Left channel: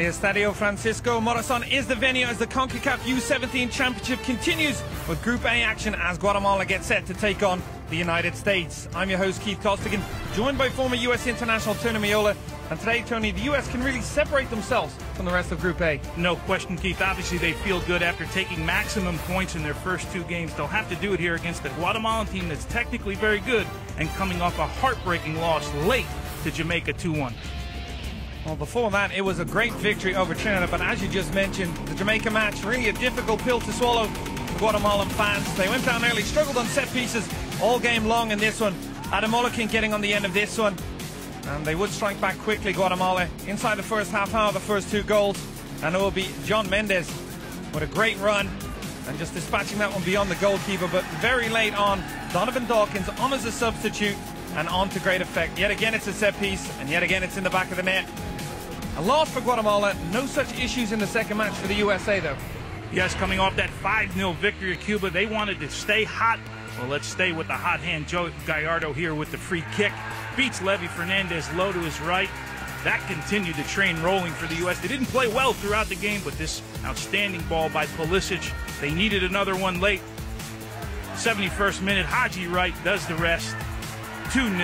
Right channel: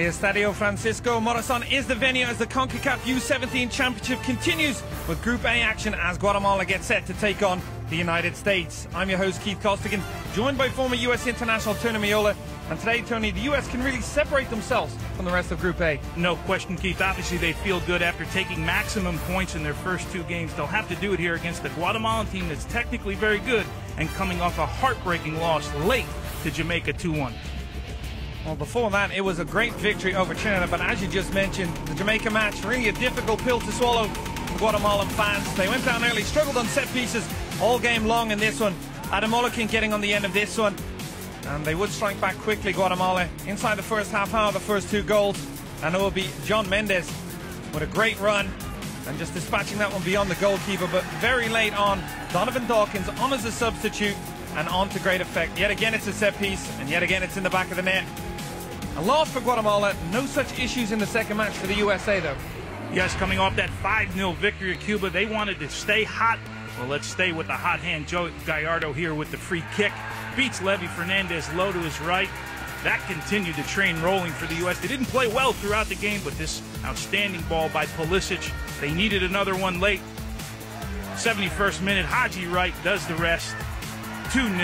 The Estadio Francisco Morazan is the venue as the CONCACAF U17 Championship continues with Group A action as Guatemala gets set to take on the United States. I'm your host, Keith Costigan, joined by former U.S. international Tony Meola. And today, Tony, the U.S. can really separate themselves from the rest of Group A. No question, Keith. Obviously, they feel good after taking maximum points in their first two games. They'll have to do it here against the Guatemalan team that's technically very good and coming off a heartbreaking loss late to Jamaica 2-1. Well, before that, it was a great victory over Trinidad, but as you just mentioned, the Jamaica match, really a difficult pill to swallow for Guatemalan fans. They went down early, struggled on set pieces all game long in this one. Ademolekin getting on the end of this one, and they would strike back quickly, Guatemala, inside the first half hour, the first two goals, and it will be John Mendez with a great run, and just dispatching that one beyond the goalkeeper, but very late on, Donovan Dawkins on as a substitute, and on to great effect. Yet again it's a set piece, and yet again it's in the back of the net. A loss for Guatemala, no such issues in the second match for the USA though. Yes, coming off that 5-0 victory at Cuba, they wanted to stay hot. Well, let's stay with the hot hand. Joe Gallardo here with the free kick. Beats Levy Fernandez low to his right. That continued the train rolling for the U.S. They didn't play well throughout the game, but this outstanding ball by Pulisic, they needed another one late. 71st minute, Haji Wright does the rest. 2-0,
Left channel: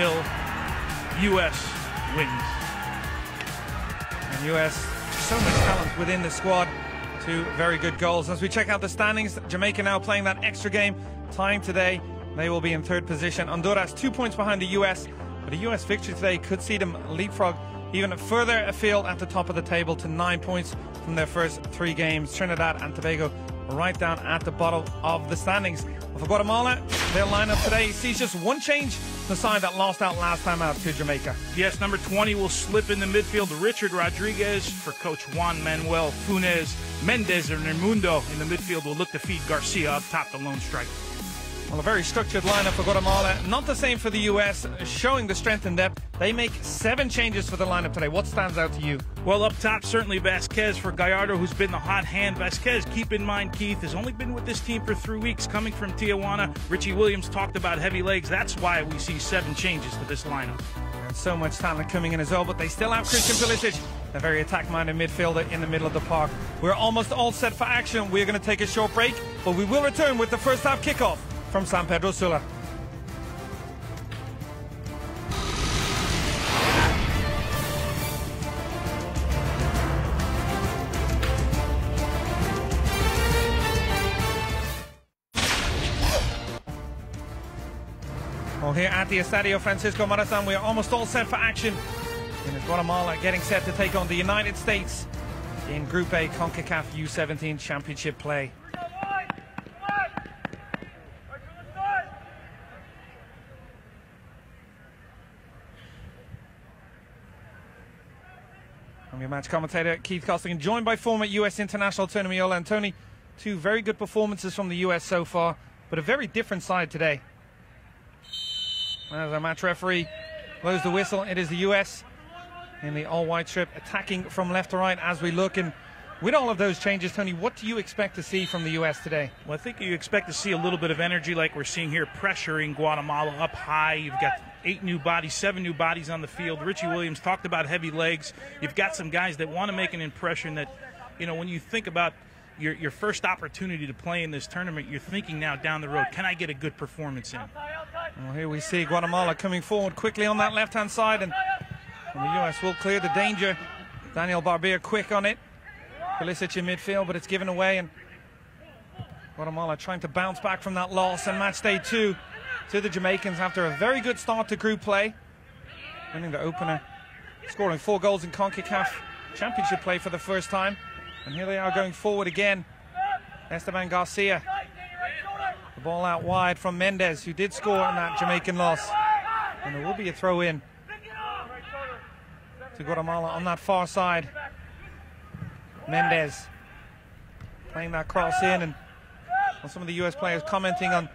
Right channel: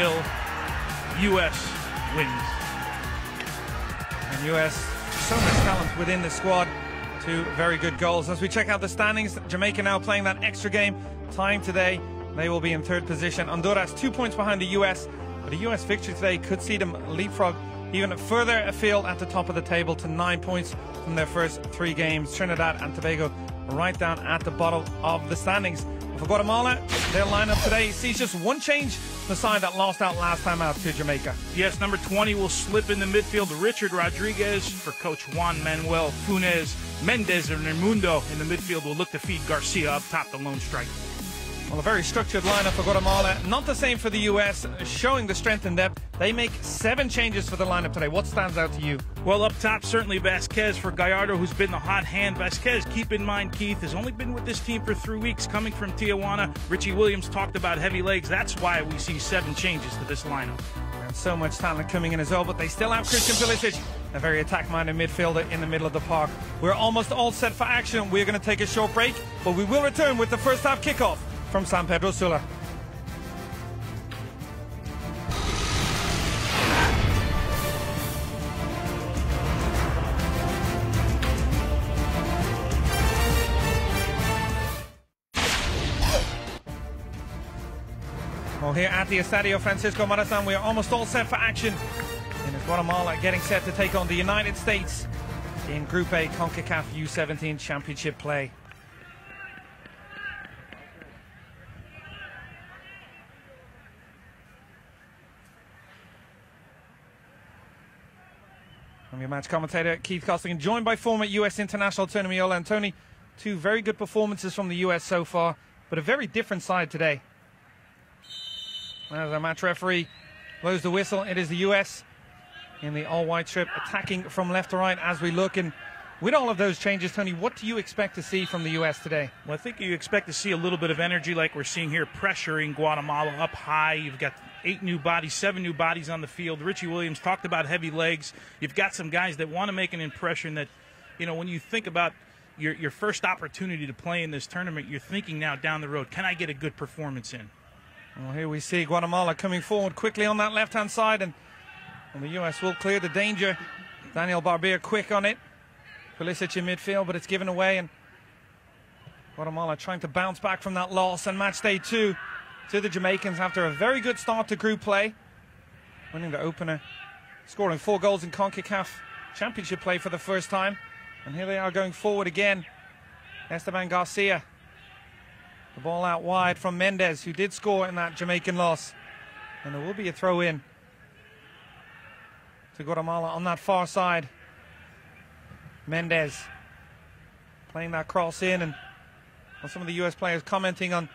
U.S. wins. And U.S. so much talent within the squad. Two very good goals. As we check out the standings, Jamaica now playing that extra game time today. They will be in third position. Honduras 2 points behind the U.S. But a U.S. victory today could see them leapfrog even further afield at the top of the table to 9 points from their first three games. Trinidad and Tobago right down at the bottom of the standings. For Guatemala, their lineup today sees just one change, the side that lost out last time out to Jamaica. Yes, number 20 will slip in the midfield. Richard Rodriguez for coach Juan Manuel Funes. Mendez and Raimundo in the midfield will look to feed Garcia up top, the lone striker. Well, a very structured lineup for Guatemala. Not the same for the U.S., showing the strength and depth. They make 7 changes for the lineup today. What stands out to you? Well, up top, certainly Vasquez for Gallardo, who's been the hot hand. Vasquez, keep in mind, Keith, has only been with this team for 3 weeks, coming from Tijuana. Richie Williams talked about heavy legs. That's why we see 7 changes to this lineup. So much talent coming in as well, but they still have Christian Pulisic, a very attack-minded midfielder in the middle of the park. We're almost all set for action. We're going to take a short break, but we will return with the first half kickoff from San Pedro Sula. Well, here at the Estadio Francisco Morazan, we are almost all set for action. And it's Guatemala getting set to take on the United States in Group A CONCACAF U17 Championship play. I'm your match commentator, Keith Costigan, joined by former U.S. international Tony Meola. And Tony, 2 very good performances from the U.S. so far, but a very different side today. As our match referee blows the whistle, it is the U.S. in the all-white strip, attacking from left to right as we look. And with all of those changes, Tony, what do you expect to see from the U.S. today? Well, I think you expect to see a little bit of energy like we're seeing here, pressuring Guatemala up high. You've got 8 new bodies, 7 new bodies on the field. Richie Williams talked about heavy legs. You've got some guys that want to make an impression that, you know, when you think about your first opportunity to play in this tournament, you're thinking now down the road, can I get a good performance in? Well, here we see Guatemala coming forward quickly on that left-hand side, and the U.S. will clear the danger. Daniel Barbier quick on it. Pulisic in midfield, but it's given away, and Guatemala trying to bounce back from that loss, and match day 2 to the Jamaicans after a very good start to group play. Winning the opener, scoring 4 goals in CONCACAF Championship play for the first time. And here they are going forward again. Esteban Garcia. The ball out wide from Mendez, who did score on that Jamaican loss. And there will be a throw in to Guatemala on that far side. Mendez playing that cross in, and some of the U.S. players commenting on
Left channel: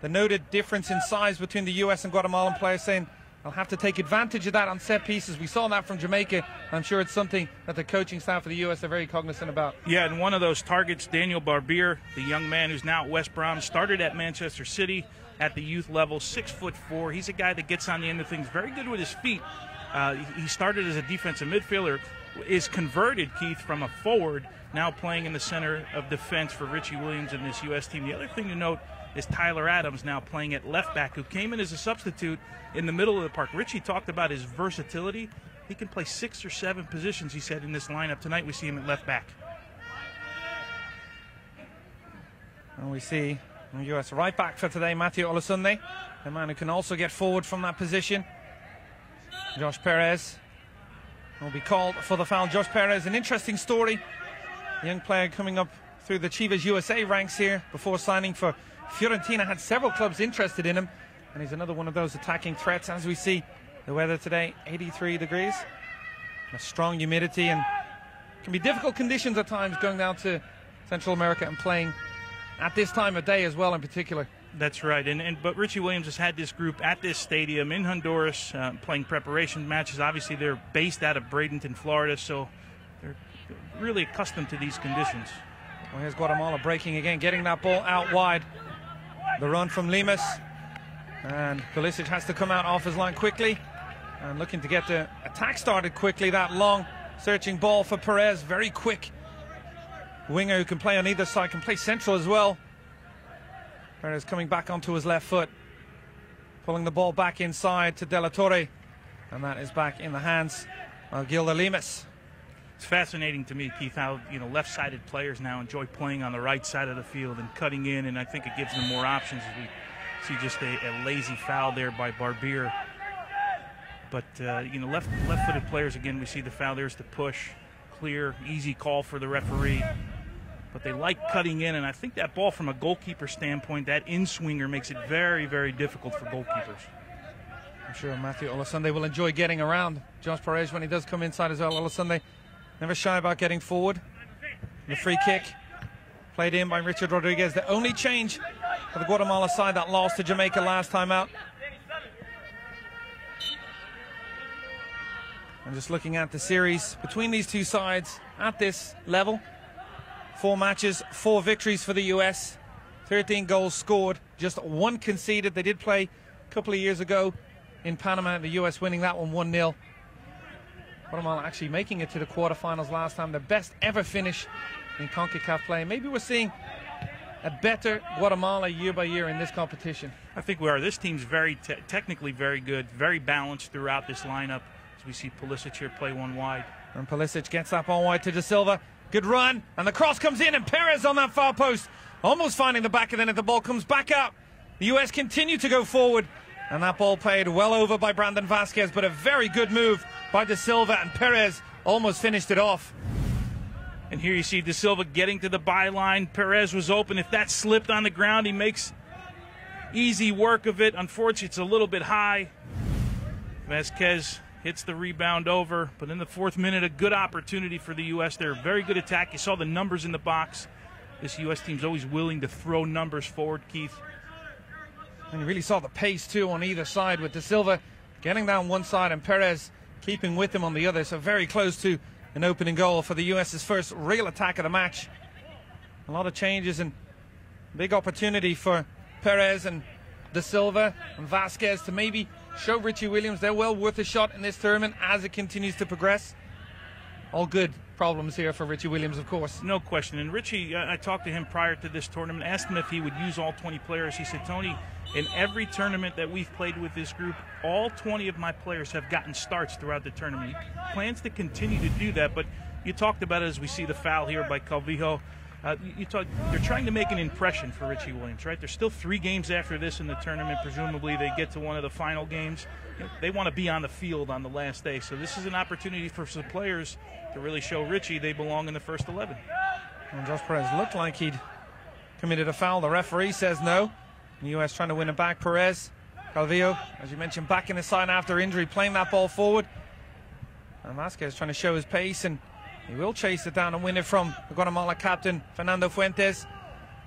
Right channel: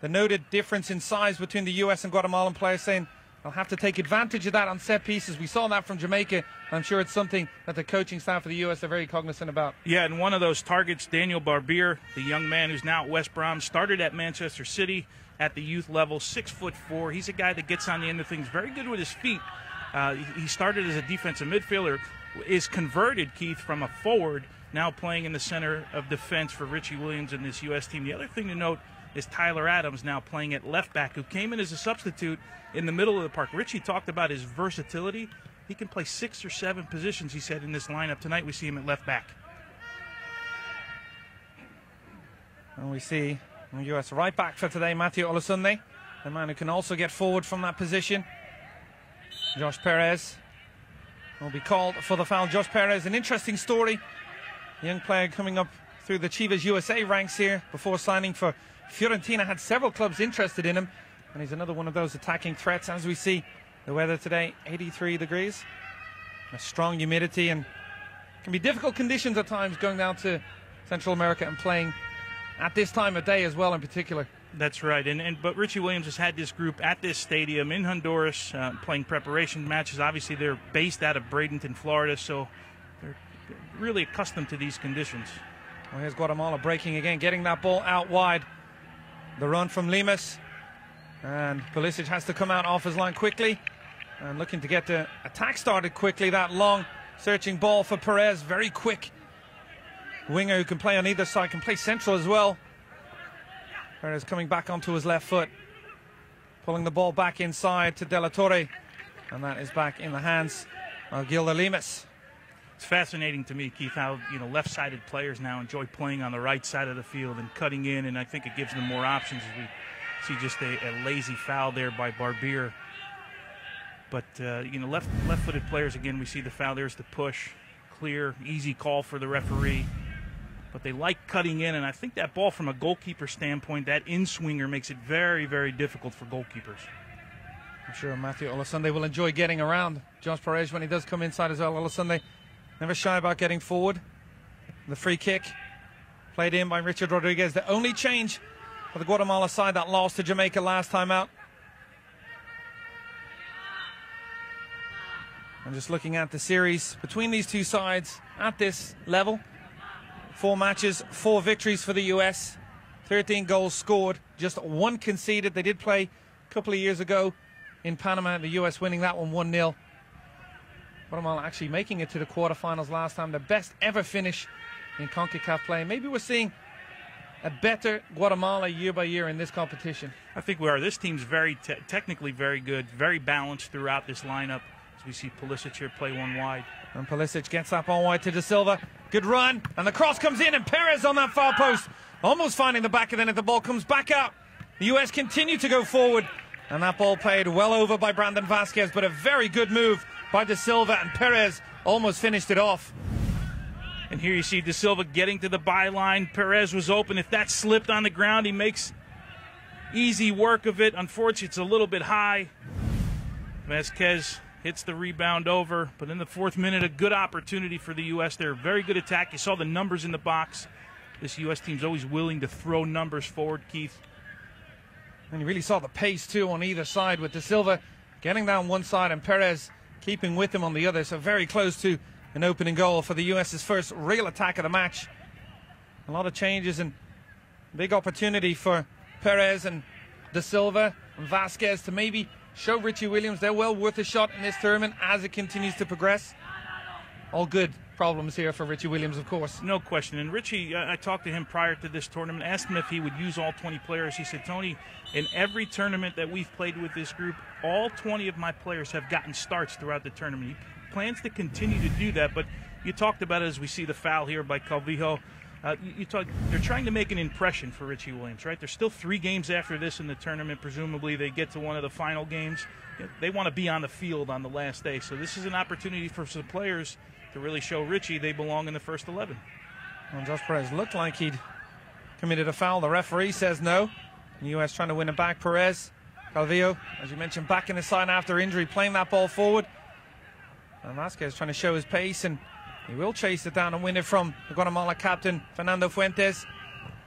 the noted difference in size between the U.S. and Guatemalan players, saying they'll have to take advantage of that on set pieces. We saw that from Jamaica. I'm sure it's something that the coaching staff of the U.S. are very cognizant about. Yeah, and one of those targets, Daniel Barbier, the young man who's now at West Brom, started at Manchester City at the youth level, 6'4". He's a guy that gets on the end of things, very good with his feet. He started as a defensive midfielder, is converted, Keith, from a forward, now playing in the center of defense for Richie Williams and this U.S. team. The other thing to note is Tyler Adams now playing at left back, who came in as a substitute in the middle of the park. Richie talked about his versatility. He can play 6 or 7 positions, he said, in this lineup. Tonight we see him at left back. And we see the U.S. right back for today, Matthew Olasunde, the man who can also get forward from that position. Josh Perez will be called for the foul. Josh Perez, an interesting story. A young player coming up through the Chivas USA ranks here before signing for Fiorentina. Had several clubs interested in him, and he's another one of those attacking threats. As we see the weather today, 83 degrees, a strong humidity, and can be difficult conditions at times going down to Central America and playing at this time of day as well in particular. That's right, but Richie Williams has had this group at this stadium in Honduras playing preparation matches. Obviously, they're based out of Bradenton, Florida, so they're really accustomed to these conditions. Well, here's Guatemala breaking again, getting that ball out wide. The run from Lemus, and Pulisic has to come out off his line quickly and looking to get the attack started quickly. That long searching ball for Perez, very quick winger who can play on either side, can play central as well. Perez coming back onto his left foot, pulling the ball back inside to De La Torre, and that is back in the hands of Gilda Lemus. It's fascinating to me, Keith, how left-sided players now enjoy playing on the right side of the field and cutting in, and I think it gives them more options. We see just a lazy foul there by Barbier. But left-footed players, again, we see the foul. There's the push, clear, easy call for the referee. But they like cutting in, and I think that ball from a goalkeeper standpoint, that in-swinger makes it very, very difficult for goalkeepers. I'm sure Matthew Olasunde will enjoy getting around Josh Perez when he does come inside as well. Olasunde never shy about getting forward. The free kick played in by Richard Rodriguez. The only change for the Guatemala side that lost to Jamaica last time out. I'm just looking at the series between these two sides at this level. 4 matches, 4 victories for the U.S., 13 goals scored, just 1 conceded. They did play a couple of years ago in Panama, the U.S. winning that one 1-0. Guatemala actually making it to the quarterfinals last time, the best ever finish in CONCACAF play. Maybe we're seeing a better Guatemala year by year in this competition. I think we are. This team's very technically very good, very balanced throughout this lineup. As we see Pulisic here play one wide. And Pulisic gets that ball wide to De Silva. Good run, and the cross comes in, and Perez on that far post, almost finding the back, and then the ball comes back out. The U.S. continue to go forward, and that ball played well over by Brandon Vasquez, but a very good move by De Silva, and Perez almost finished it off. And here you see De Silva getting to the byline. Perez was open. If that slipped on the ground, he makes easy work of it. Unfortunately, it's a little bit high. Vasquez hits the rebound over, but in the 4th minute, a good opportunity for the U.S. They're a very good attack. You saw the numbers in the box. This U.S. team's always willing to throw numbers forward, Keith. And you really saw the pace, too, on either side, with De Silva getting down one side and Perez keeping with him on the other. So very close to an opening goal for the U.S.'s first real attack of the match. A lot of changes and big opportunity for Perez and De Silva and Vasquez to maybe show Richie Williams they're well worth a shot in this tournament as it continues to progress. All good problems here for Richie Williams, of course. No question. And Richie, I talked to him prior to this tournament, asked him if he would use all 20 players. He said, Tony, in every tournament that we've played with this group, all 20 of my players have gotten starts throughout the tournament. He plans to continue to do that, but you talked about it as we see the foul here by Calvillo. They're trying to make an impression for Richie Williams, right? There's still 3 games after this in the tournament. Presumably they get to one of the final games. They want to be on the field on the last day. So this is an opportunity for some players to really show Richie they belong in the first 11. And Josh Perez looked like he'd committed a foul. The referee says no. The U.S. trying to win it back. Perez, Calvillo, as you mentioned, back in the side after injury, playing that ball forward. And Vasquez trying to show his pace, and he will chase it down and win it from the Guatemala captain, Fernando Fuentes.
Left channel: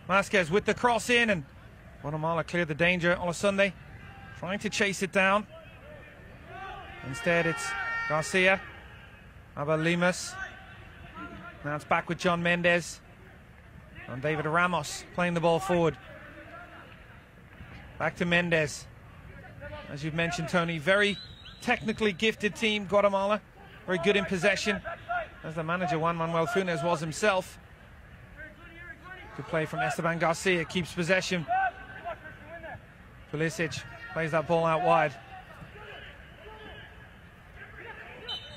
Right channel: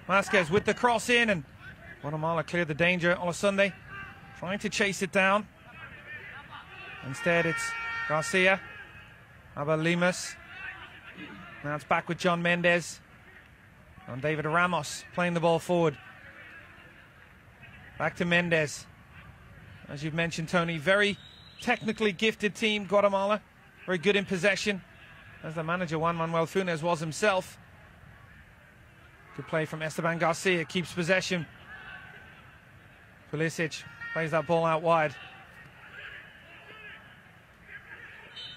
Vasquez with the cross in, and Guatemala cleared the danger. Olasunde trying to chase it down. Instead, it's Garcia, Abel Lemus. Now it's back with John Mendez. And David Ramos playing the ball forward. Back to Mendez. As you've mentioned, Tony, very technically gifted team, Guatemala. very good in possession, as the manager Juan Manuel Funes was himself. Good play from Esteban Garcia, keeps possession. Pulisic plays that ball out wide.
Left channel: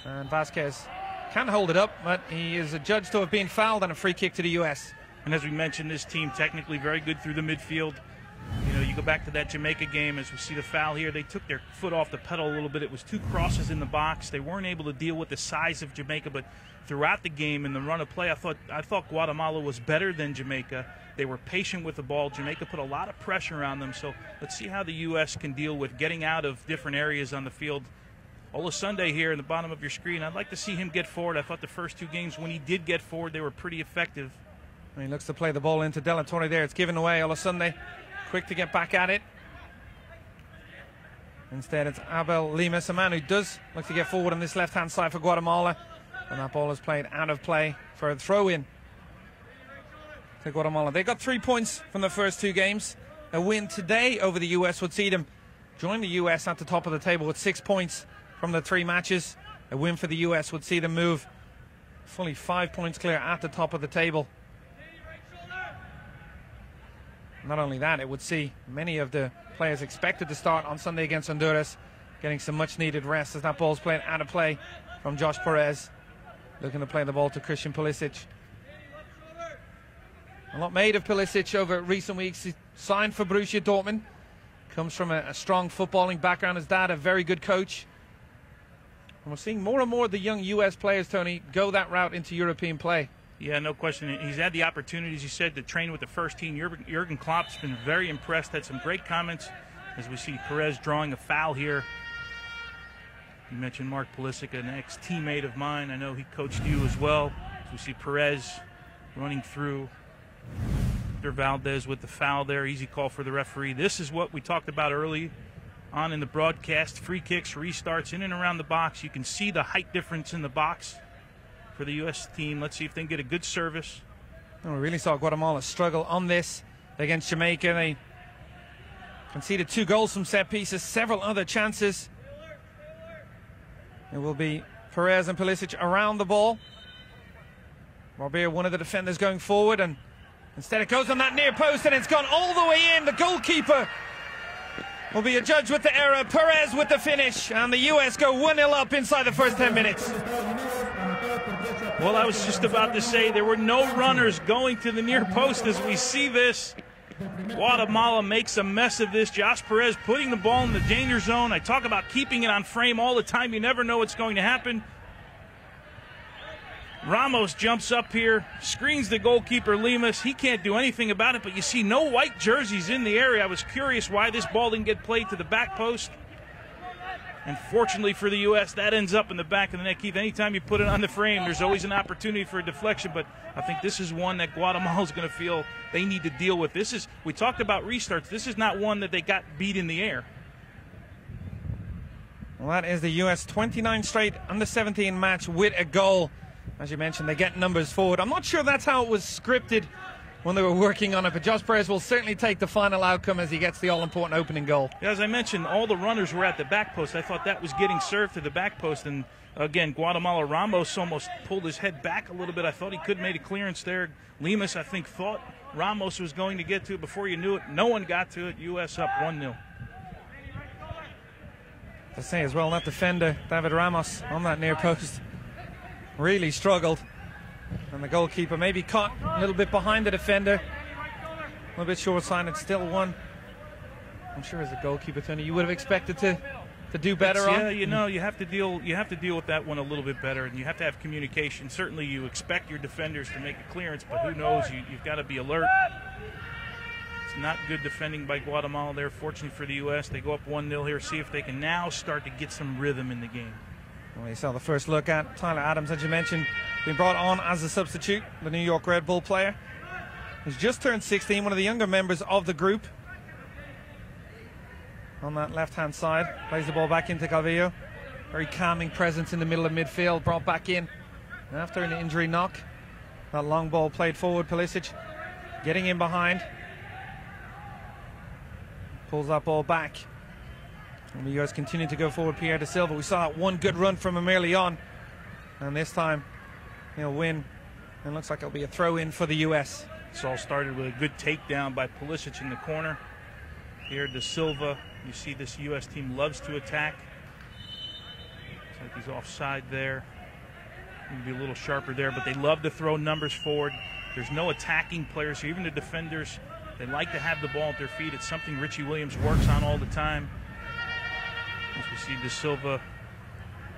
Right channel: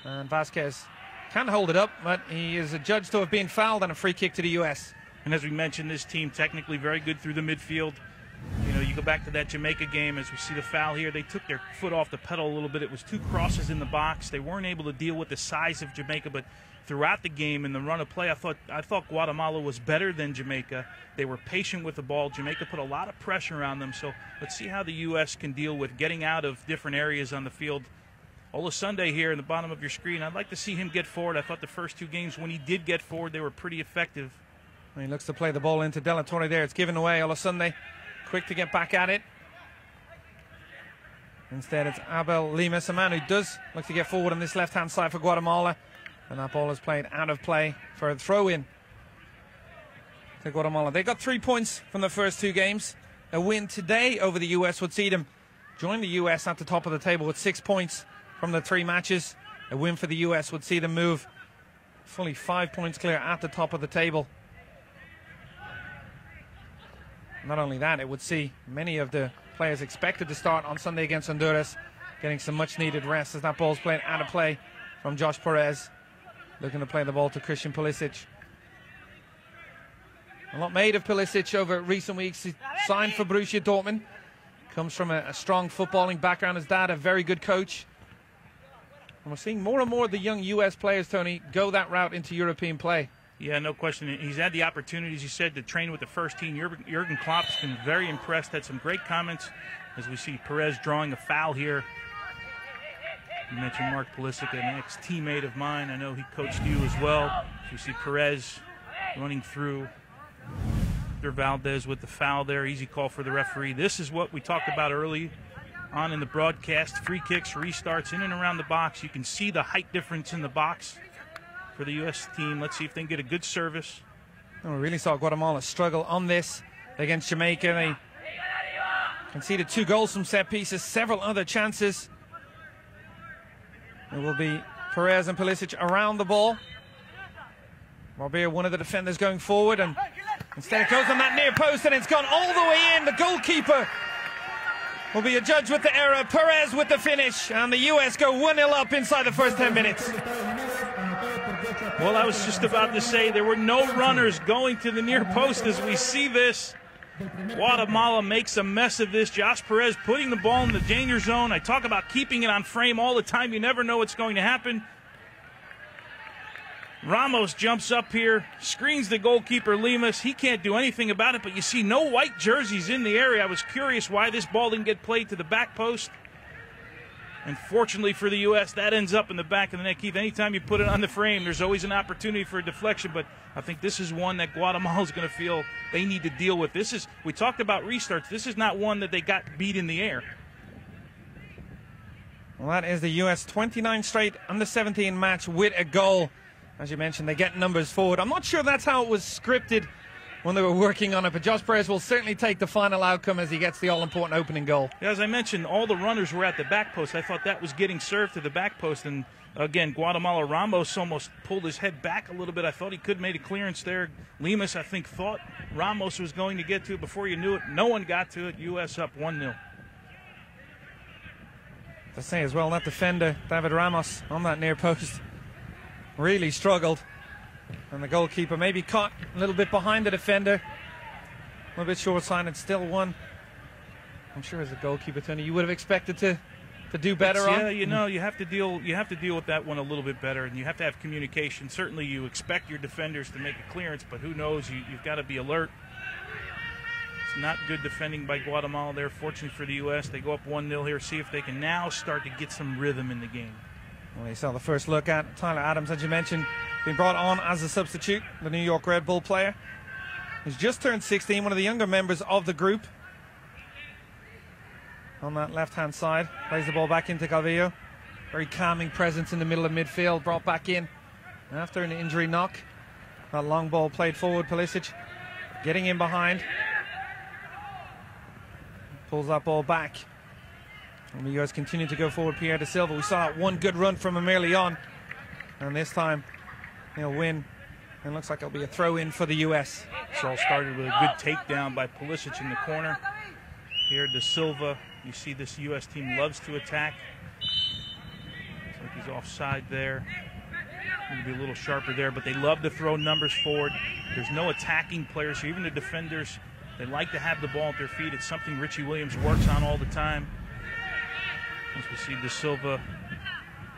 And Vasquez can hold it up, but he is adjudged to have been fouled on a free kick to the US. And as we mentioned, this team technically very good through the midfield. You know, you go back to that Jamaica game, as we see the foul here, they took their foot off the pedal a little bit. It was 2 crosses in the box. They weren't able to deal with the size of Jamaica, but throughout the game in the run of play, I thought Guatemala was better than Jamaica. They were patient with the ball. Jamaica put a lot of pressure on them, so let's see how the U.S. can deal with getting out of different areas on the field. Olasunde here in the bottom of your screen, I'd like to see him get forward. I thought the first 2 games when he did get forward, they were pretty effective. He looks to play the ball into De La Torre there. It's given away. Olasunde quick to get back at it. Instead, it's Abel Limas, a man who does look to get forward on this left-hand side for Guatemala. And that ball is played out of play for a throw-in to Guatemala. They got 3 points from the first 2 games. A win today over the US would see them join the US at the top of the table with 6 points from the 3 matches. A win for the US would see them move fully 5 points clear at the top of the table. Not only that, it would see many of the players expected to start on Sunday against Honduras getting some much-needed rest, as that ball's played out of play from Josh Perez, looking to play the ball to Christian Pulisic. A lot made of Pulisic over recent weeks. He signed for Borussia Dortmund. Comes from a strong footballing background. His dad, a very good coach. And we're seeing more and more of the young US players, Tony, go that route into European play. Yeah, no question. He's had the opportunity, as you said, to train with the first team. Jurgen Klopp's been very impressed. Had some great comments as we see Perez drawing a foul here. You mentioned Mark Pulisic, an ex-teammate of mine. I know he coached you as well. You see Perez running through Valdez with the foul there. Easy call for the referee. This is what we talked about early on in the broadcast. Free kicks, restarts in and around the box. You can see the height difference in the box for the U.S. team. Let's see if they can get a good service. And we really saw Guatemala struggle on this against Jamaica. They conceded 2 goals from set pieces, several other chances. It will be Perez and Pulisic around the ball. Robert, one of the defenders, going forward, and instead it goes on that near post, and it's gone all the way in. The goalkeeper will be adjudged with the error. Perez with the finish, and the U.S. go 1-0 up inside the first 10 minutes. Well, I was just about to say there were no runners going to the near post as we see this. Guatemala makes a mess of this. Josh Perez putting the ball in the danger zone. I talk about keeping it on frame all the time. You never know what's going to happen. Ramos jumps up here, screens the goalkeeper Limas. He can't do anything about it, but you see no white jerseys in the area. I was curious why this ball didn't get played to the back post. Unfortunately for the U.S., that ends up in the back of the net. Keith, anytime you put it on the frame, there's always an opportunity for a deflection, but I think this is one that Guatemala's going to feel they need to deal with. We talked about restarts. This is not one that they got beat in the air. Well, that is the U.S. 29 straight under-17 match with a goal. As you mentioned, they get numbers forward. I'm not sure that's how it was scripted when they were working on it, but Josh Perez will certainly take the final outcome as he gets the all-important opening goal. As I mentioned, all the runners were at the back post. I thought that was getting served to the back post, and again, Guatemala, Ramos almost pulled his head back a little bit. I thought he could have made a clearance there. Limas, I think, thought Ramos was going to get to it. Before you knew it, no one got to it. U.S. up 1-0. To say as well, that defender, David Ramos, on that near post, really struggled. And the goalkeeper maybe caught a little bit behind the defender. A little bit short-sighted, still one. I'm sure as a goalkeeper, Tony, you would have expected to do better on. Yeah, you know, you have to deal with that one a little bit better, and you have to have communication. Certainly you expect your defenders to make a clearance, but who knows, you've got to be alert. It's not good defending by Guatemala there. Fortunately for the U.S., they go up 1-0 here. See if they can now start to get some rhythm in the game. Well, you saw the first look at Tyler Adams, as you mentioned, being brought on as a substitute, the New York Red Bull player. He's just turned 16, one of the younger members of the group. On that left-hand side, plays the ball back into Calvillo. Very calming presence in the middle of midfield, brought back in after an injury knock. That long ball played forward, Pulisic getting in behind. Pulls that ball back. And the US continue to go forward. Pierre da Silva, we saw that one good run from Amir Leon. And this time he'll win. And looks like it'll be a throw-in for the U.S. This all started with a good takedown by Pulisic in the corner. Here, De Silva. You see this U.S. team loves to attack. Looks like he's offside there. Maybe a little sharper there, but they love to throw numbers forward. There's no attacking players here. Even the defenders, they like to have the ball at their feet. It's something Richie Williams works on all the time. As we see De Silva,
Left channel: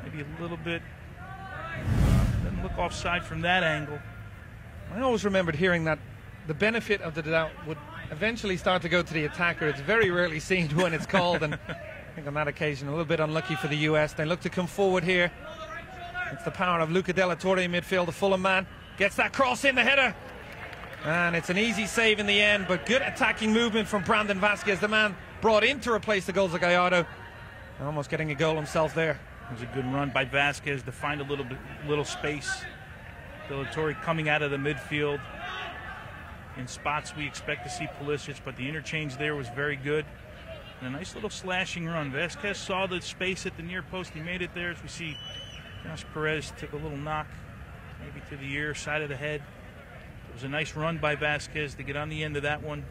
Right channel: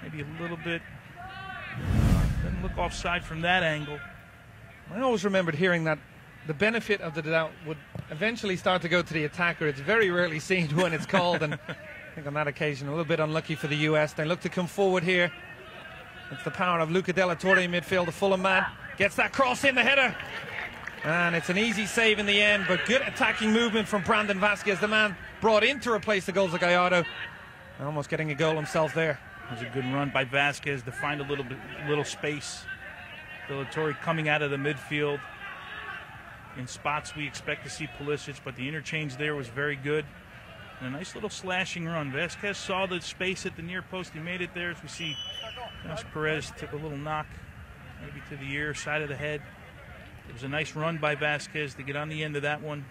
maybe a little bit, doesn't look offside from that angle. I always remembered hearing that the benefit of the doubt would eventually start to go to the attacker. It's very rarely seen when it's called, and I think on that occasion a little bit unlucky for the U.S. They look to come forward here. It's the power of Luca Della Torre in midfield, the Fulham man. Gets that cross in, the header. And it's an easy save in the end, but good attacking movement from Brandon Vasquez, the man brought in to replace the goals of Gallardo. Almost getting a goal himself there. It was a good run by Vasquez to find a little space. Della Torre coming out of the midfield. In spots we expect to see Pulisic, but the interchange there was very good. And a nice little slashing run. Vasquez saw the space at the near post. He made it there. As we see, Josh Perez took a little knock, maybe to the ear, side of the head. It was a nice run by Vasquez to get on the end of that one.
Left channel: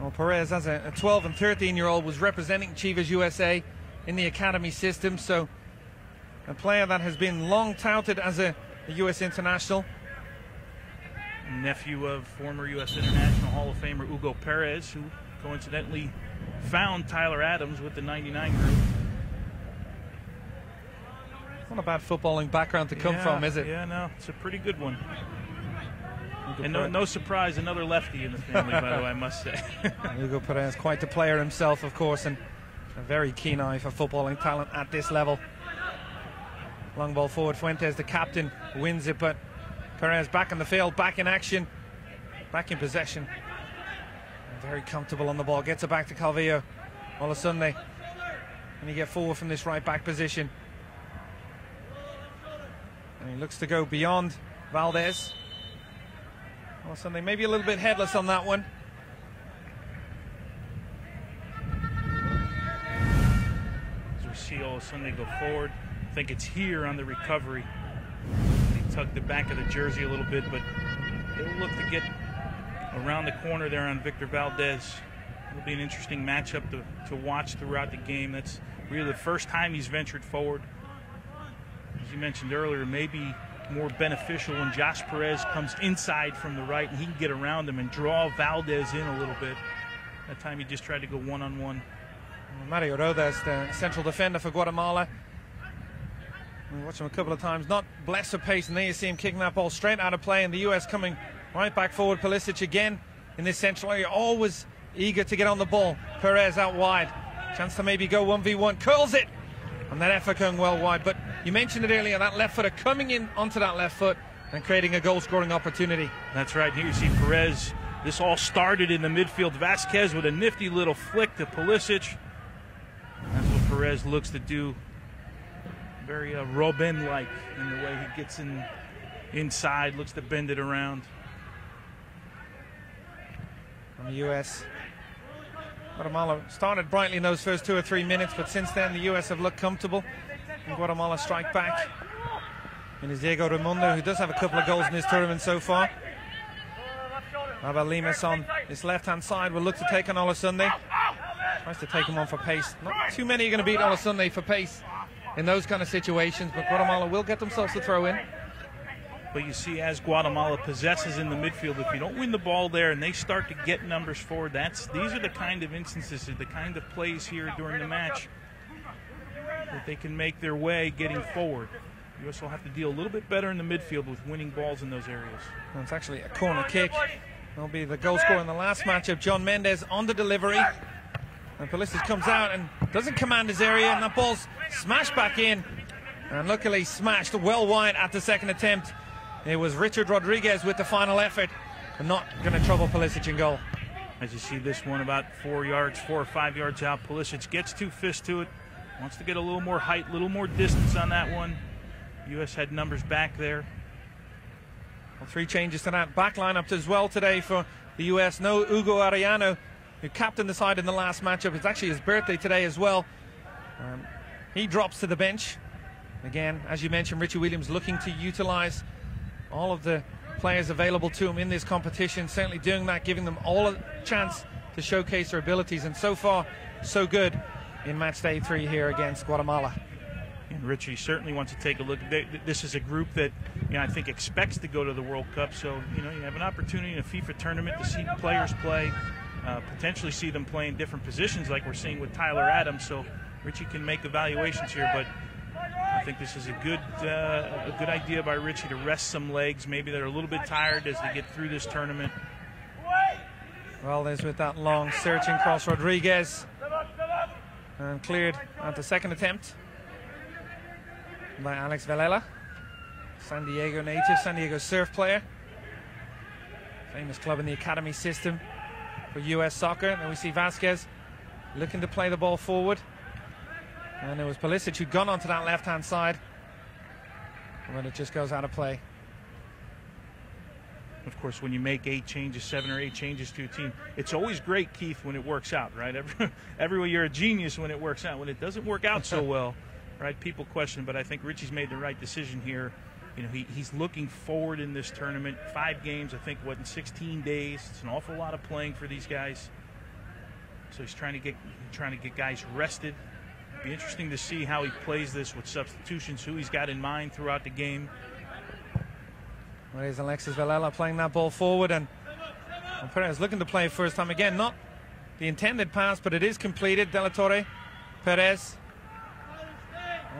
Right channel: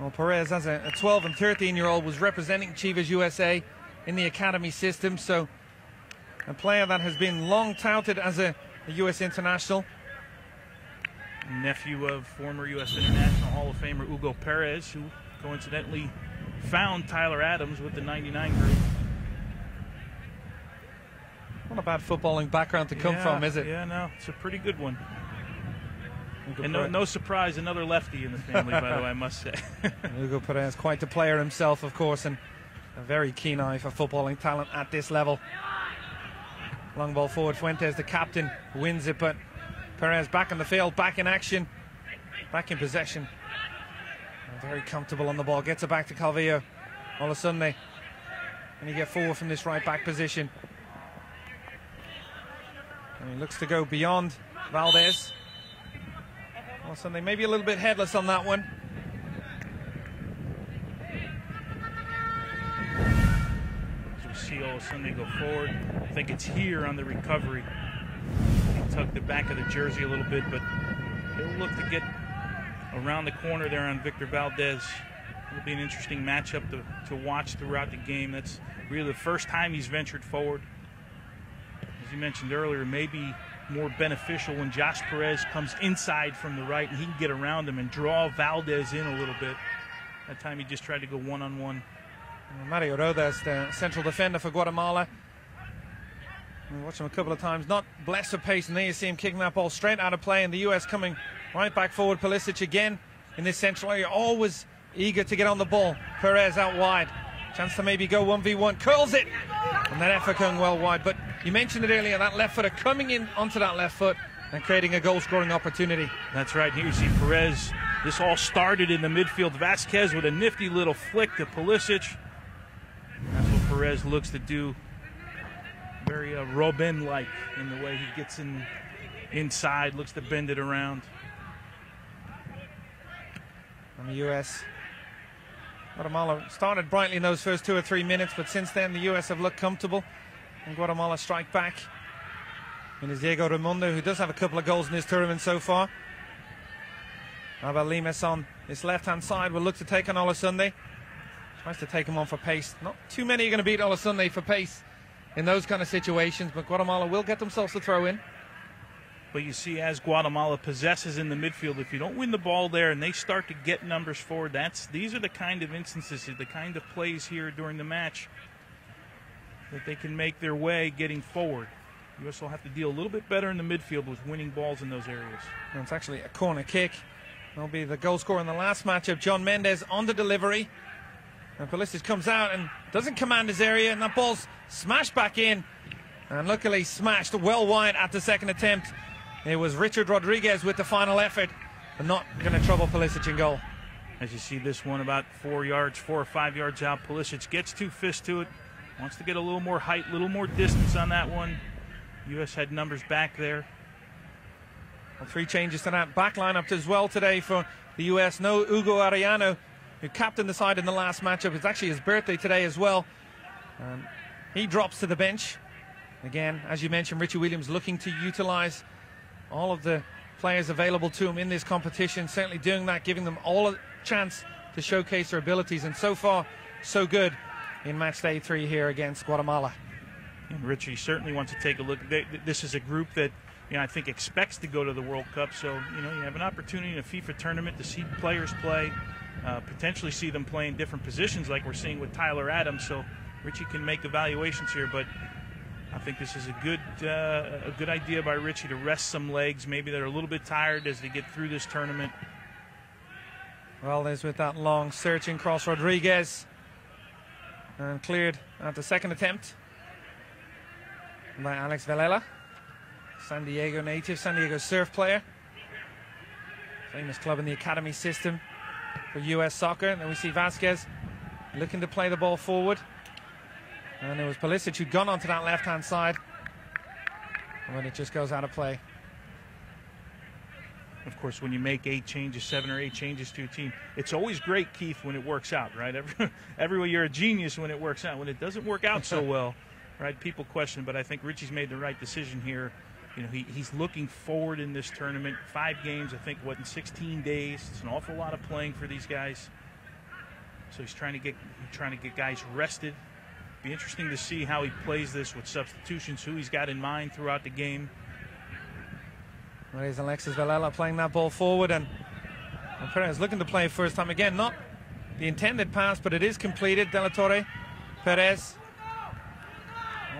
Well, Perez, as a 12 and 13-year-old, was representing Chivas USA in the academy system, so a player that has been long touted as a U.S. international. Nephew of former U.S. International Hall of Famer Hugo Perez, who coincidentally found Tyler Adams with the 99 group. Not a bad footballing background to come from, is it? Yeah, no, it's a pretty good one. And no surprise, another lefty in the family, by the way, I must say. Hugo Perez, quite the player himself, of course, and a very keen eye for footballing talent at this level. Long ball forward, Fuentes, the captain, wins it, but Perez back on the field, back in action, back in possession. Very comfortable on the ball, gets it back to Calvillo. Olasunde, and you get forward from this right back position. And he looks to go beyond Valdez. Olasunde maybe a little bit headless on that one. As we see Olasunde go forward, I think it's here on the recovery. He tugged the back of the jersey a little bit, but he'll look to get around the corner there on Victor Valdez. It'll be an interesting matchup to watch throughout the game. That's really the first time he's ventured forward. As you mentioned earlier, maybe more beneficial when Josh Perez comes inside from the right and he can get around him and draw Valdez in a little bit. That time he just tried to go one-on-one. Mario Rodas, the central defender for Guatemala. We watched him a couple of times, not blessed with pace, and there you see him kicking that ball straight out of play, and the U.S. coming right back forward. Pulisic again in this central area, always eager to get on the ball. Perez out wide, chance to maybe go 1v1, curls it, and that effort going well wide. But you mentioned it earlier, that left footer coming in onto that left foot and creating a goal-scoring opportunity. That's right. Here you see Perez. This all started in the midfield. Vasquez with a nifty little flick to Pulisic. That's what Perez looks to do. Very Robin-like in the way he gets inside, looks to bend it around. From the U.S. Guatemala started brightly in those first 2 or 3 minutes, but since then the U.S. have looked comfortable. And Guatemala strike back. And it's Diego Raimundo, who does have a couple of goals in this tournament so far. Abel Limas on this left-hand side will look to take on Olasunde. Tries to take him on for pace. Not too many are going to beat Olasunde for pace in those kind of situations, but Guatemala will get themselves to throw in. But you see, as Guatemala possesses in the midfield, if you don't win the ball there and they start to get numbers forward, these are the kind of instances, the kind of plays here during the match that they can make their way getting forward. You also have to deal a little bit better in the midfield with winning balls in those areas. And it's actually a corner kick. It'll be the goal scorer in the last matchup, John Mendes, on the delivery. And Pulisic comes out and doesn't command his area, and that ball's smashed back in. And luckily smashed well wide at the second attempt. It was Richard Rodriguez with the final effort, and not going to trouble Pulisic in goal. As you see this one about 4 or 5 yards out, Pulisic gets 2 fists to it, wants to get a little more height, a little more distance on that one. U.S. had numbers back there. Well, 3 changes to that back lineup as well today for the U.S. No Hugo Arellano, who captained the side in the last matchup. It's actually his birthday today as well. He drops to the bench. Again, as you mentioned, Richie Williams looking to utilize all of the players available to him in this competition, certainly doing that, giving them all a chance to showcase their abilities, and so far, so good in match day 3 here against Guatemala. And Richie certainly wants to take a look. This is a group that, you know, I think expects to go to the World Cup, so you have an opportunity in a FIFA tournament to see players play, potentially see them play in different positions like we're seeing with Tyler Adams, so Richie can make evaluations here, but I think this is a good idea by Richie to rest some legs. Maybe they're a little bit tired as they get through this tournament. Well, there's with that long searching cross Rodriguez, and cleared at the second attempt by Alex Velella, San Diego native, San Diego surf player, famous club in the academy system for US soccer. And then we see Vasquez looking to play the ball forward, and it was Pulisic who'd gone onto that left-hand side, but it just goes out of play. Of course, when you make 8 changes, 7 or 8 changes to your team, it's always great, Keith, when it works out, right? Everywhere you're a genius when it works out. When it doesn't work out so well, right, people question, but I think Richie's made the right decision here. You know, he's looking forward in this tournament. 5 games, I think, in 16 days. It's an awful lot of playing for these guys. So he's trying to get guys rested. Be interesting to see how he plays this with substitutions, who he's got in mind throughout the game. Well, there's Alexis Velella playing that ball forward, and Perez looking to play first time again. Not the intended pass, but it is completed. De La Torre, Perez,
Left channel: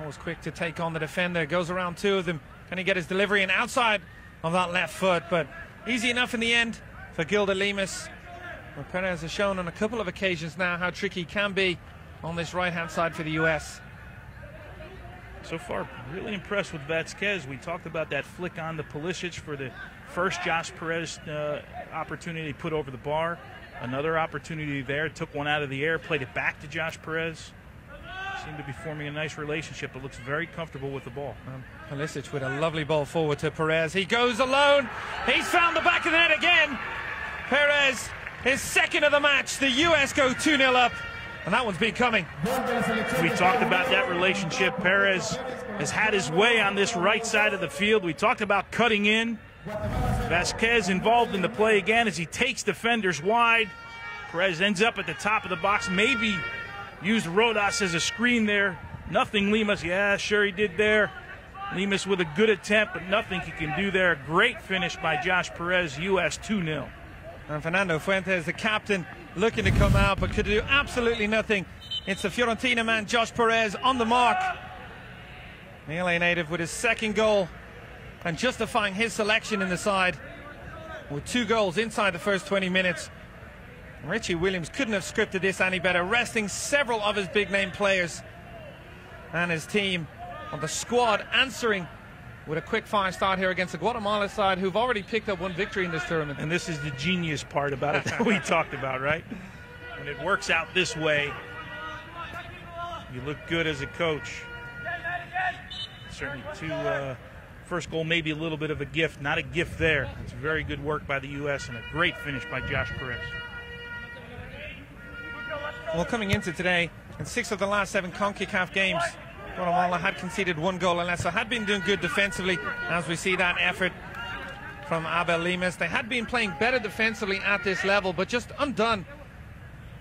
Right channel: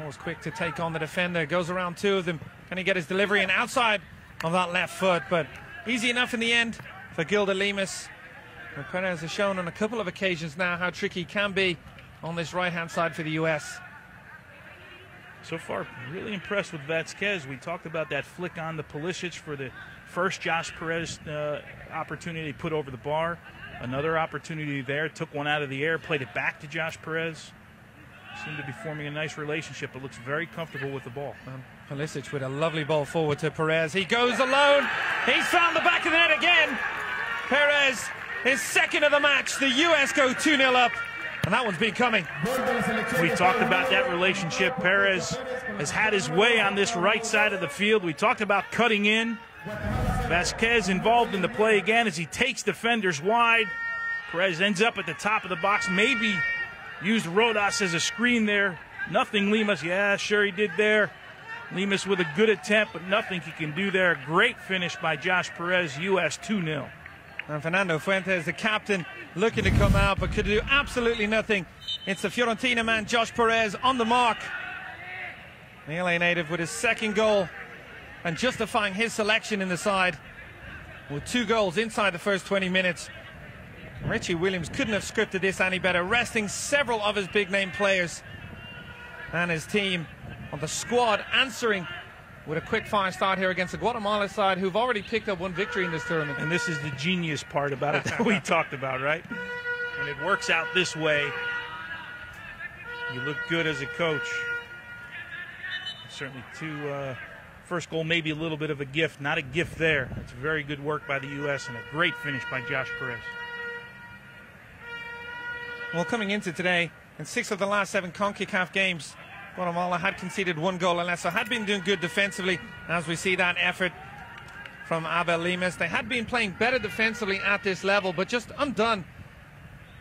always quick to take on the defender. Goes around 2 of them. Can he get his delivery and outside of that left foot? But easy enough in the end for Gilda Lemus. And Perez has shown on a couple of occasions now how tricky he can be on this right-hand side for the U.S. So far, really impressed with Vasquez. We talked about that flick on to Pulisic for the first Josh Perez opportunity put over the bar. Another opportunity there, took one out of the air, played it back to Josh Perez. Seemed to be forming a nice relationship, but looks very comfortable with the ball. Pulisic with a lovely ball forward to Perez. He goes alone. He's found the back of the net again. Perez, his second of the match. The U.S. go 2-0 up. And that one's been coming. We talked about that relationship. Perez has had his way on this right side of the field. We talked about cutting in. Vasquez involved in the play again as he takes defenders wide. Perez ends up at the top of the box. Maybe used Rodas as a screen there. Nothing Lemus. Yeah, sure he did there. Lemus with a good attempt, but nothing he can do there. Great finish by Josh Perez. U.S. 2-0. And Fernando Fuentes, the captain, looking to come out, but could do absolutely nothing. It's the Fiorentina man, Josh Perez, on the mark. The LA native with his second goal and justifying his selection in the side with 2 goals inside the first 20 minutes. Richie Williams couldn't have scripted this any better, resting several of his big-name players. And his team on the squad answering with a quick-fire start here against the Guatemala side, who've already picked up 1 victory in this tournament. And this is the genius part about it that we talked about, right? When it works out this way, you look good as a coach. Certainly first goal maybe a little bit of a gift. Not a gift there. It's very good work by the U.S. and a great finish by Josh Perez. Well, coming into today, in 6 of the last 7 CONCACAF games, Guatemala had conceded 1 goal and less, so had been doing good defensively, as we see that effort from Abel Lemus. They had been playing better defensively at this level, but just undone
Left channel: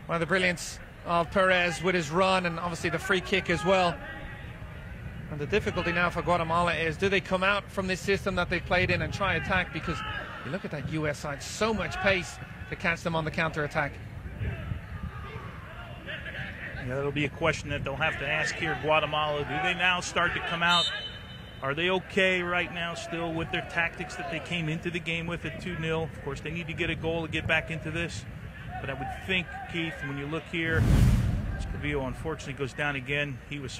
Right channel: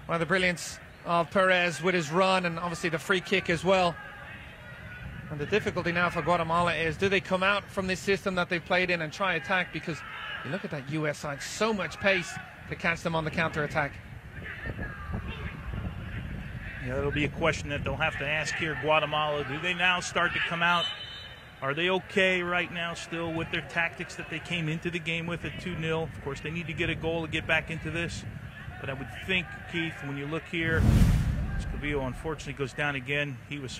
by the brilliance of Perez with his run and obviously the free kick as well. And the difficulty now for Guatemala is, do they come out from this system that they played in and try attack? Because you look at that US side, so much pace to catch them on the counter-attack. Yeah, it'll be a question that they'll have to ask here, Guatemala. Do they now start to come out? Are they okay right now still with their tactics that they came into the game with at 2-0? Of course, they need to get a goal to get back into this. But I would think, Keith, when you look here, Escobillo unfortunately goes down again. He was,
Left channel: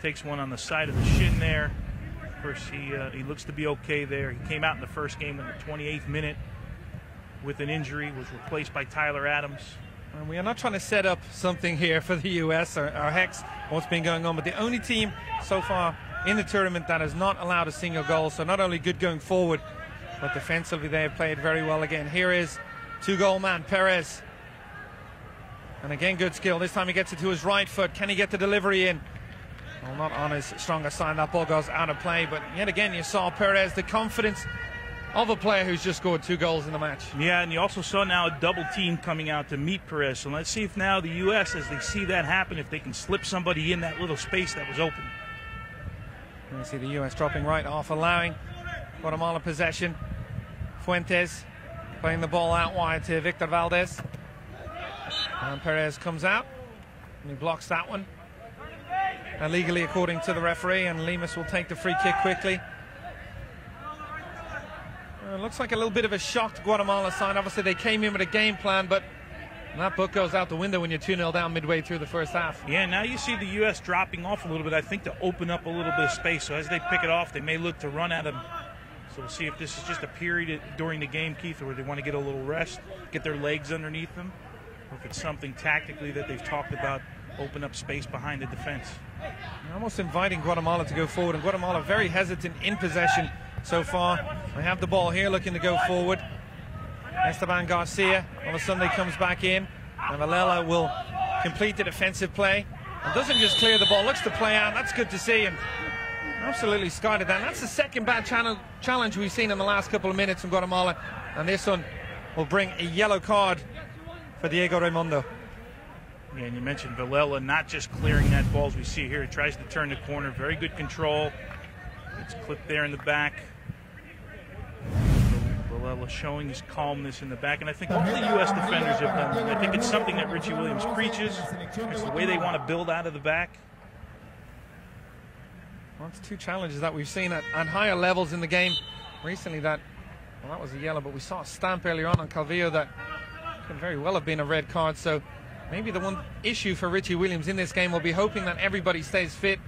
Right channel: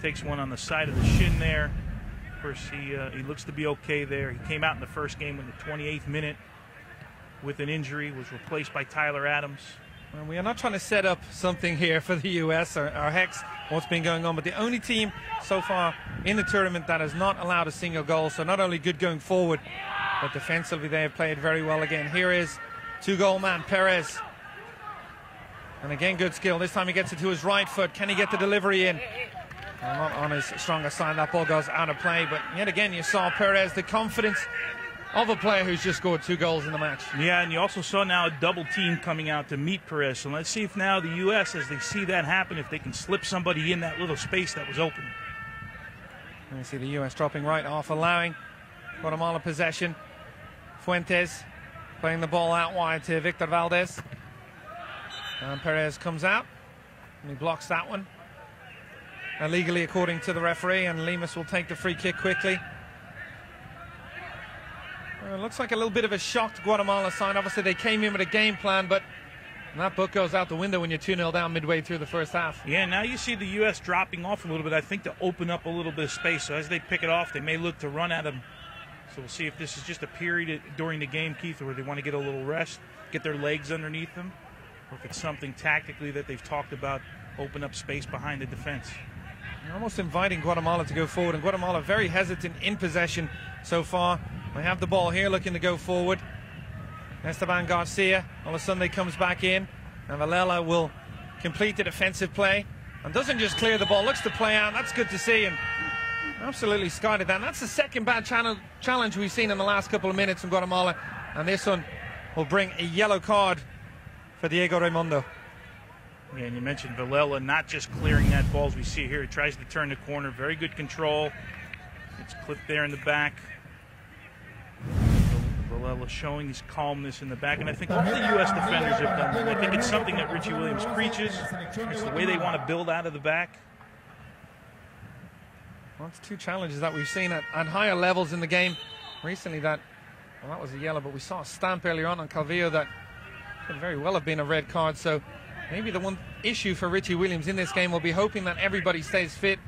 takes one on the side of the shin there. Of course, he looks to be okay there. He came out in the first game in the 28th minute with an injury, was replaced by Tyler Adams. And we are not trying to set up something here for the US or Hex, what's been going on, but the only team so far in the tournament that has not allowed a single goal. So not only good going forward, but defensively they have played very well again. Here is 2-goal man Perez. And again, good skill. This time he gets it to his right foot. Can he get the delivery in? Not on his stronger side. That ball goes out of play, but yet again you saw Perez, the confidence of a player who's just scored 2 goals in the match. Yeah, and you also saw now a double team coming out to meet Perez. So let's see if now the U.S., as they see that happen, if they can slip somebody in that little space that was open. And you see the U.S. dropping right off, allowing Guatemala possession. Fuentes playing the ball out wide to Victor Valdez. And Perez comes out and he blocks that one. Illegally, according to the referee, and Lemus will take the free kick quickly. It looks like a little bit of a shocked Guatemala side. Obviously, they came in with a game plan, but that book goes out the window when you're 2-0 down midway through the first half. Yeah, now you see the U.S. dropping off a little bit, I think, to open up a little bit of space. So as they pick it off, they may look to run at them. So we'll see if this is just a period during the game, Keith, where they want to get a little rest, get their legs underneath them, or if it's something tactically that they've talked about, open up space behind the defense. You're almost inviting Guatemala to go forward, and Guatemala very hesitant in possession so far. They have the ball here looking to go forward. Esteban Garcia on a Sunday comes back in, and Alela will complete the defensive play and doesn't just clear the ball, looks to play out. That's good to see, and absolutely skied that. That's the second bad challenge we've seen in the last couple of minutes from Guatemala, and this one will bring a yellow card for Diego Raimundo. Yeah, and you mentioned Villela not just clearing that ball as we see here. He tries to turn the corner, very good control. It's clipped there in the back. Villela showing his calmness in the back, and I think all the U.S. defenders have done that. I think it's something that Richie Williams preaches. It's the way they want to build out of the back. Well, it's 2 challenges that we've seen at higher levels in the game recently. That was a yellow, but we saw a stamp earlier on Calvillo that could very well have been a red card. So maybe the one issue for Richie Williams in this game will be hoping that everybody stays fit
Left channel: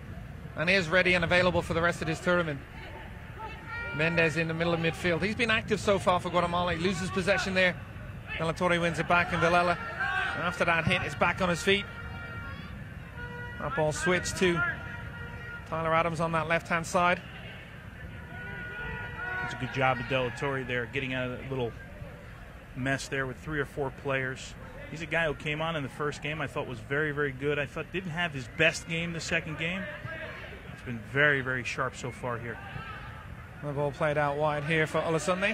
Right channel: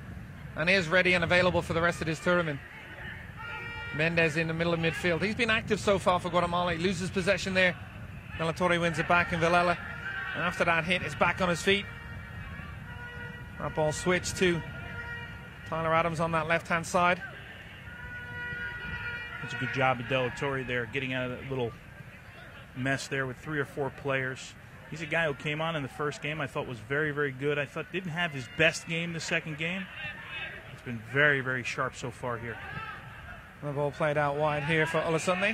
and is ready and available for the rest of this tournament. Mendez in the middle of midfield. He's been active so far for Guatemala. He loses possession there. De La Torre wins it back, and Villela, and after that hit, is back on his feet. That ball switched to Tyler Adams on that left-hand side. It's a good job of De La Torre there, getting out of that little mess there with 3 or 4 players. He's a guy who came on in the first game I thought was very, very good. I thought didn't have his best game the second game. It's been very, very sharp so far here. The ball played out wide here for Olasunde.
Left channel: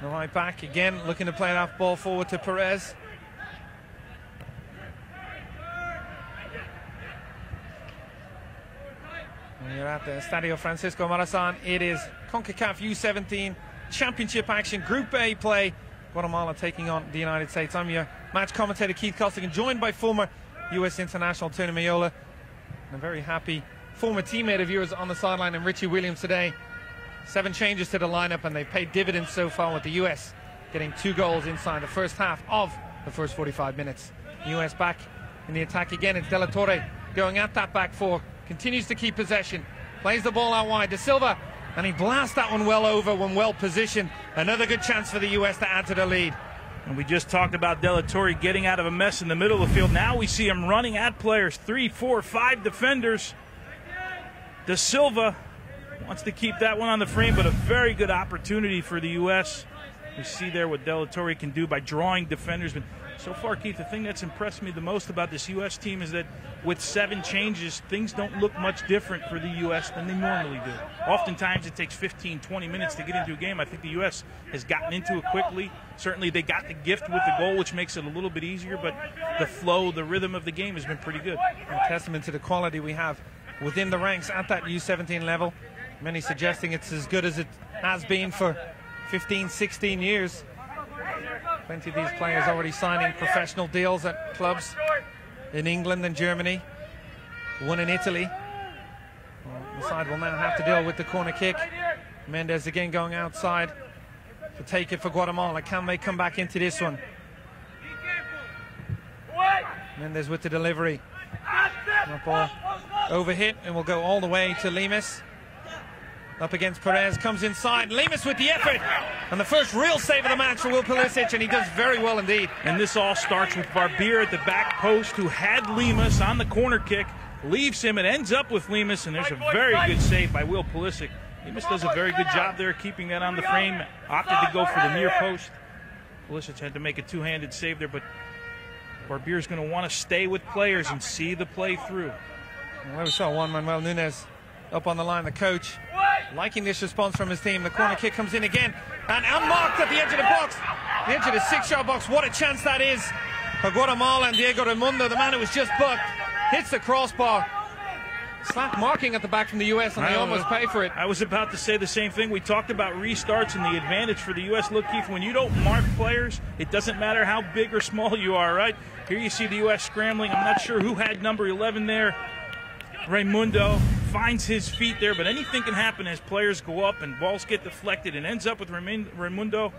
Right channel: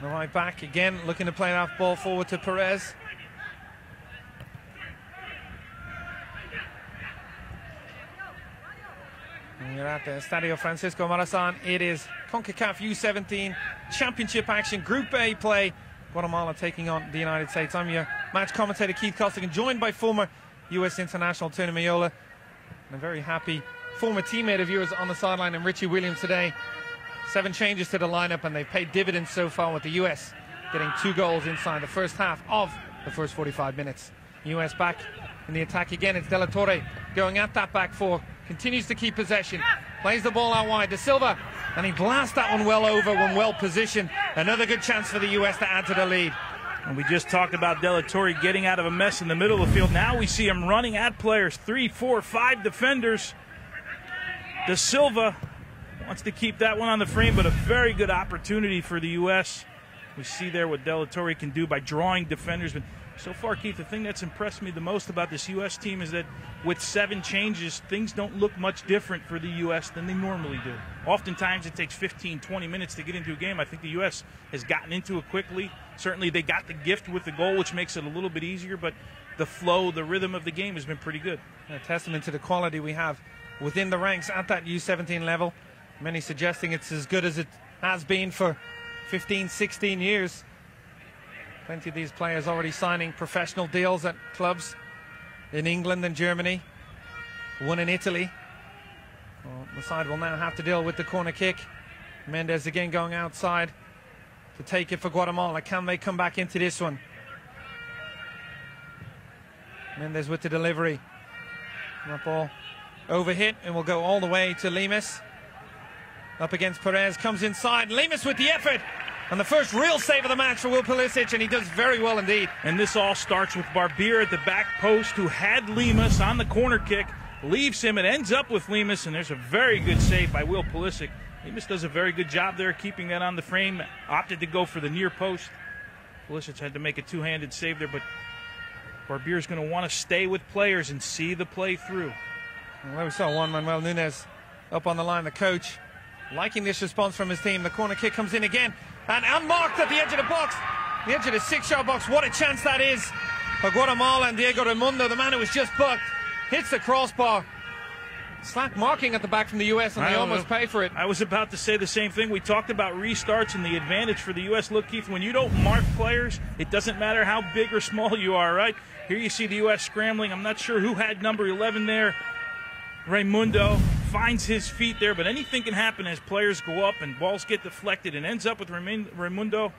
The right back again looking to play that ball forward to Perez. And you're at the Estadio Francisco Morazan. It is CONCACAF U17 Championship action, Group A play. Guatemala taking on the United States. I'm your match commentator, Keith Costigan, joined by former U.S. international Tony Meola. A very happy former teammate of yours on the sideline, and Richie Williams today. 7 changes to the lineup, and they've paid dividends so far with the U.S. getting 2 goals inside the first half of the first 45 minutes. U.S. back in the attack again. It's De La Torre going at that back 4. Continues to keep possession. Plays the ball out wide to Silva, and he blasts that one well over when well positioned. Another good chance for the U.S. to add to the lead. And we just talked about De La Torre getting out of a mess in the middle of the field. Now we see him running at players, 3, 4, 5 defenders. De Silva wants to keep that one on the frame, but a very good opportunity for the U.S. We see there what De La Torre can do by drawing defenders. But so far, Keith, the thing that's impressed me the most about this U.S. team is that with 7 changes, things don't look much different for the U.S. than they normally do. Oftentimes, it takes 15, 20 minutes to get into a game. I think the U.S. has gotten into it quickly. Certainly, they got the gift with the goal, which makes it a little bit easier, but the flow, the rhythm of the game has been pretty good. A testament to the quality we have within the ranks at that U17 level. Many suggesting it's as good as it has been for 15, 16 years. Plenty of these players already signing professional deals at clubs in England and Germany. One in Italy. The side will now have to deal with the corner kick. Mendez again going outside to take it for Guatemala. Can they come back into this one? Mendez with the delivery. That ball overhit and will go all the way to Lemus. Up against Perez, comes inside. Lemus with the effort. And the first real save of the match for Will Pulisic, and he does very well indeed. And this all starts with Barbier at the back post, who had Lemus on the corner kick, leaves him, and ends up with Lemus, and there's a very good save by Will Pulisic. Lemus does a very good job there, keeping that on the frame, opted to go for the near post. Pulisic had to make a 2-handed save there, but Barbier's going to want to stay with players and see the play through. Well, we saw Juan Manuel Nunez up on the line, the coach, liking this response from his team. The corner kick comes in again, and unmarked at the edge of the box, the edge of the 6-yard box. What a chance that is for Guatemala. And Diego Raimundo, the man who was just bucked, hits the crossbar. Slap marking at the back from the U.S., and they almost pay for it. I was about to say the same thing. We talked about restarts and the advantage for the U.S. Look, Keith, when you don't mark players, it doesn't matter how big or small you are, right? Here you see the U.S. scrambling. I'm not sure who had number 11 there. Raimundo finds his feet there, but anything can happen as players go up and balls get deflected and ends up with Raimundo.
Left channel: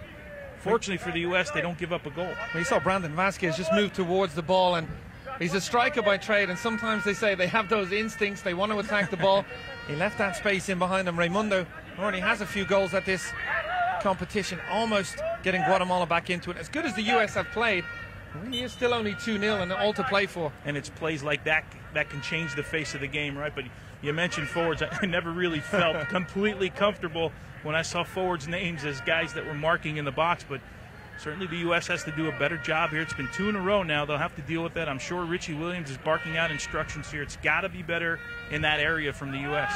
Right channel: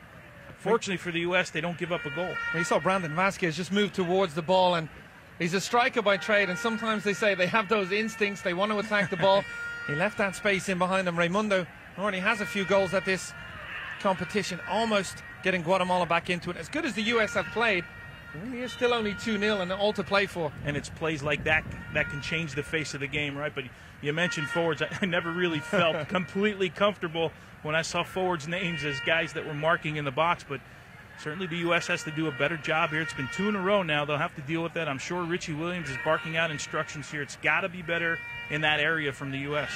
Fortunately for the U.S., they don't give up a goal. We saw Brandon Vasquez just move towards the ball, and he's a striker by trade, and sometimes they say they have those instincts, they want to attack the ball. He left that space in behind him. Raimundo already has a few goals at this competition, almost getting Guatemala back into it. As good as the U.S. have played, it really is still only 2-0 and all to play for. And it's plays like that that can change the face of the game, right? But you mentioned forwards. I never really felt completely comfortable when I saw forwards' names as guys that were marking in the box, but certainly the U.S. has to do a better job here. It's been 2 in a row now. They'll have to deal with that. I'm sure Richie Williams is barking out instructions here. It's got to be better in that area from the U.S.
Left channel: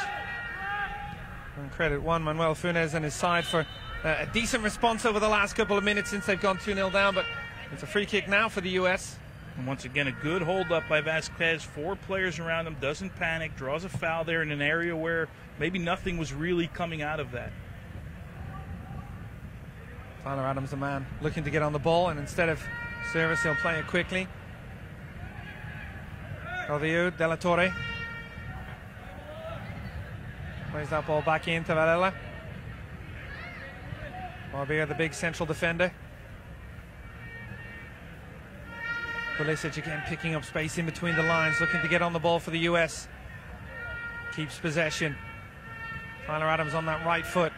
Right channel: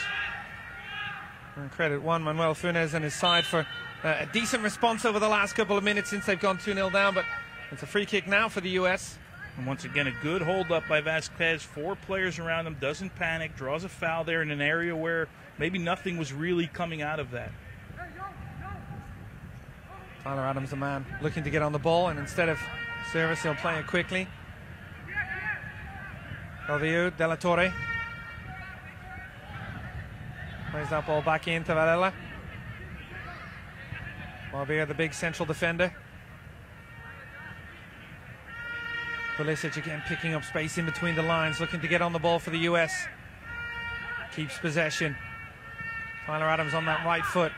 And credit Juan Manuel Funes and his side for a decent response over the last couple of minutes since they've gone 2-0 down, but it's a free kick now for the U.S. And once again, a good hold up by Vasquez. 4 players around him, doesn't panic, draws a foul there in an area where maybe nothing was really coming out of that. Tyler Adams, the man, looking to get on the ball, and instead of service, he'll play it quickly. Calvillo, De La Torre. Plays that ball back into Varela. Barbier, the big central defender. Pulisic again picking up space in between the lines, looking to get on the ball for the US. Keeps possession. Tyler Adams on that right foot.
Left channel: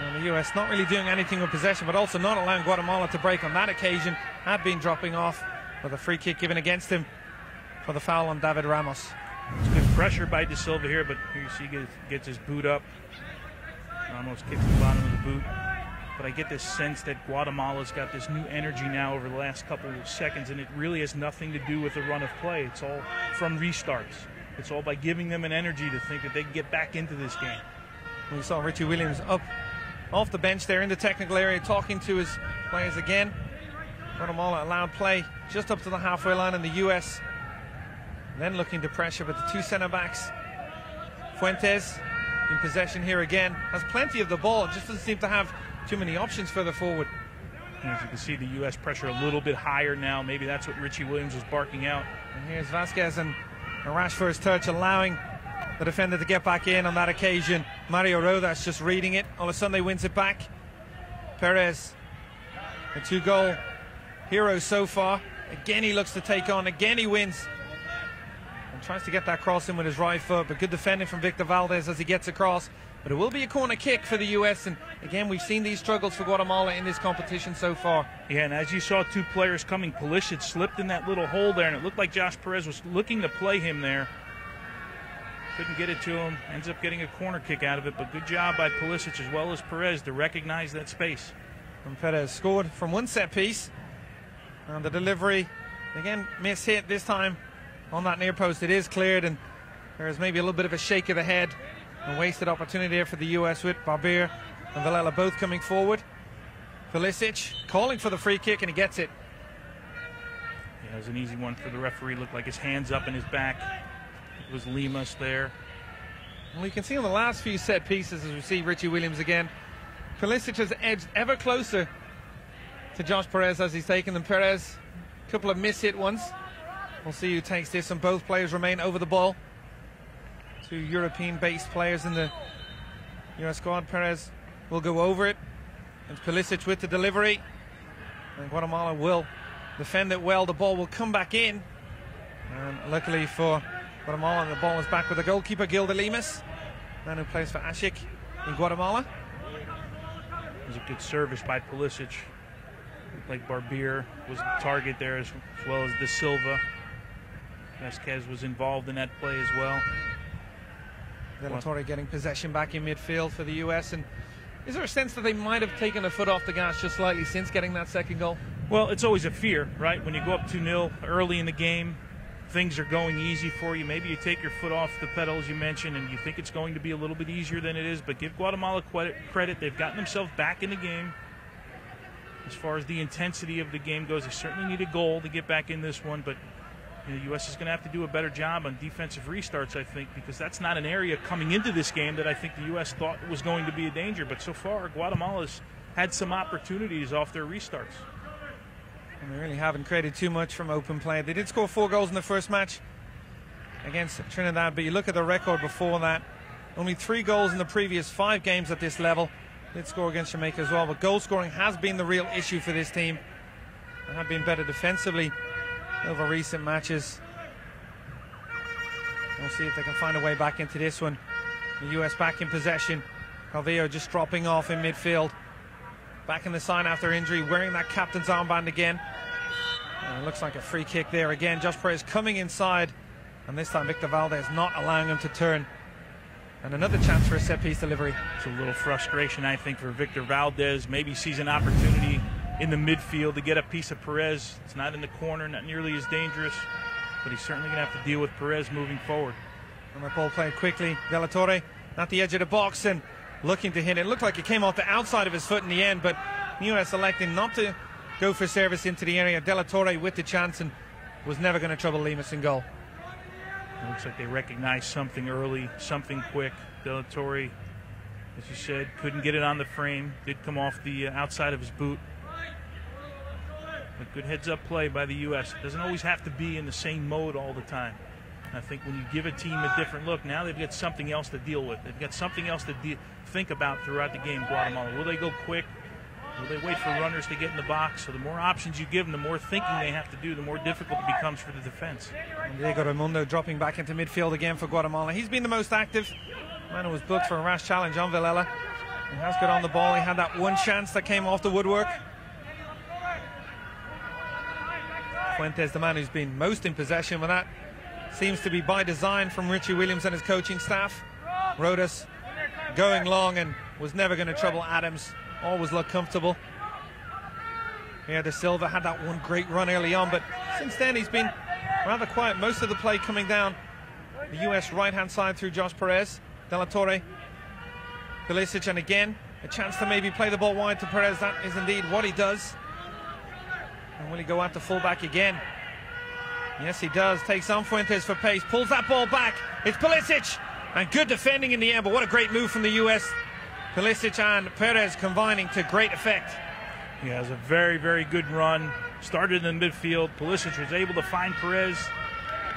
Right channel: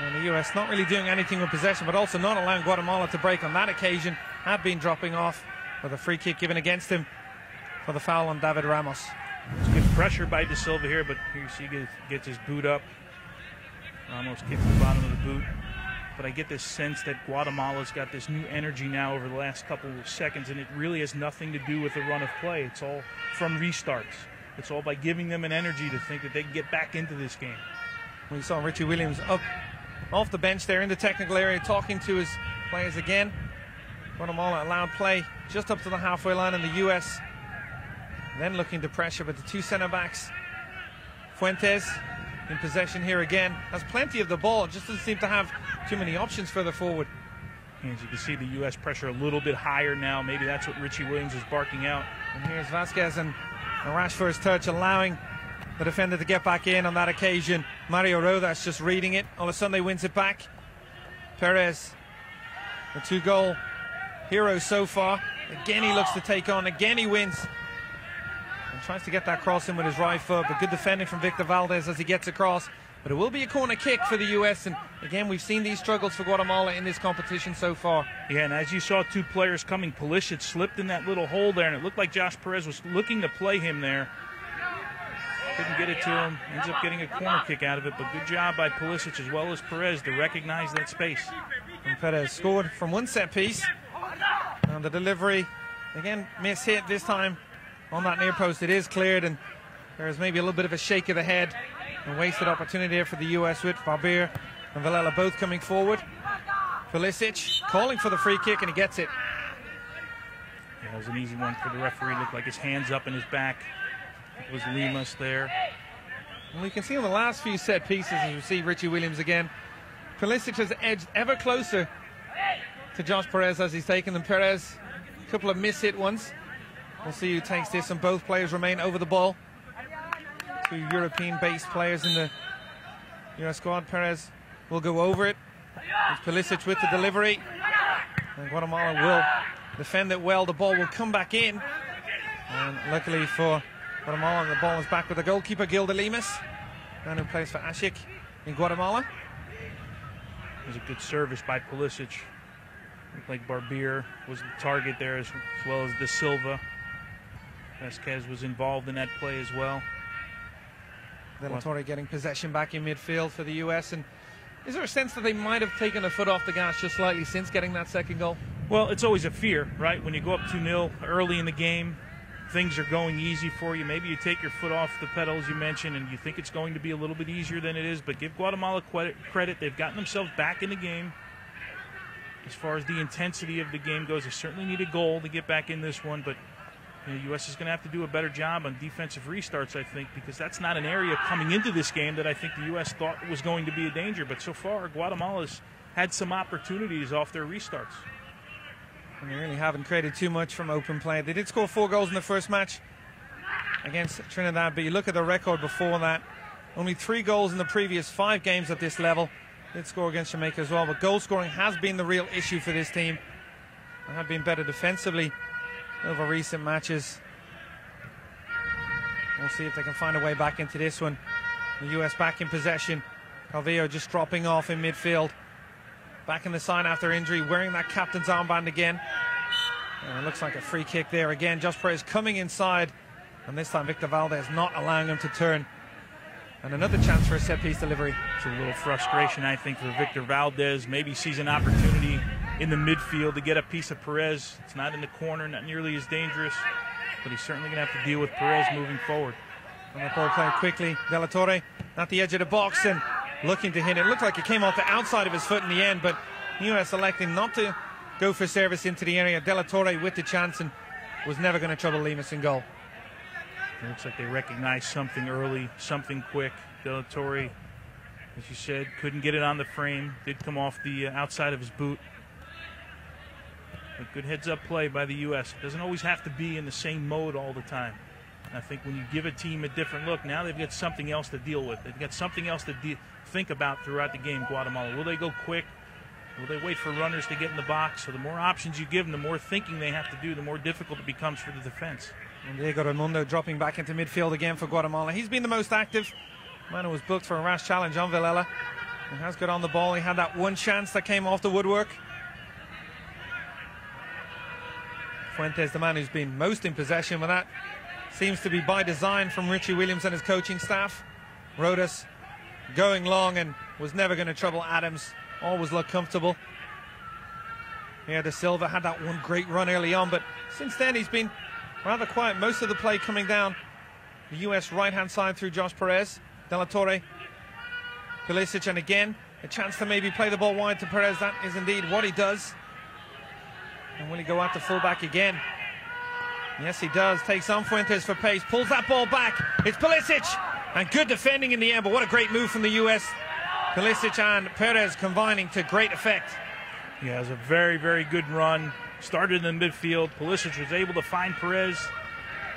And the US not really doing anything with possession, but also not allowing Guatemala to break on that occasion. Had been dropping off with a free kick given against him for the foul on David Ramos. It's good pressure by De Silva here, but here you see he gets his boot up. Ramos kicks the bottom of the boot. But I get this sense that Guatemala's got this new energy now over the last couple of seconds, and it really has nothing to do with the run of play. It's all from restarts. It's all by giving them an energy to think that they can get back into this game. We saw Richie Williams up off the bench there in the technical area talking to his players again. Guatemala allowed play just up to the halfway line, in the US then looking to pressure, but the 2 centre-backs. Fuentes in possession here again, has plenty of the ball, just doesn't seem to have too many options further forward. As you can see, the U.S. pressure a little bit higher now. Maybe that's what Richie Williams is barking out. And here's Vasquez and a rash first touch, allowing the defender to get back in on that occasion. Mario Rodas just reading it. Olasunde wins it back. Perez, the 2-goal hero so far. Again he looks to take on. Again he wins. And tries to get that cross in with his right foot, but good defending from Victor Valdez as he gets across. But it will be a corner kick for the U.S. And again, we've seen these struggles for Guatemala in this competition so far. Yeah, and as you saw 2 players coming, Pulisic slipped in that little hole there, and it looked like Josh Perez was looking to play him there. Couldn't get it to him. Ends up getting a corner kick out of it, but good job by Pulisic as well as Perez to recognize that space. And Perez scored from one set piece. And the delivery, again, mishit this time on that near post. It is cleared, and there's maybe a little bit of a shake of the head. A wasted opportunity there for the U.S. with Barbier and Villela both coming forward. Pulisic calling for the free kick, and he gets it. Yeah, it was an easy one for the referee. Looked like his hands up in his back. It was Limas there. Well, you can see on the last few set pieces as we see Richie Williams again. Pulisic has edged ever closer to Josh Perez as he's taken them. Perez, a couple of mishit ones. We'll see who takes this, and both players remain over the ball. 2 European-based players in the US squad. Perez will go over it. It's Pulisic with the delivery. And Guatemala will defend it well. The ball will come back in. And luckily for Guatemala, the ball is back with the goalkeeper, Gilda Limas, man who plays for Ashik in Guatemala. It was a good service by Pulisic. Looked like Barbier was the target there as well as De Silva. Vasquez was involved in that play as well. De La Torre getting possession back in midfield for the US. And is there a sense that they might have taken the foot off the gas just slightly since getting that second goal? Well, it's always a fear, right? When you go up 2-0 early in the game, things are going easy for you. Maybe you take your foot off the pedal, as you mentioned, and you think it's going to be a little bit easier than it is. But give Guatemala credit. They've gotten themselves back in the game. As far as the intensity of the game goes, they certainly need a goal to get back in this one. But the U.S. is going to have to do a better job on defensive restarts, I think, because that's not an area coming into this game that I think the U.S. thought was going to be a danger. But so far, Guatemala's had some opportunities off their restarts. And they really haven't created too much from open play. They did score 4 goals in the first match against Trinidad, but you look at the record before that, only 3 goals in the previous 5 games at this level. Did score against Jamaica as well, but goal scoring has been the real issue for this team. They have been better defensively over recent matches. We'll see if they can find a way back into this one. The U.S. back in possession. Calvillo just dropping off in midfield. Back in the side after injury, wearing that captain's armband again. And it looks like a free kick there again. Josh Perez coming inside, and this time Victor Valdez not allowing him to turn. And another chance for a set-piece delivery. It's a little frustration, I think, for Victor Valdez. Maybe sees an opportunity in the midfield to get a piece of Perez. It's not in the corner, not nearly as dangerous, but he's certainly going to have to deal with Perez moving forward. And the ball played quickly. De La Torre at the edge of the box and looking to hit it. It looked like it came off the outside of his foot in the end, but U.S. electing not to go for service into the area. De La Torre with the chance and was never going to trouble Lemus in goal. It looks like they recognized something early, something quick. De La Torre, as you said, couldn't get it on the frame. Did come off the outside of his boot. But good heads-up play by the U.S. It doesn't always have to be in the same mode all the time. I think when you give a team a different look, now they've got something else to deal with. They've got something else to think about throughout the game, Guatemala. Will they go quick? Will they wait for runners to get in the box? So the more options you give them, the more thinking they have to do, the more difficult it becomes for the defense. And Diego Raimundo dropping back into midfield again for Guatemala. He's been the most active. Mano was booked for a rash challenge on Villela. He has got on the ball. He had that one chance that came off the woodwork. Fuentes, the man who's been most in possession with that. Seems to be by design from Richie Williams and his coaching staff. Rodas going long and was never going to trouble Adams. Always looked comfortable. Yeah, De Silva had that one great run early on, but since then he's been rather quiet. Most of the play coming down the U.S. right-hand side through Josh Perez. De La Torre, Pulisic, and again, a chance to maybe play the ball wide to Perez. That is indeed what he does. And will he go out to fullback again? Yes, he does. Takes on Fuentes for pace. Pulls that ball back. It's Pulisic. And good defending in the air, but what a great move from the U.S. Pulisic and Perez combining to great effect. Yeah, it was a very, very good run. Started in the midfield. Pulisic was able to find Perez.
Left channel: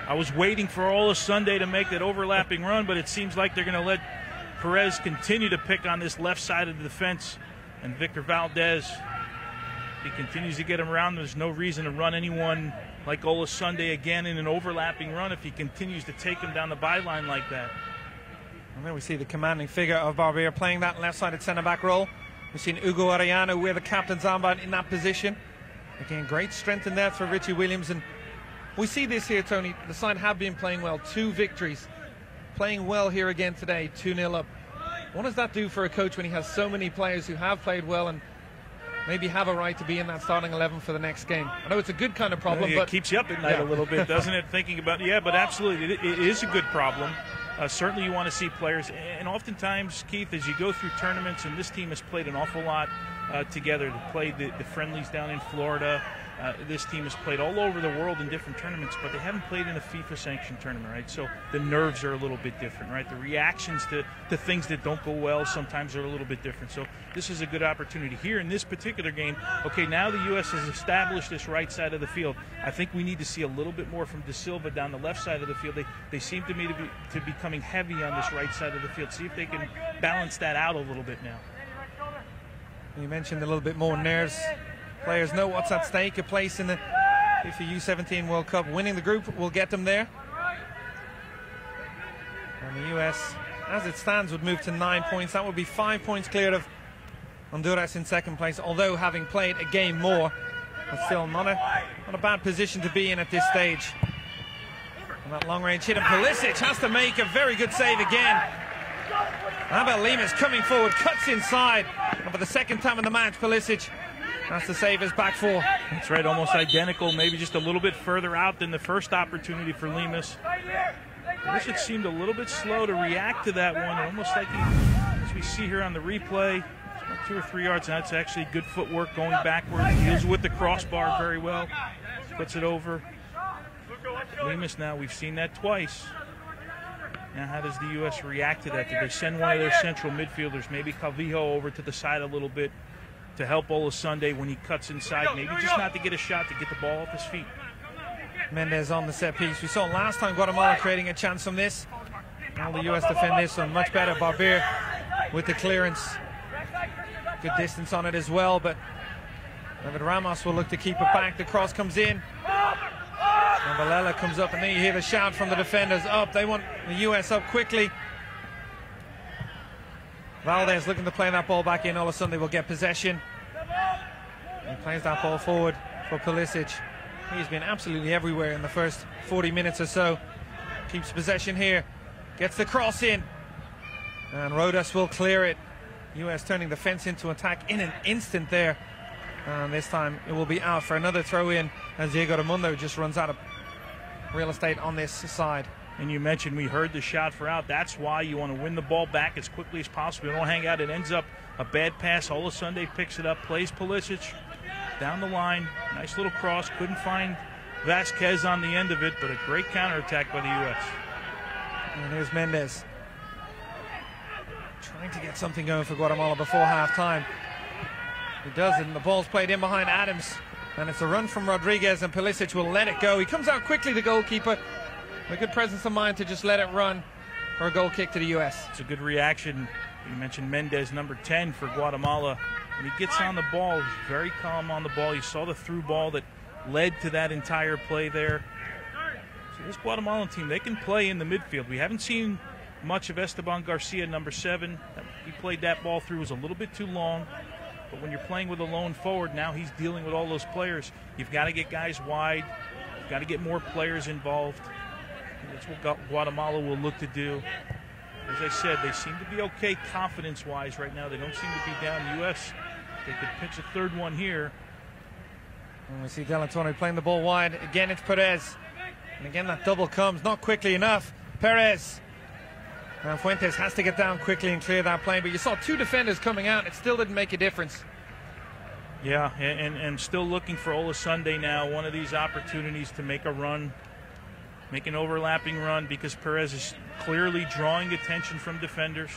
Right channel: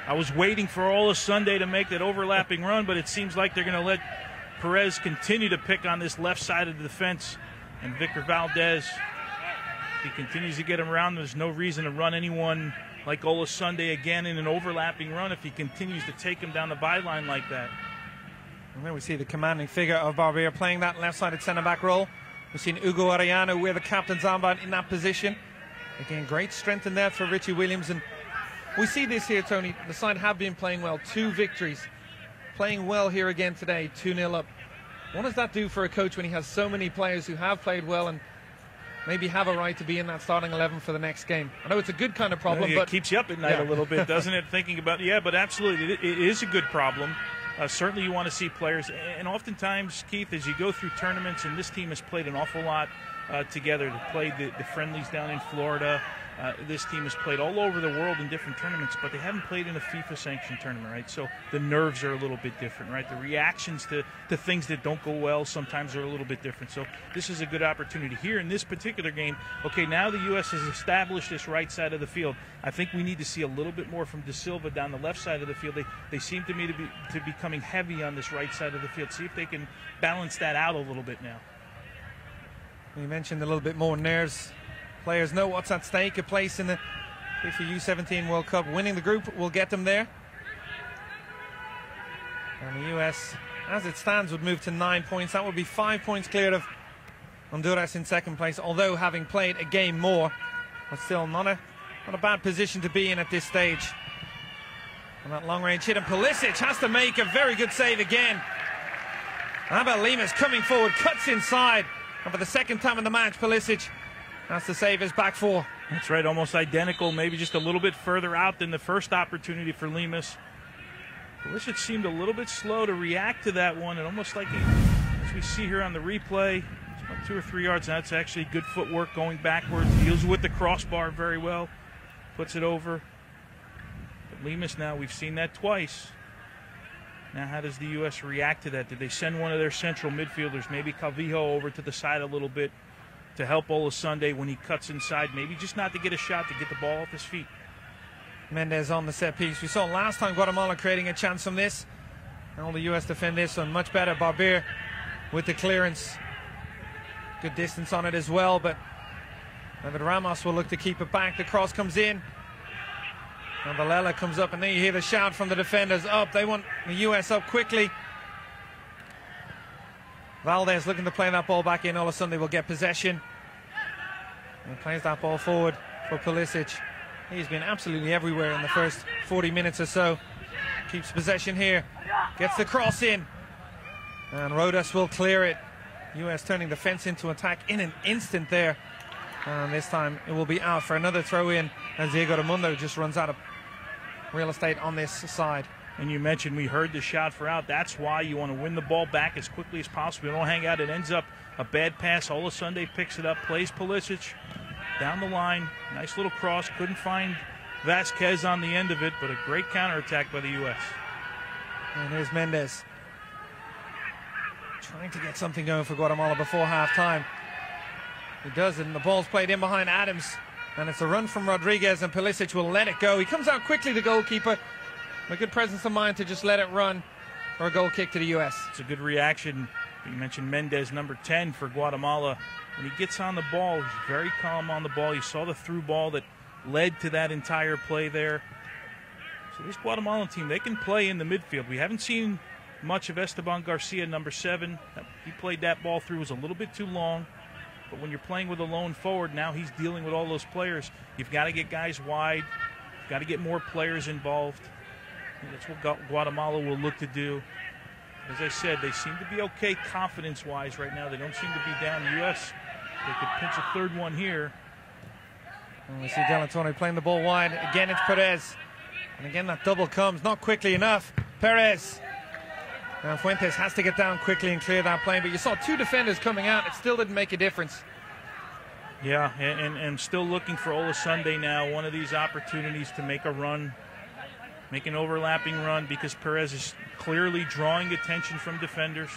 I was waiting for Ola Sunday to make that overlapping run, but it seems like they're going to let Perez continue to pick on this left side of the defense. And Victor Valdez, he continues to get him around. There's no reason to run anyone like Ola Sunday again in an overlapping run if he continues to take him down the byline like that. And then we see the commanding figure of Barbier playing that left-sided centre-back role. We've seen Hugo Arellano wear the captain's armband in that position. Again, great strength in there for Richie Williams. And we see this here, Tony. The side have been playing well. 2 victories. Playing well here again today, 2-0 up. What does that do for a coach when he has so many players who have played well and maybe have a right to be in that starting 11 for the next game? I know it's a good kind of problem, but it keeps you up at night a little bit, doesn't it? Thinking about but absolutely, it is a good problem. Certainly you want to see players, and oftentimes, Keith, as you go through tournaments, and this team has played an awful lot together. They played the friendlies down in Florida. This team has played all over the world in different tournaments, but they haven't played in a FIFA-sanctioned tournament, right? So the nerves are a little bit different, right? The reactions to things that don't go well sometimes are a little bit different. So this is a good opportunity. Here in this particular game, okay, now the U.S. has established this right side of the field. I think we need to see a little bit more from De Silva down the left side of the field. They seem to me to be coming heavy on this right side of the field. See if they can balance that out a little bit now. You mentioned a little bit more nerves. Players know what's at stake. A place in the FIFA U17 World Cup. Winning the group will get them there. And the U.S., as it stands, would move to 9 points. That would be 5 points clear of Honduras in second place. Although having played a game more, but still not a bad position to be in at this stage. And that long-range hit, and Pulisic has to make a very good save again. How about Lemus coming forward, cuts inside, and for the second time in the match, Pulisic That's to save his back four. That's right, almost identical, maybe just a little bit further out than the first opportunity for Lemus. Pulisic seemed a little bit slow to react to that one, almost like as we see here on the replay, 2 or 3 yards. That's actually good footwork going backward. Deals with the crossbar very well. Puts it over. Lemus now, we've seen that twice. Now how does the U.S. react to that? Did they send one of their central midfielders, maybe Calvillo, over to the side a little bit to help Olasunde when he cuts inside? Maybe just not to get a shot, to get the ball off his feet. Mendez on the set piece. We saw last time Guatemala creating a chance from this. Now the U.S. defend this one much better. Barbier with the clearance. Good distance on it as well, but David Ramos will look to keep it back. The cross comes in. And Villela comes up, and then you hear the shout from the defenders up. They want the U.S. up quickly. Valdez looking to play that ball back in. Olasunde will get possession. He plays that ball forward for Pulisic. He's been absolutely everywhere in the first 40 minutes or so. Keeps possession here. Gets the cross in. And Rodas will clear it. U.S. turning defense into attack in an instant there. And this time it will be out for another throw in. And Diego Raimundo just runs out of real estate on this side. And you mentioned we heard the shout for out. That's why you want to win the ball back as quickly as possible. You don't hang out. It ends up a bad pass. Olasunde picks it up, plays Pulisic down the line. Nice little cross. Couldn't find Vasquez on the end of it, but a great counterattack by the U.S. And here's Mendez. Trying to get something going for Guatemala before half-time. He does it, and the ball's played in behind Adams. And it's a run from Rodriguez, and Pulisic will let it go. He comes out quickly, the goalkeeper. A good presence of mind to just let it run for a goal kick to the U.S. It's a good reaction. You mentioned Mendez, number 10 for Guatemala. When he gets on the ball, he's very calm on the ball. You saw the through ball that led to that entire play there. So this Guatemala team, they can play in the midfield. We haven't seen much of Esteban Garcia, number 7. He played that ball through. It was a little bit too long. But when you're playing with a lone forward, now he's dealing with all those players. You've got to get guys wide. You've got to get more players involved. And that's what Guatemala will look to do. As I said, they seem to be okay confidence-wise right now. They don't seem to be down. The U.S., they could pinch a third one here. We see Del Antonio playing the ball wide. Again, it's Perez. And again, that double comes not quickly enough. Perez. And Fuentes has to get down quickly and clear that play. But you saw 2 defenders coming out. It still didn't make a difference. Yeah, and still looking for Olasunde now. One of these opportunities to make a run, make an overlapping run, because Perez is clearly drawing attention from defenders.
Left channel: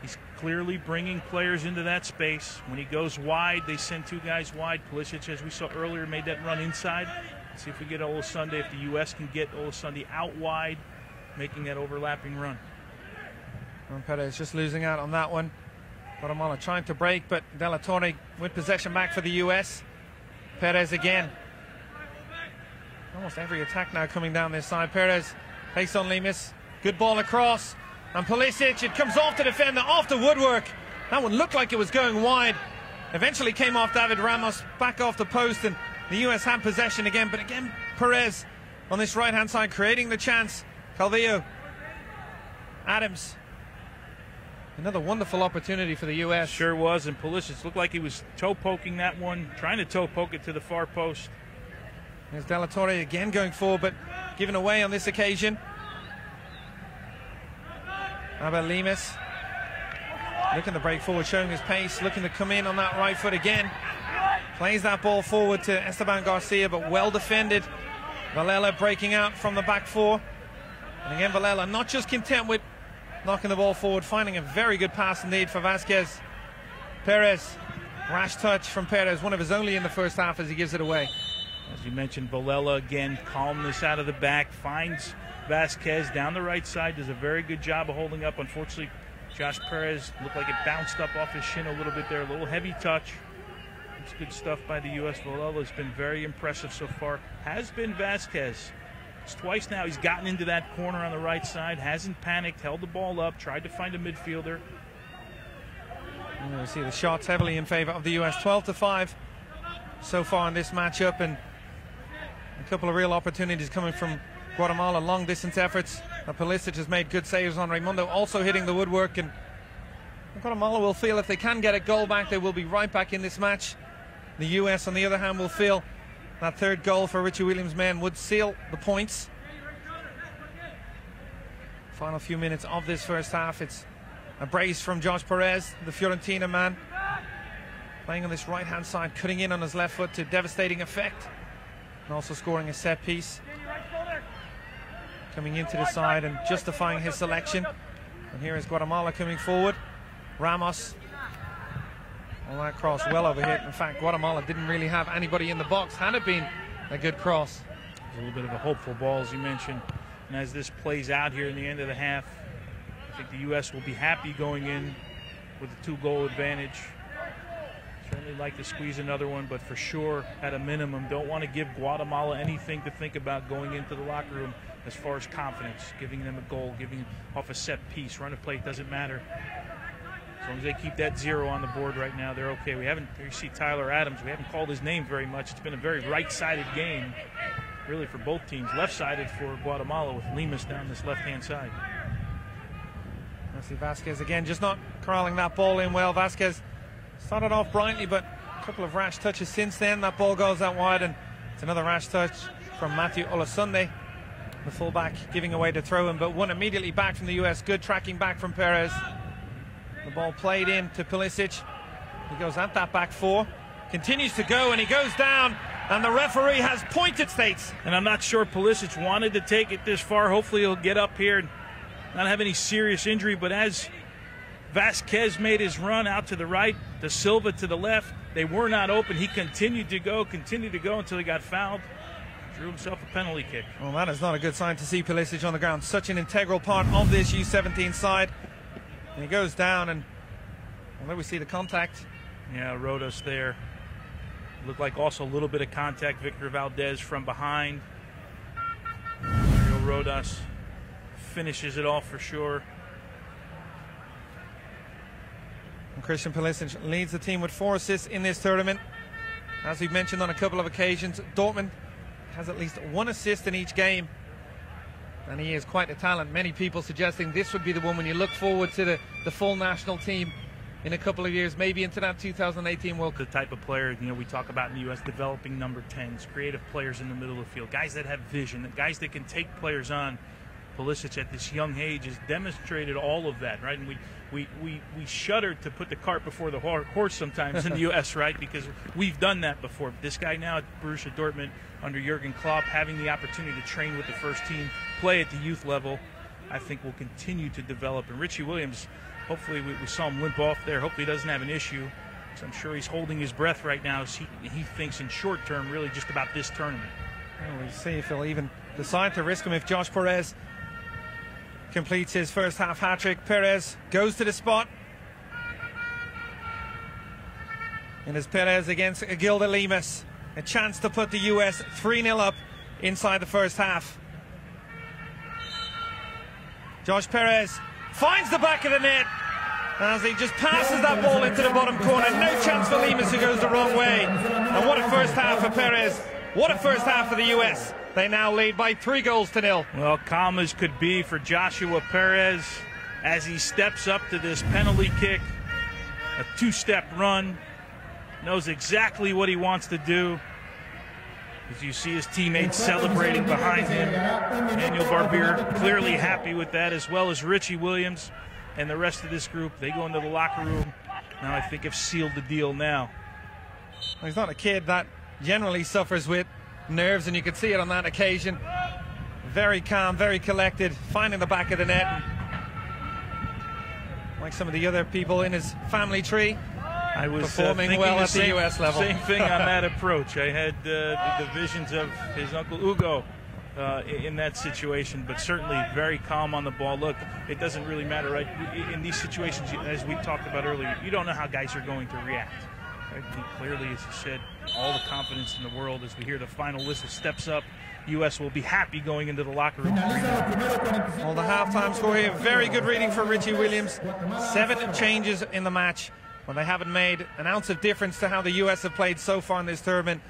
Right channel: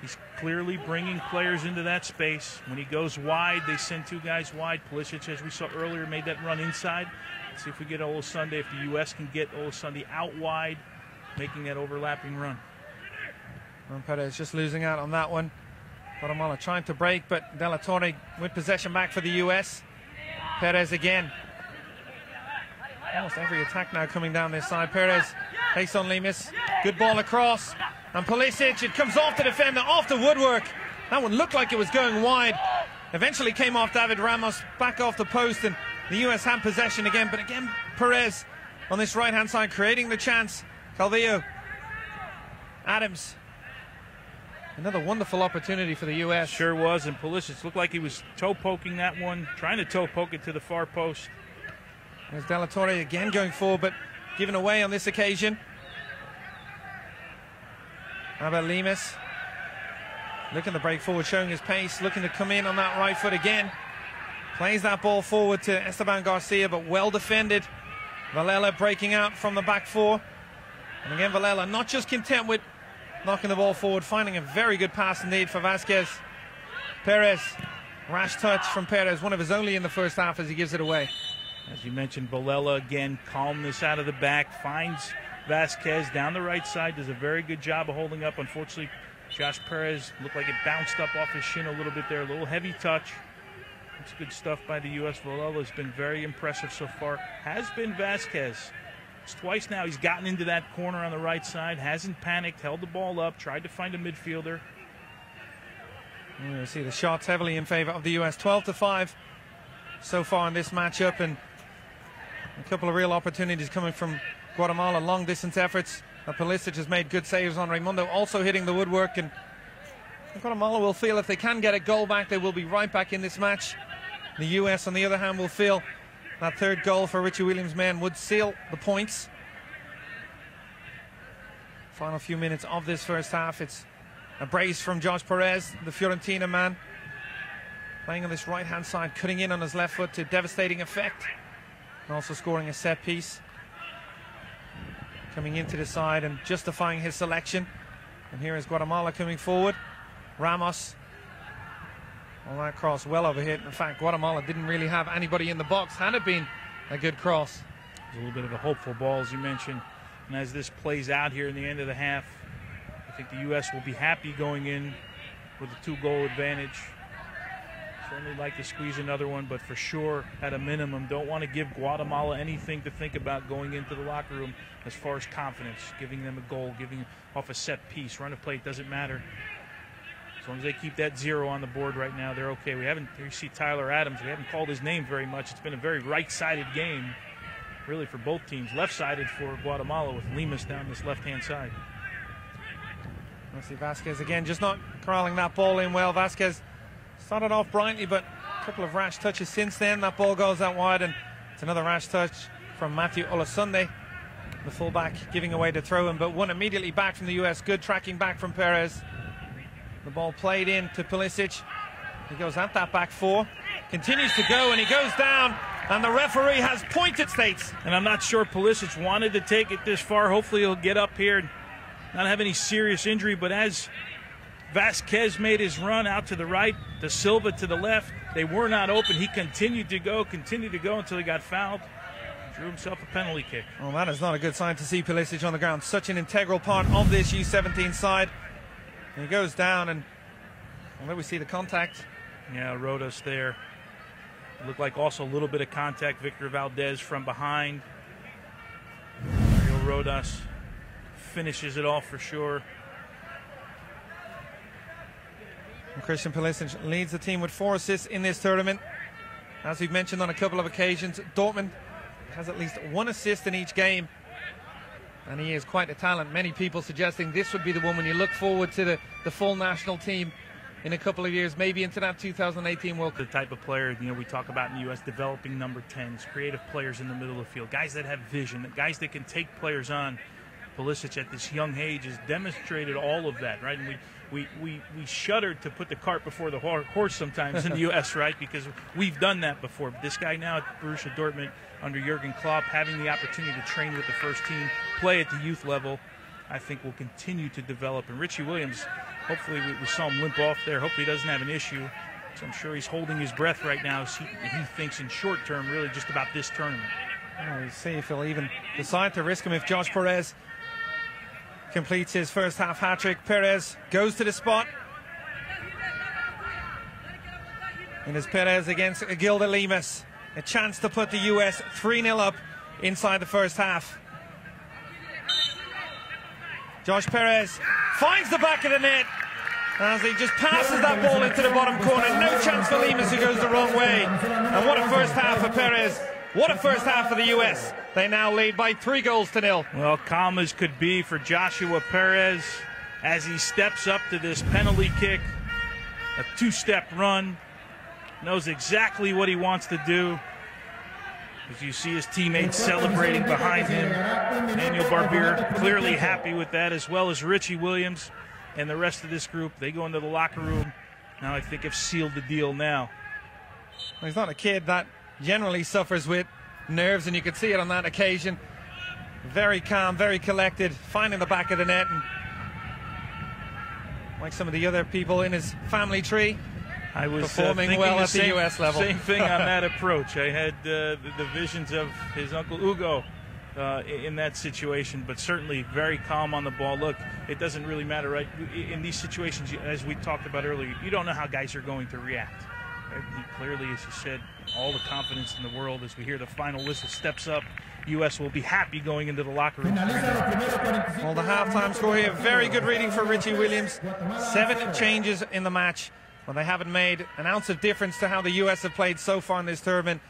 He's clearly bringing players into that space. When he goes wide, they send 2 guys wide. Pulisic, as we saw earlier, made that run inside. Let's see if we get Olasunde, if the U.S. can get Olasunde out wide, making that overlapping run. Well, Perez just losing out on that one. Guatemala trying to break, but De La Torre with possession back for the U.S. Perez again. Almost every attack now coming down this side. Perez takes on Lemus. Good ball across. And Pulisic, it comes off the defender, off the woodwork. That one looked like it was going wide. Eventually came off David Ramos, back off the post, and the U.S. had possession again. But again, Perez on this right-hand side creating the chance. Calvillo. Adams. Another wonderful opportunity for the U.S. Sure was, and Pulisic looked like he was toe-poking that one, trying to toe-poke it to the far post. There's De La Torre again going forward, but given away on this occasion. How about Lemus? Looking to break forward, showing his pace, looking to come in on that right foot again. Plays that ball forward to Esteban Garcia, but well defended. Villela breaking out from the back 4. And again, Villela not just content with knocking the ball forward, finding a very good pass indeed for Vasquez. Perez, rash touch from Perez, one of his only in the first half as he gives it away. As you mentioned, Villela again, calmness out of the back, finds Vasquez down the right side, does a very good job of holding up. Unfortunately, Josh Perez looked like it bounced up off his shin a little bit there, a little heavy touch. It's good stuff by the U.S. Villela has been very impressive so far. Has been Vasquez. It's twice now he's gotten into that corner on the right side, hasn't panicked, held the ball up, tried to find a midfielder. You see the shots heavily in favor of the U.S. 12-5 so far in this matchup, and a couple of real opportunities coming from Guatemala, long distance efforts. And Pulisic has made good saves on Raimundo, also hitting the woodwork, and Guatemala will feel if they can get a goal back, they will be right back in this match. The US, on the other hand, will feel that third goal for Richie Williams' men would seal the points. Final few minutes of this first half. It's a brace from Josh Perez, the Fiorentina man, playing on this right-hand side, cutting in on his left foot to devastating effect, and also scoring a set piece. Coming into the side and justifying his selection. And here is Guatemala coming forward. Ramos. All that cross well overhit. In fact, Guatemala didn't really have anybody in the box. Had it been a good cross. A little bit of a hopeful ball, as you mentioned. And as this plays out here in the end of the half, I think the U.S. will be happy going in with a 2-goal advantage. Certainly like to squeeze another one, but for sure, at a minimum, don't want to give Guatemala anything to think about going into the locker room as far as confidence, giving them a goal, giving off a set piece, run a play, doesn't matter. As long as they keep that 0 on the board right now, they're okay. We see Tyler Adams. We haven't called his name very much. It's been a very right-sided game, really, for both teams. Left-sided for Guatemala with Lemus down this left-hand side. Nancy Vasquez again, just not corralling that ball in well. Vasquez started off brightly, but a couple of rash touches since then. That ball goes out wide, and it's another rash touch from Matthew Olasunde, the fullback, giving away the throw-in, but one immediately back from the US. Good tracking back from Perez. The ball played in to Pulisic. He goes at that back four, continues to go, and he goes down, and the referee has pointed states. And I'm not sure Pulisic wanted to take it this far. Hopefully he'll get up here and not have any serious injury, but as Vasquez made his run out to the right, De Silva to the left, they were not open. He continued to go until he got fouled. Drew himself a penalty kick. Well, that is not a good sign to see Pulisic on the ground. Such an integral part of this U17 side. And he goes down, and there we see the contact. Yeah, Rodas there. Looked like also a little bit of contact. Victor Valdez from behind. Rodas finishes it off for sure. Christian Pulisic leads the team with 4 assists in this tournament. As we've mentioned on a couple of occasions, Dortmund has at least 1 assist in each game. And he is quite a talent. Many people suggesting this would be the one when you look forward to the full national team in a couple of years, maybe into that 2018 World Cup. The type of player, we talk about in the U.S., developing number 10s, creative players in the middle of the field, guys that have vision, guys that can take players on. Pulisic at this young age has demonstrated all of that, right? And we shudder to put the cart before the horse sometimes in the U.S., right? Because we've done that before. But this guy now at Borussia Dortmund under Jurgen Klopp, having the opportunity to train with the first team, play at the youth level, I think will continue to develop. And Richie Williams, hopefully we saw him limp off there. Hopefully he doesn't have an issue. So I'm sure he's holding his breath right now as he thinks in short term really just about this tournament. We'll see if he'll even decide to risk him if Josh Perez completes his first half hat-trick. Perez goes to the spot. And it's Perez against Gilda Lemus. A chance to put the US 3-0 up inside the first half. Josh Perez finds the back of the net as he just passes that ball into the bottom corner. No chance for Lemus, who goes the wrong way. And what a first half for Perez. What a first half for the US. They now lead by 3-0. Well, calm as could be for Joshua Perez as he steps up to this penalty kick. A 2-step run. Knows exactly what he wants to do. As you see his teammates celebrating behind him. Daniel Barbier clearly happy with that, as well as Richie Williams and the rest of this group. They go into the locker room. Now I think have sealed the deal now. He's not a kid that generally suffers with nerves, and you could see it on that occasion. Very calm, very collected, finding the back of the net. And like some of the other people in his family tree, I was performing well at the US level. Same thing on that approach. I had the visions of his uncle Hugo in that situation, but certainly very calm on the ball. Look, it doesn't really matter, right? In these situations, as we talked about earlier, you don't know how guys are going to react. Right? Clearly, as you said, all the confidence in the world. As we hear the final whistle steps up, U.S. will be happy going into the locker room. Well, the halftime score here, very good reading for Richie Williams. 7 changes in the match, but they haven't made an ounce of difference to how the U.S. have played so far in this tournament.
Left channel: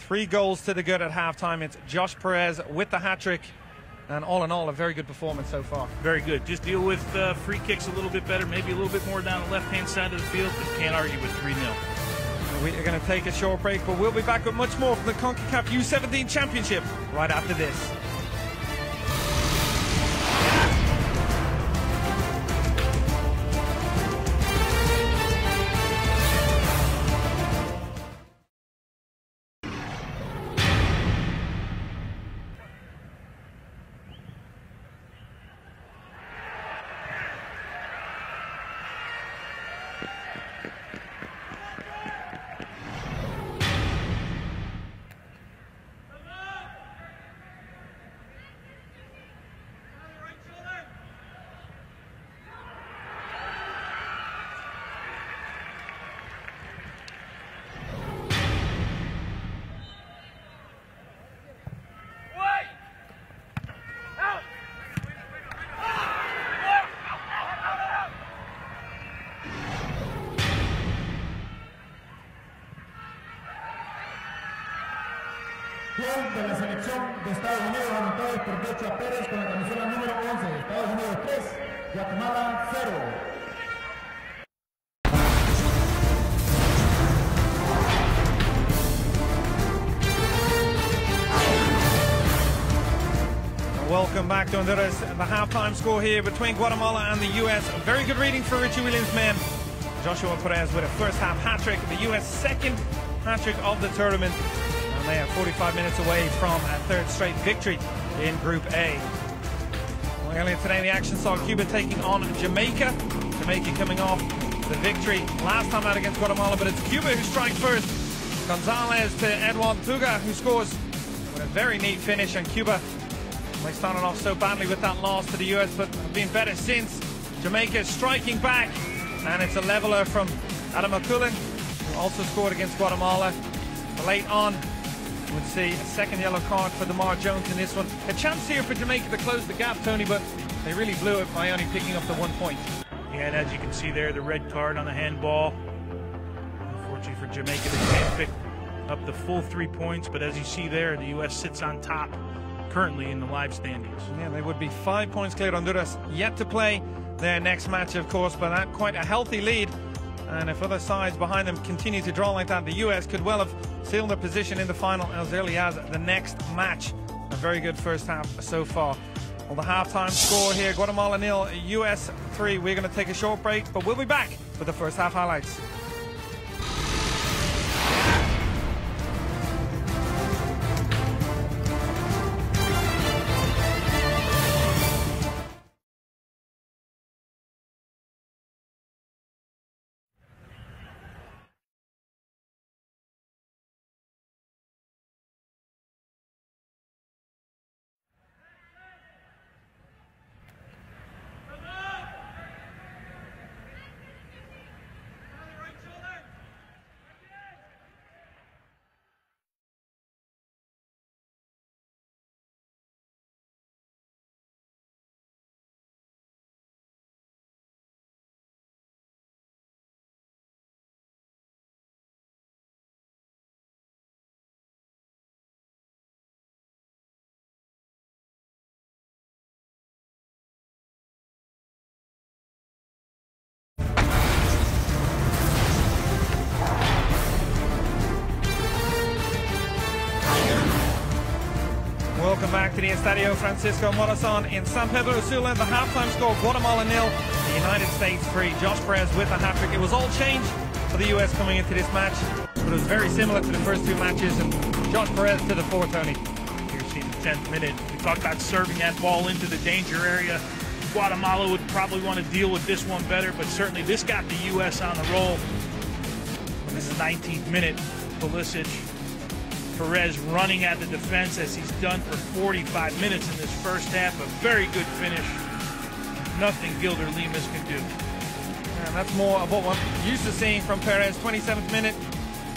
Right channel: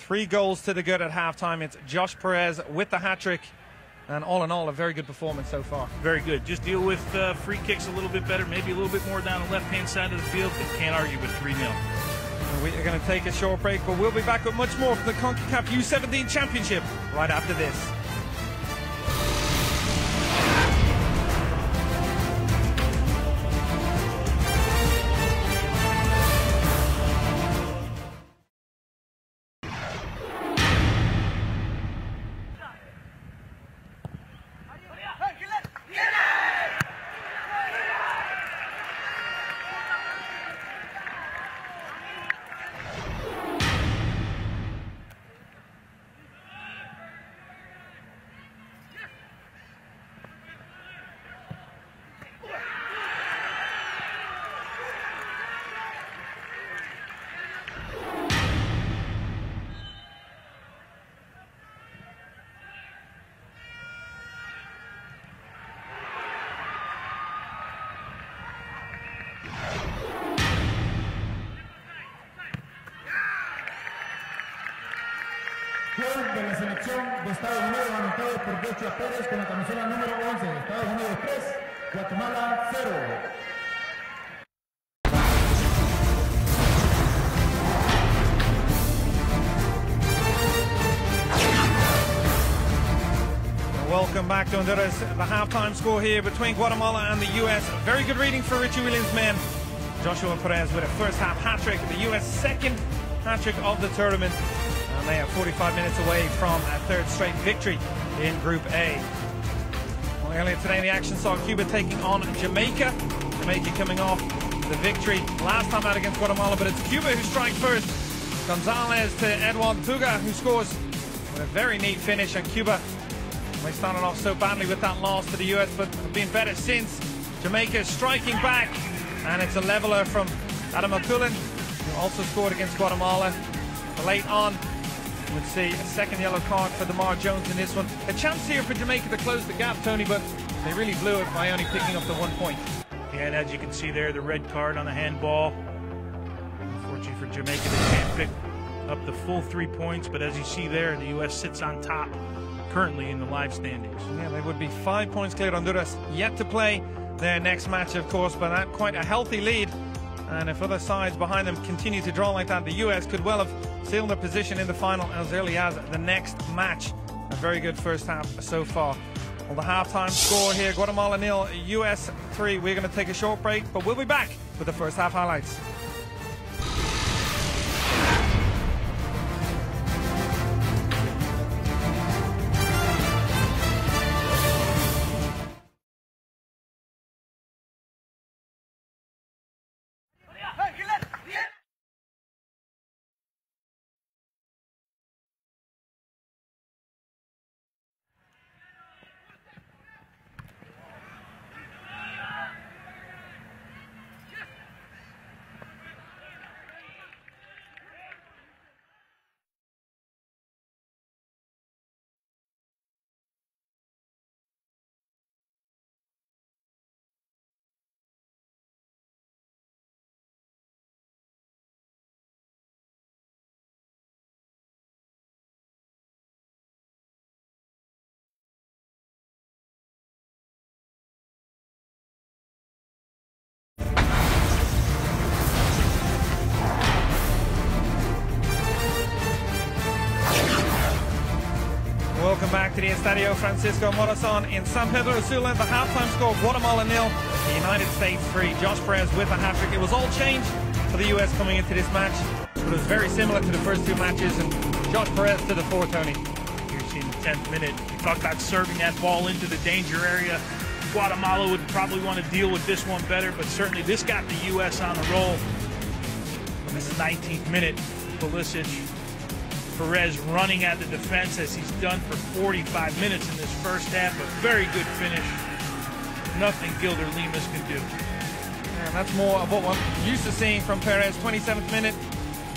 3 goals to the good at halftime. It's Josh Perez with the hat-trick. And all in all, a very good performance so far. Very good. Just deal with free kicks a little bit better, maybe a little bit more down the left-hand side of the field, but can't argue with 3-0. going to take a short break, but we'll be back with much more of the CONCACAF U17 Championship right after this. De la selección de Estados Unidos, anotado por Pocha Pérez con la camiseta número 11, Estados Unidos 3, Guatemala 0. Welcome back to Honduras. The halftime score here between Guatemala and the U.S. Very good reading for Richie Williams' men. Joshua Torres with a first half hat-trick, the U.S. second hat-trick of the tournament. And they are 45 minutes away from a third straight victory in Group A. Well, earlier today the action saw Cuba taking on Jamaica. Jamaica coming off the victory last time out against Guatemala, but it's Cuba who strikes first. Gonzalez to Edouard Puga, who scores a very neat finish, and Cuba, they started off so badly with that loss to the US, but have been better since. Jamaica striking back, and it's a leveler from Adam Akulin, who also scored against Guatemala. Late on, you would see a second yellow card for Lamar Jones in this one. The chance here for Jamaica to close the gap, Tony, but they really blew it by only picking up the 1 point. And as you can see there, the red card on the handball. Unfortunately for Jamaica, they can't pick up the full 3 points, but as you see there, the U.S. sits on top currently in the live standings. Yeah, they would be 5 points clear. Honduras yet to play their next match, of course, but at quite a healthy lead. And if other sides behind them continue to draw like that, the US could well have sealed their position in the final as early as the next match. A very good first half so far. Well, the halftime score here, Guatemala 0, US 3. We're going to take a short break, but we'll be back for the first half highlights. Back to the Estadio Francisco Morazan in San Pedro Sula. The halftime score, Guatemala 0, the United States 3. Josh Perez with a hat-trick. It was all changed for the US coming into this match, but it was very similar to the first two matches, and Josh Perez to the fourth, Tony. Here's the 10th minute. You talk about serving that ball into the danger area. Guatemala would probably want to deal with this one better, but certainly this got the US on a roll. This is 19th minute. Pulisic, Perez running at the defense as he's done for 45 minutes in this first half. A very good finish. Nothing Gilder Lemus can do. And that's more of what I'm used to seeing from Perez. 27th minute.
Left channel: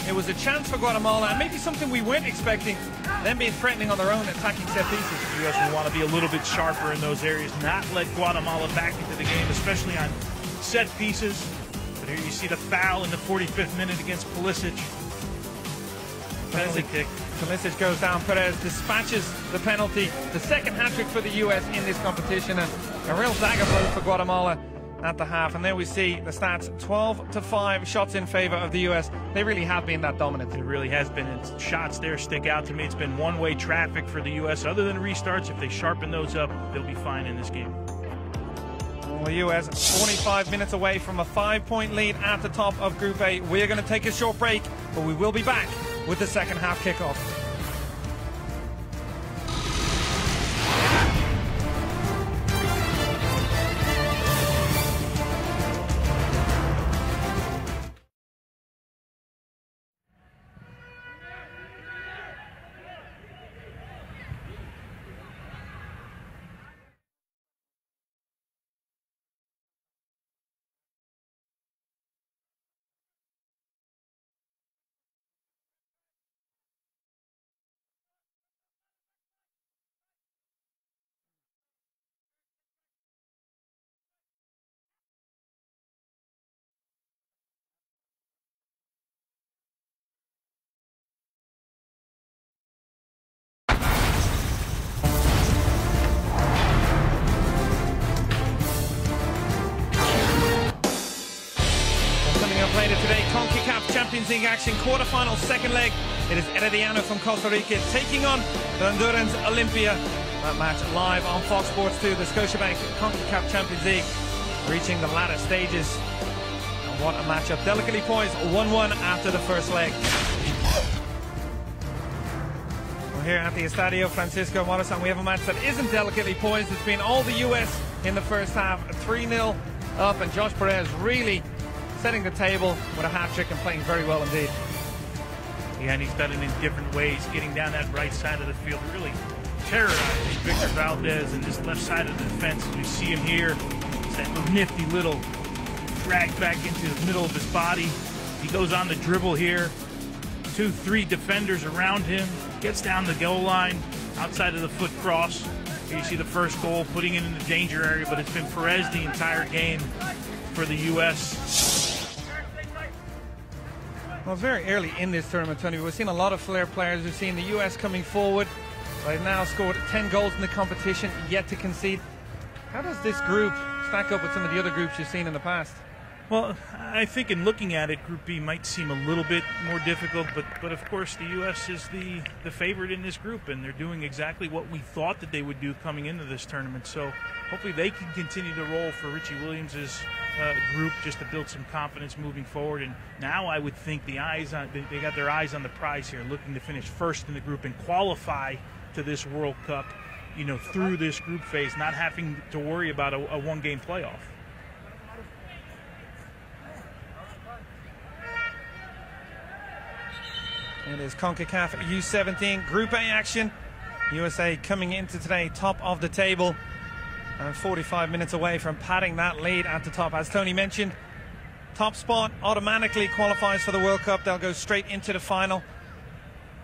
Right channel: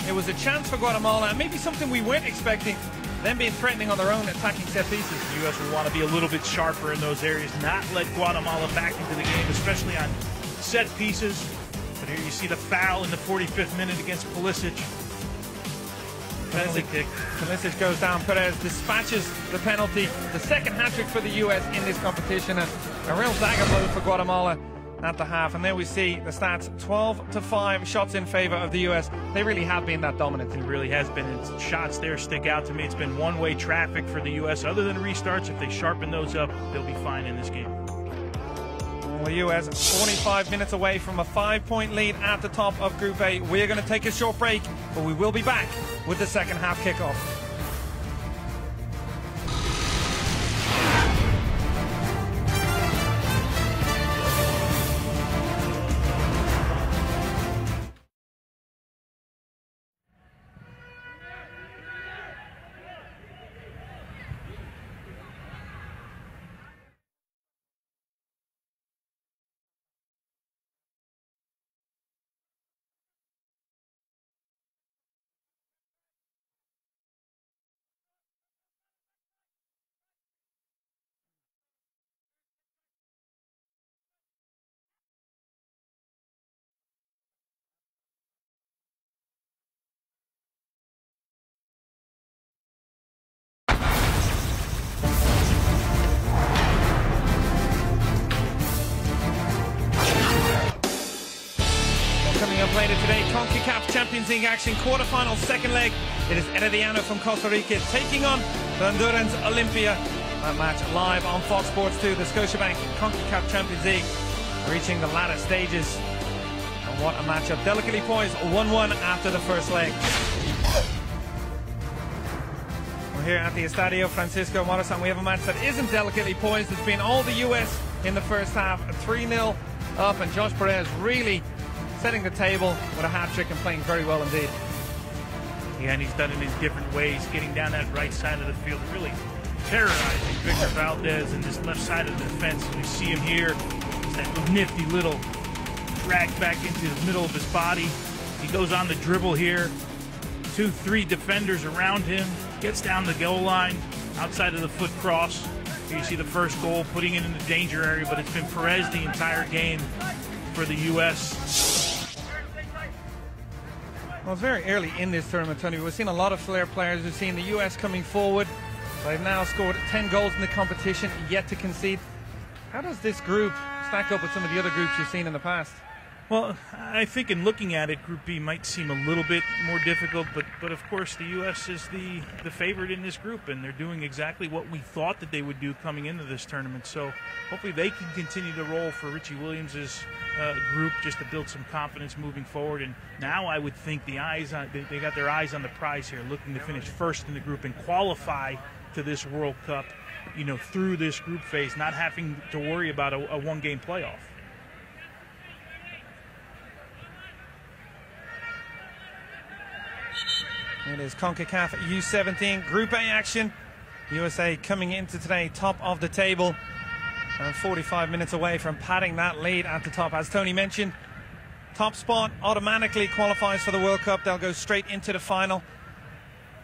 It was a chance for Guatemala, and maybe something we weren't expecting. Them being threatening on their own, attacking set pieces. The U.S. will want to be a little bit sharper in those areas, not let Guatemala back into the game, especially on set pieces. But here you see the foul in the 45th minute against Pulisic. There's a kick. Pulisic goes down. Perez dispatches the penalty. The second hat-trick for the U.S. in this competition, and a real dagger blow for Guatemala. at the half. And there we see the stats, 12-5 shots in favor of the US. They really have been that dominant. It really has been. And shots there stick out to me. It's been one-way traffic for the US. Other than restarts, if they sharpen those up, they'll be fine in this game. The US 45 minutes away from a 5-point lead at the top of Group A. We're going to take a short break, but we will be back with the second half kickoff. League action, quarterfinal, second leg. It is Herediano from Costa Rica taking on Honduras Olympia. A match live on Fox Sports 2, the Scotiabank CONCACAF Champions League, reaching the latter stages. And what a matchup, delicately poised, 1-1 after the first leg. We're here at the Estadio Francisco Morazan. We have a match that isn't delicately poised. It's been all the US in the first half, 3-0 up, and Josh Perez really setting the table with a hat-trick and playing very well indeed. Yeah, and he's done it in different ways, getting down that right side of the field, really terrorizing Victor Valdez and this left side of the defense. And you see him here, that nifty little drag back into the middle of his body. He goes on the dribble here, 2-3 defenders around him, gets down the goal line, outside of the foot cross. Here you see the first goal, putting it in the danger area, but it's been Perez the entire game for the U.S. Well, it's very early in this tournament, Tony. We've seen a lot of flair players. We've seen the U.S. coming forward. They've now scored 10 goals in the competition, yet to concede. How does this group stack up with some of the other groups you've seen in the past? Well, I think in looking at it, Group B might seem a little bit more difficult, but of course the U.S. is the favorite in this group, and they're doing exactly what we thought that they would do coming into this tournament. So hopefully they can continue to roll for Richie Williams' group just to build some confidence moving forward. And now I would think they got their eyes on the prize here, looking to finish first in the group and qualify to this World Cup, you know, through this group phase, not having to worry about a one-game playoff. It is CONCACAF U17 Group A action. USA coming into today top of the table and 45 minutes away from padding that lead at the top. As Tony mentioned, top spot automatically qualifies for the World Cup. They'll go straight into the final.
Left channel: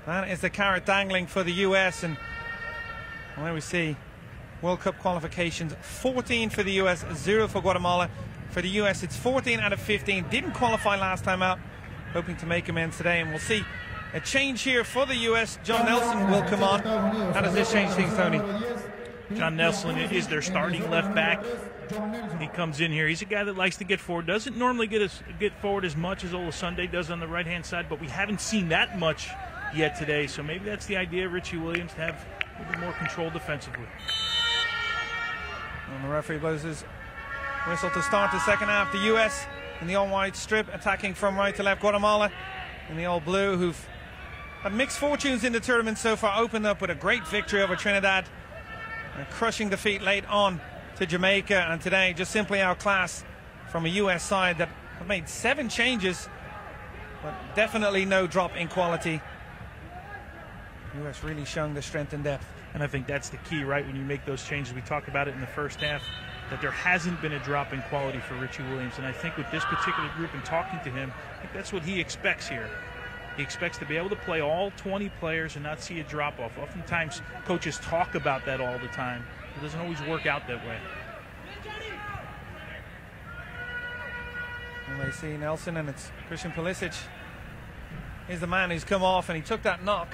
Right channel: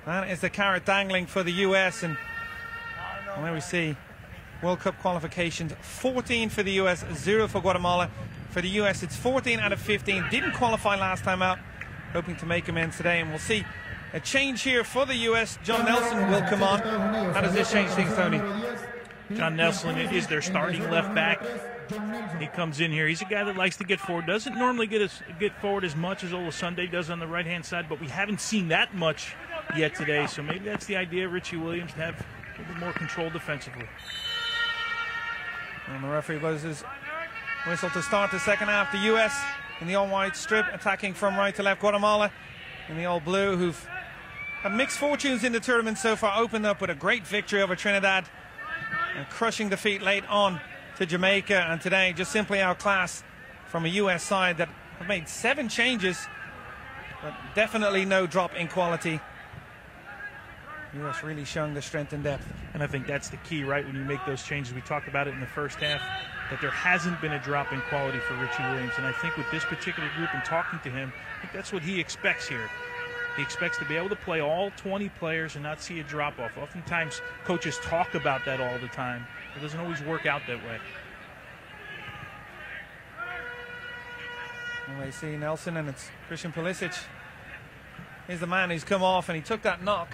That is the carrot dangling for the US. And there we see World Cup qualifications, 14 for the US, 0 for Guatemala. For the US, it's 14 out of 15. Didn't qualify last time out. Hoping to make amends today, and we'll see a change here for the US. John Nelson will come on. How does this change things, Tony? John Nelson is their starting left back. He comes in here. He's a guy that likes to get forward. Doesn't normally get forward as much as Olasunde does on the right-hand side, but we haven't seen that much yet today. So maybe that's the idea, Richie Williams, to have a little more control defensively. And the referee blows his whistle to start the second half. The US in the all-white strip, attacking from right to left. Guatemala in the all-blue, who've had mixed fortunes in the tournament so far, opened up with a great victory over Trinidad, and crushing defeat late on to Jamaica, and today just simply outclassed from a US side that have made 7 changes, but definitely no drop in quality. US really showing the strength and depth. And I think that's the key, right, when you make those changes. We talked about it in the first half, that there hasn't been a drop in quality for Richie Williams. And I think with this particular group and talking to him, I think that's what he expects here. He expects to be able to play all 20 players and not see a drop-off. Oftentimes, coaches talk about that all the time. It doesn't always work out that way. And they see Nelson, and it's Christian Pulisic. He's the man who's come off, and he took that knock.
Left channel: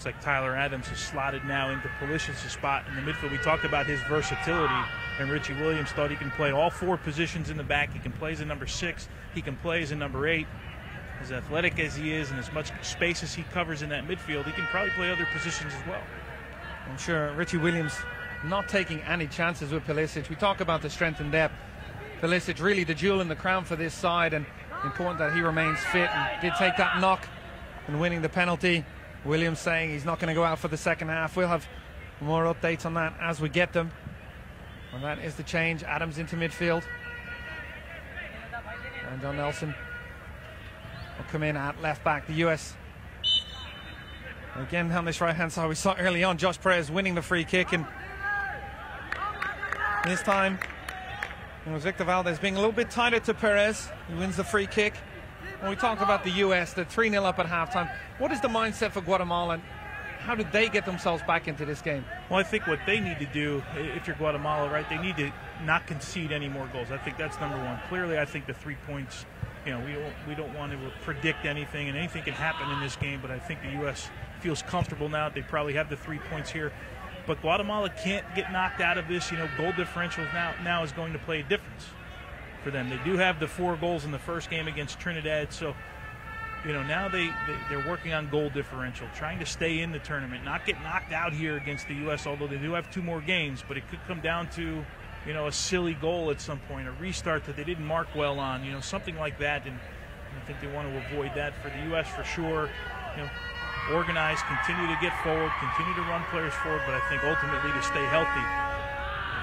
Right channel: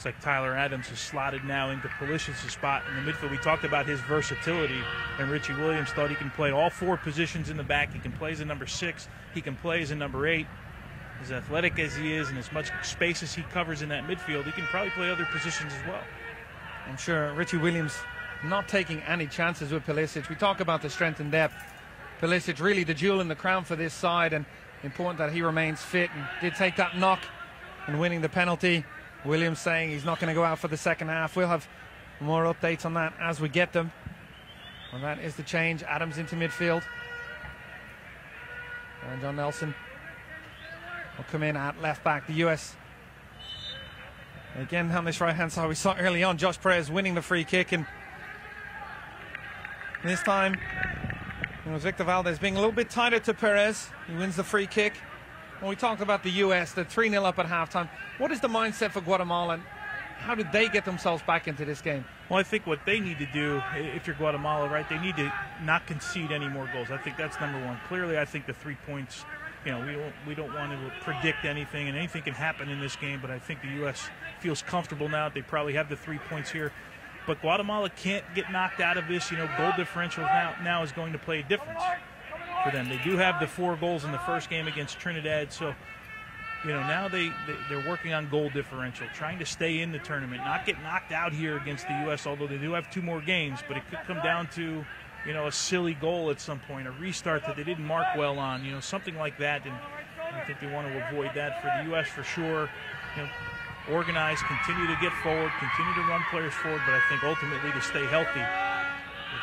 Looks like Tyler Adams is slotted now into Pulisic's spot in the midfield. We talked about his versatility, and Richie Williams thought he can play all 4 positions in the back. He can play as a number 6. He can play as a number 8. As athletic as he is and as much space as he covers in that midfield, he can probably play other positions as well. I'm sure Richie Williams not taking any chances with Pulisic. We talk about the strength and depth. Pulisic really the jewel in the crown for this side, and important that he remains fit and did take that knock in winning the penalty. Williams saying he's not going to go out for the second half. We'll have more updates on that as we get them. And that is the change. Adams into midfield. And John Nelson will come in at left back. The US again on this right hand side. We saw early on Josh Perez winning the free kick, and this time it was Victor Valdez being a little bit tighter to Perez. He wins the free kick. When we talk about the US, they're 3-0 up at halftime. What is the mindset for Guatemala, and how did they get themselves back into this game? Well, I think what they need to do, if you're Guatemala, right, they need to not concede any more goals. I think that's number one. Clearly, I think the 3 points, you know, we don't want to predict anything, and anything can happen in this game, but I think the U.S. feels comfortable now. They probably have the 3 points here. But Guatemala can't get knocked out of this. You know, goal differential now is going to play a difference for them. They do have the 4 goals in the first game against Trinidad, so you know, now they're working on goal differential, trying to stay in the tournament, not get knocked out here against the U.S., although they do have 2 more games, but it could come down to, you know, a silly goal at some point, a restart that they didn't mark well on, you know, something like that, and I think they want to avoid that for the U.S. for sure. You know, organize, continue to get forward, continue to run players forward, but I think ultimately to stay healthy.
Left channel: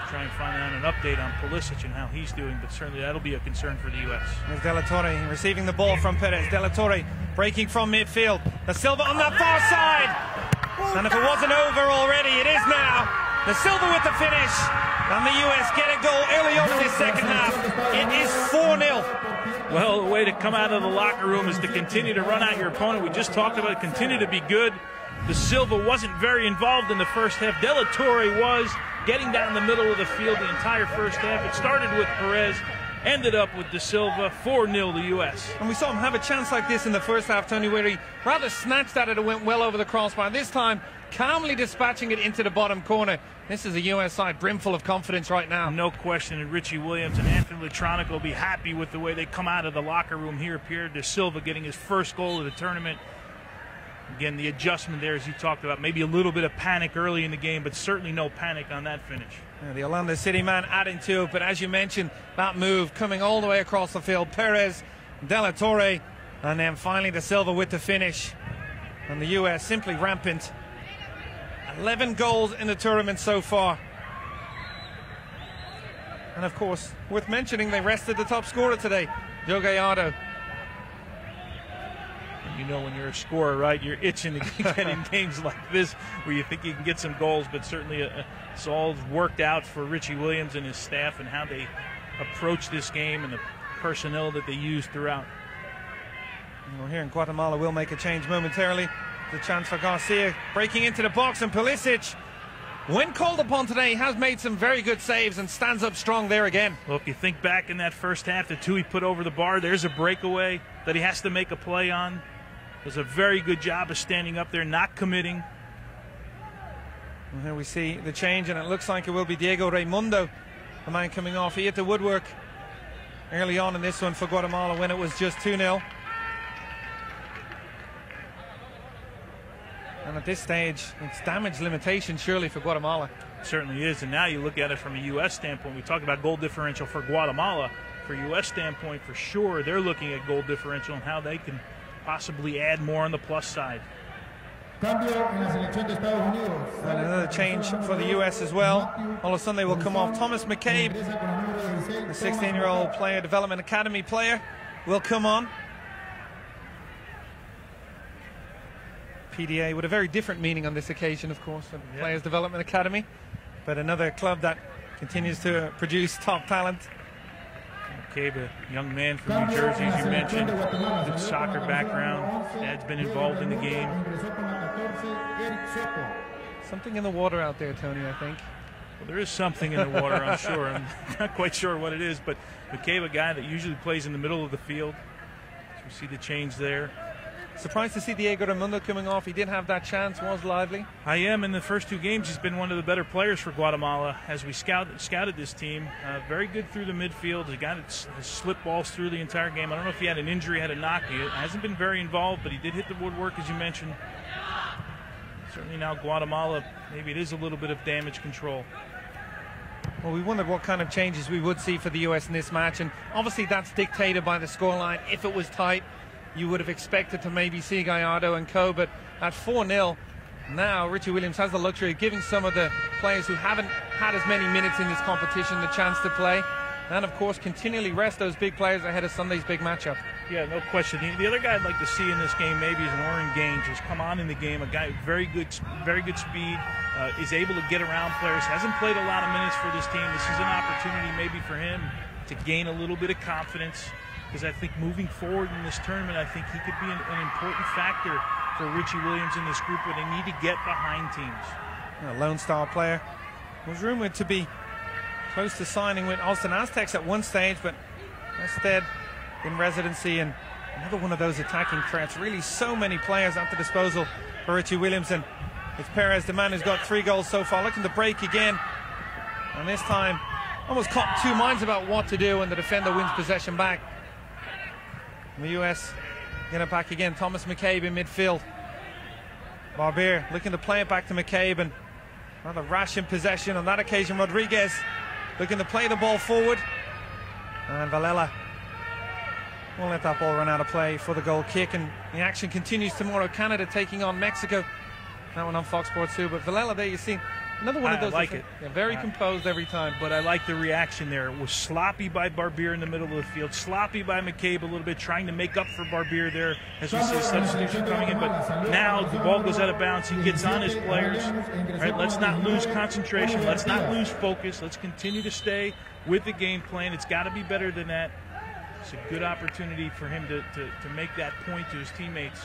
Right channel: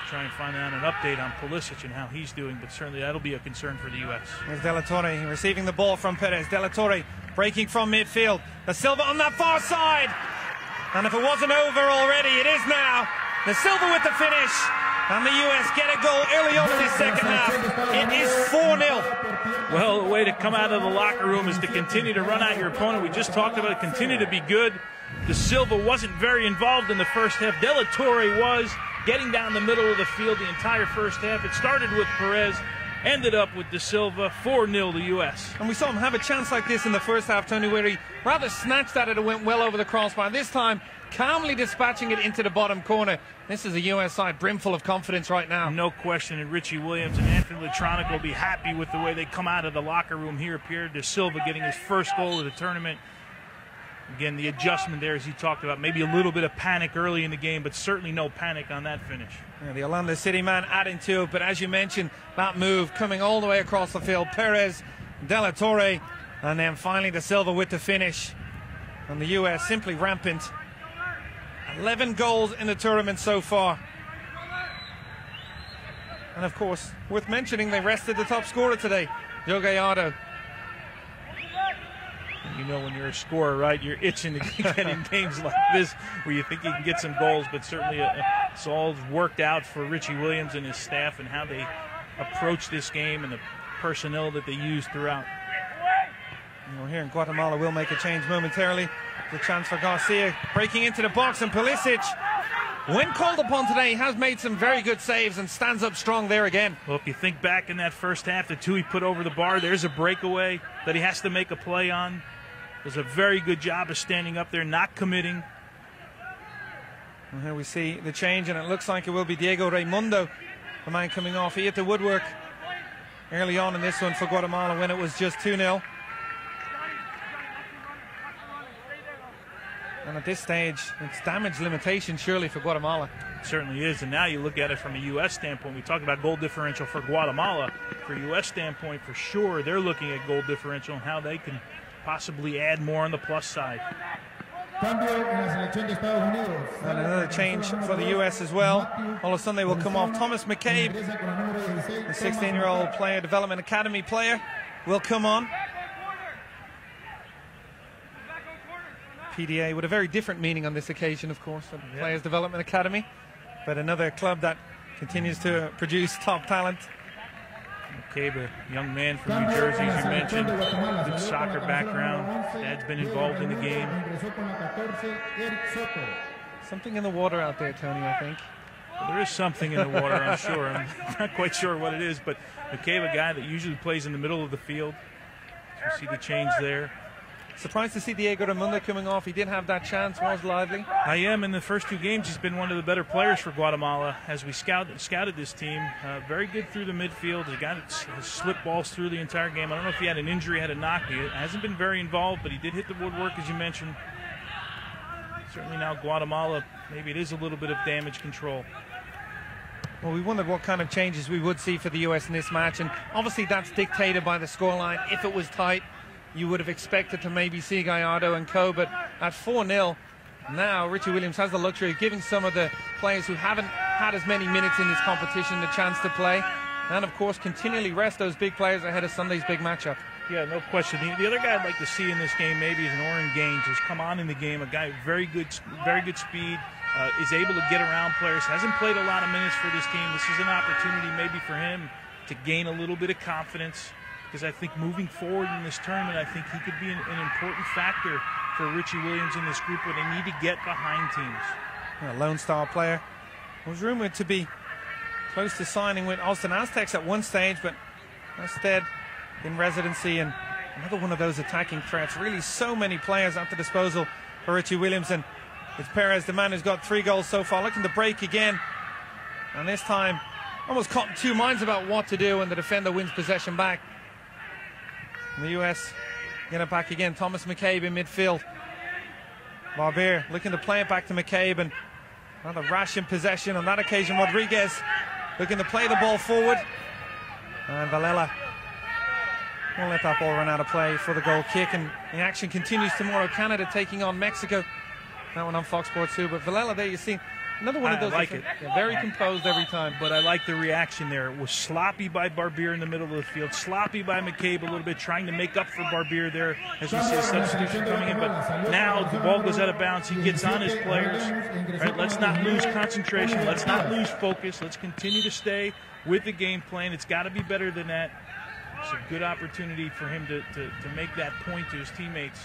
Try and find out an update on Pulisic and how he's doing, but certainly that'll be a concern for the U.S. With De La Torre receiving the ball from Perez. De La Torre breaking from midfield. Da Silva on that far side. And if it wasn't over already, it is now. Da Silva with the finish. And the U.S. get a goal early on in the second half. It is 4-0. Well, the way to come out of the locker room is to continue to run out your opponent. We just talked about it. Continue to be good. Da Silva wasn't very involved in the first half. De La Torre was getting down the middle of the field the entire first half. It started with Perez, ended up with Da Silva, 4-0 the U.S. And we saw him have a chance like this in the first half, Tony, where he rather snatched at it and went well over the crossbar. This time, calmly dispatching it into the bottom corner. This is a U.S. side brimful of confidence right now. No question, and Richie Williams and Anthony Latronica will be happy with the way they come out of the locker room here. Pierre Da Silva getting his first goal of the tournament. Again, the adjustment there, as you talked about, maybe a little bit of panic early in the game, but certainly no panic on that finish. Yeah, the Orlando City man adding to it, but as you mentioned, that move coming all the way across the field. Perez, De La Torre, and then finally Da Silva with the finish. And the U.S. simply rampant. 11 goals in the tournament so far. And of course, worth mentioning, they rested the top scorer today, Joe Gallardo. You know, when you're a scorer, right, you're itching to get in games like this where you think you can get some goals, but certainly it's all worked out for Richie Williams and his staff and how they approach this game and the personnel that they use throughout. Well, here in Guatemala, we'll make a change momentarily. The chance for Garcia breaking into the box, and Pulisic, when called upon today, has made some very good saves and stands up strong there again. Well, if you think back in that first half, the 2 he put over the bar, there's a breakaway that he has to make a play on. Does a very good job of standing up there, not committing. And here we see the change, and it looks like it will be Diego Raimundo, the man coming off. He hit the woodwork early on in this one for Guatemala when it was just 2-0. And at this stage, it's damage limitation surely for Guatemala. It certainly is, and now you look at it from a U.S. standpoint. We talk about goal differential for Guatemala. For a U.S. standpoint, for sure, they're looking at goal differential and how they can possibly add more on the plus side. And another change for the U.S. as well. All of a sudden they will come off. Thomas McCabe, the 16-year-old player, Development Academy player, will come on. PDA with a very different meaning on this occasion, of course, from Players Development Academy, but another club that continues to produce top talent. McCabe, a young man from New Jersey, as you mentioned, good soccer background. Dad's been involved in the game. Something in the water out there, Tony, I think. Well, there is something in the water, I'm sure. I'm not quite sure what it is, but McCabe, a guy that usually plays in the middle of the field. So you see the change there. Surprised to see Diego Raimundo coming off. He did have that chance, was lively. I am. In the first 2 games, he's been one of the better players for Guatemala as we scouted this team. Very good through the midfield. He got his slip balls through the entire game. I don't know if he had an injury, had a knock. He hasn't been very involved, but he did hit the woodwork, as you mentioned. Certainly now Guatemala, maybe it is a little bit of damage control. Well, we wondered what kind of changes we would see for the U.S. in this match, and obviously that's dictated by the scoreline. If it was tight, you would have expected to maybe see Gallardo and co, but at 4-0, now Richie Williams has the luxury of giving some of the players who haven't had as many minutes in this competition the chance to play, and of course continually rest those big players ahead of Sunday's big matchup. Yeah, no question. The other guy I'd like to see in this game maybe is an Oren Gaines, who's come on in the game, a guy with very good speed, is able to get around players, hasn't played a lot of minutes for this team. This is an opportunity maybe for him to gain a little bit of confidence, because I think moving forward in this tournament, I think he could be an important factor for Richie Williams in this group where they need to get behind teams. A Lone Star player was rumored to be close to signing with Austin Aztecs at one stage, but instead in residency, and another one of those attacking threats. Really so many players at the disposal for Richie Williams, and it's Perez, the man who's got 3 goals so far, looking to break again, and this time almost caught 2 minds about what to do, and the defender wins possession back. The US get it back again. Thomas McCabe in midfield. Barbier looking to play it back to McCabe, and rather rash in possession on that occasion. Rodriguez looking to play the ball forward, and Valela won't let that ball run out of play for the goal kick, and the action continues tomorrow. Canada taking on Mexico. That one on Fox Sports 2, but Valela there, you see another one of those. I like it. Very composed every time. But I like the reaction there. It was sloppy by Barbier in the middle of the field, sloppy by McCabe a little bit, trying to make up for Barbier there. As we say, substitution coming in. But now the ball goes out of bounds. He gets on his players. Right, let's not lose concentration. Let's not lose focus. Let's continue to stay with the game plan. It's got to be better than that. It's a good opportunity for him to make that point to his teammates.